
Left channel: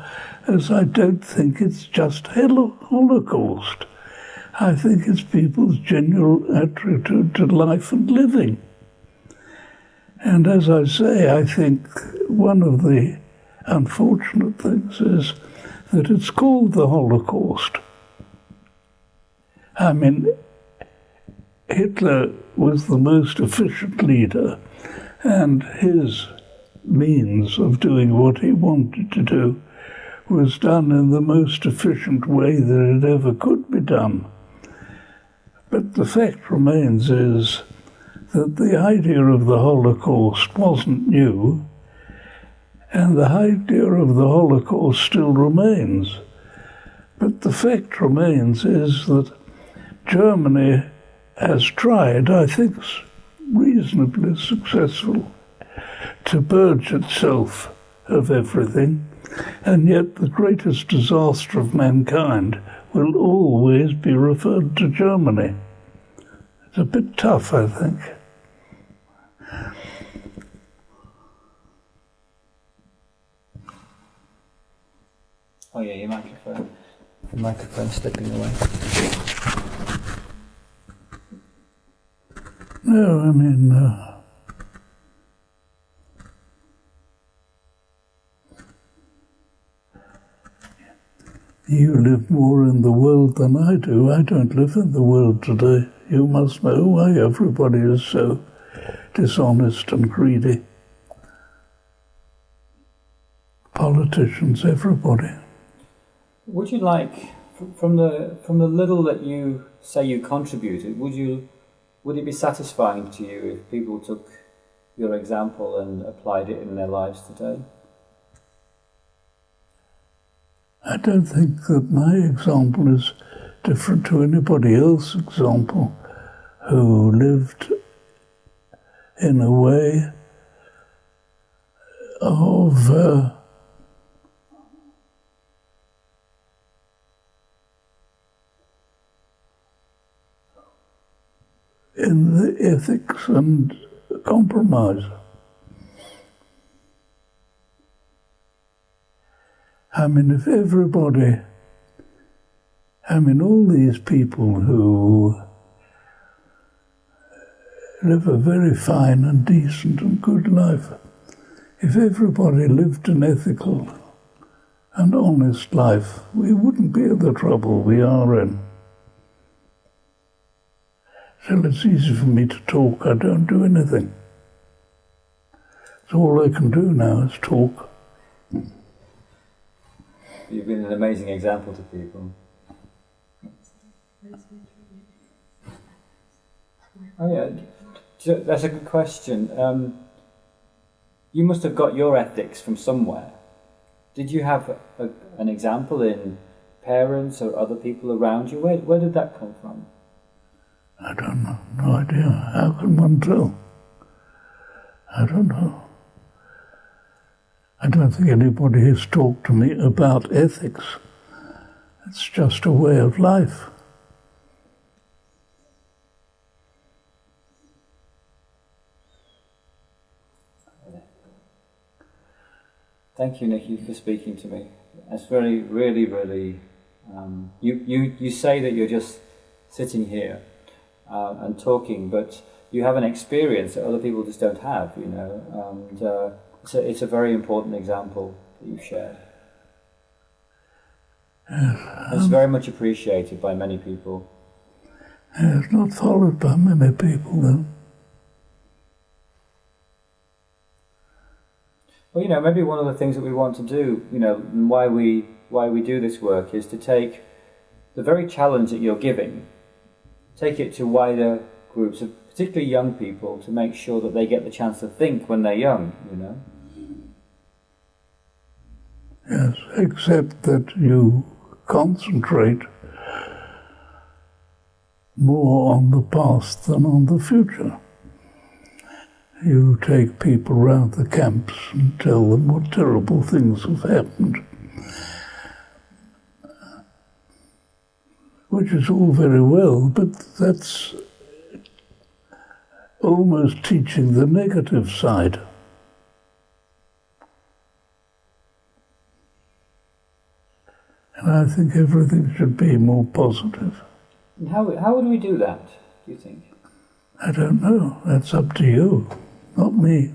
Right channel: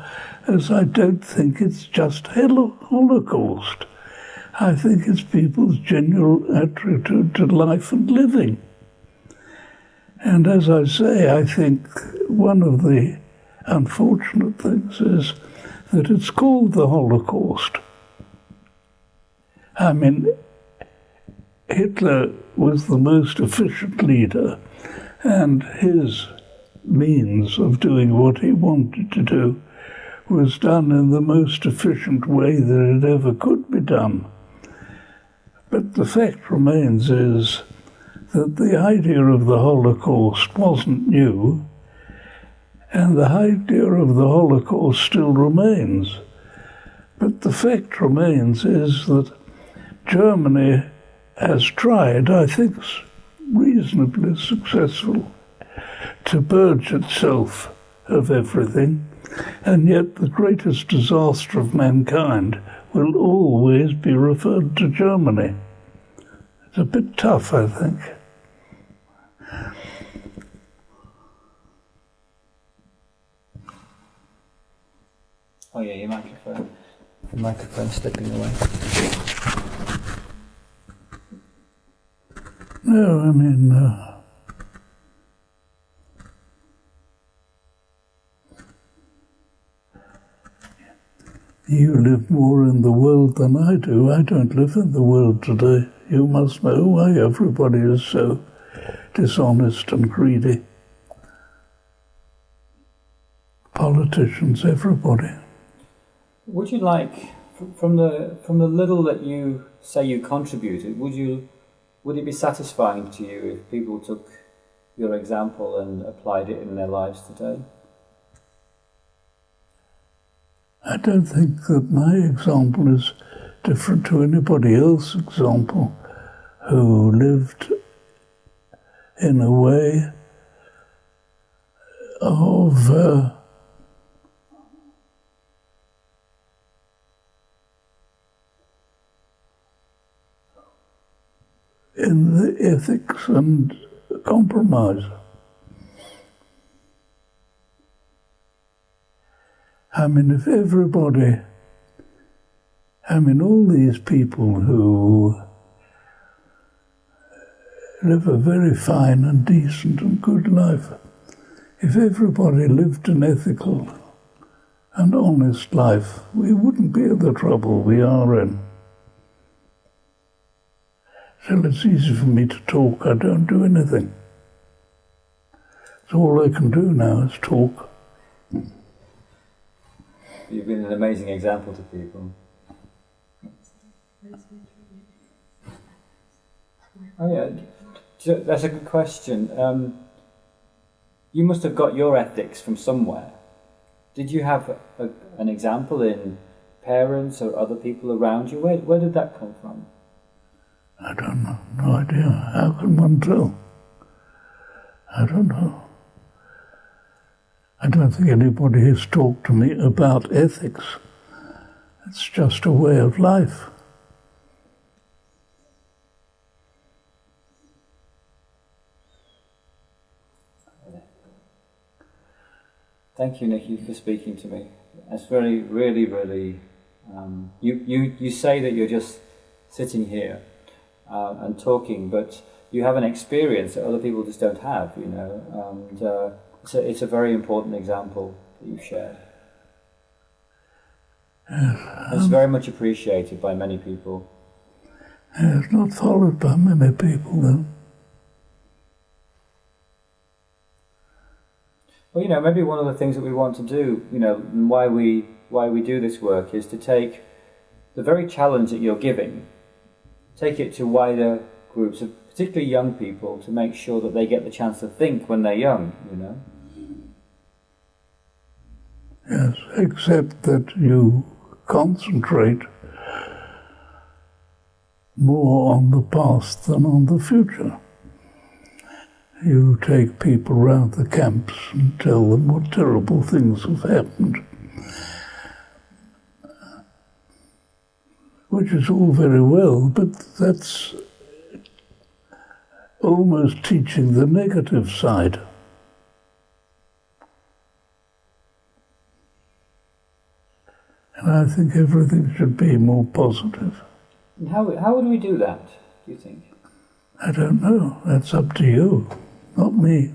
as I don't think it's just Holocaust. I think it's people's general attitude to life and living. And as I say, I think one of the unfortunate things is that it's called the Holocaust. I mean, Hitler was the most efficient leader, and his means of doing what he wanted to do was done in the most efficient way that it ever could be done. But the fact remains is that the idea of the Holocaust wasn't new, and the idea of the Holocaust still remains. But the fact remains is that Germany has tried, I think reasonably successful, to purge itself of everything, and yet the greatest disaster of mankind will always be referred to Germany. It's a bit tough, I think. Oh yeah, your microphone. The microphone's slipping away. No, I mean... You live more in the world than I do. I don't live in the world today. You must know why everybody is so dishonest and greedy. Politicians, everybody. Would you like, from the little that you say you contributed, would it be satisfying to you if people took your example and applied it in their lives today? I don't think that my example is different to anybody else's example who lived in a way of in the ethics and compromise. I mean, if everybody, all these people who live a very fine and decent and good life, If everybody lived an ethical and honest life, we wouldn't be in the trouble we are in. So it's easy for me to talk. I don't do anything. So all I can do now is talk. You've been an amazing example to people. Oh yeah, so that's a good question. You must have got your ethics from somewhere. Did you have an example in parents or other people around you? Where did that come from? I don't know. No idea. How can one tell? I don't know. I don't think anybody has talked to me about ethics. It's just a way of life. Thank you, Nicky, for speaking to me. That's really, really. You say that you're just sitting here and talking, but you have an experience that other people just don't have, you know. And it's a very important example that you've shared. It's very much appreciated by many people. It's not followed by many people, though. Well, you know, maybe one of the things that we want to do, you know, and why we do this work is to take the very challenge that you're giving, take it to wider groups of particularly young people to make sure that they get the chance to think when they're young, you know. Yes, except that you concentrate more on the past than on the future. You take people round the camps and tell them what terrible things have happened, which is all very well, but that's almost teaching the negative side. And I think everything should be more positive. And how would we do that, do you think? I don't know. That's up to you, not me.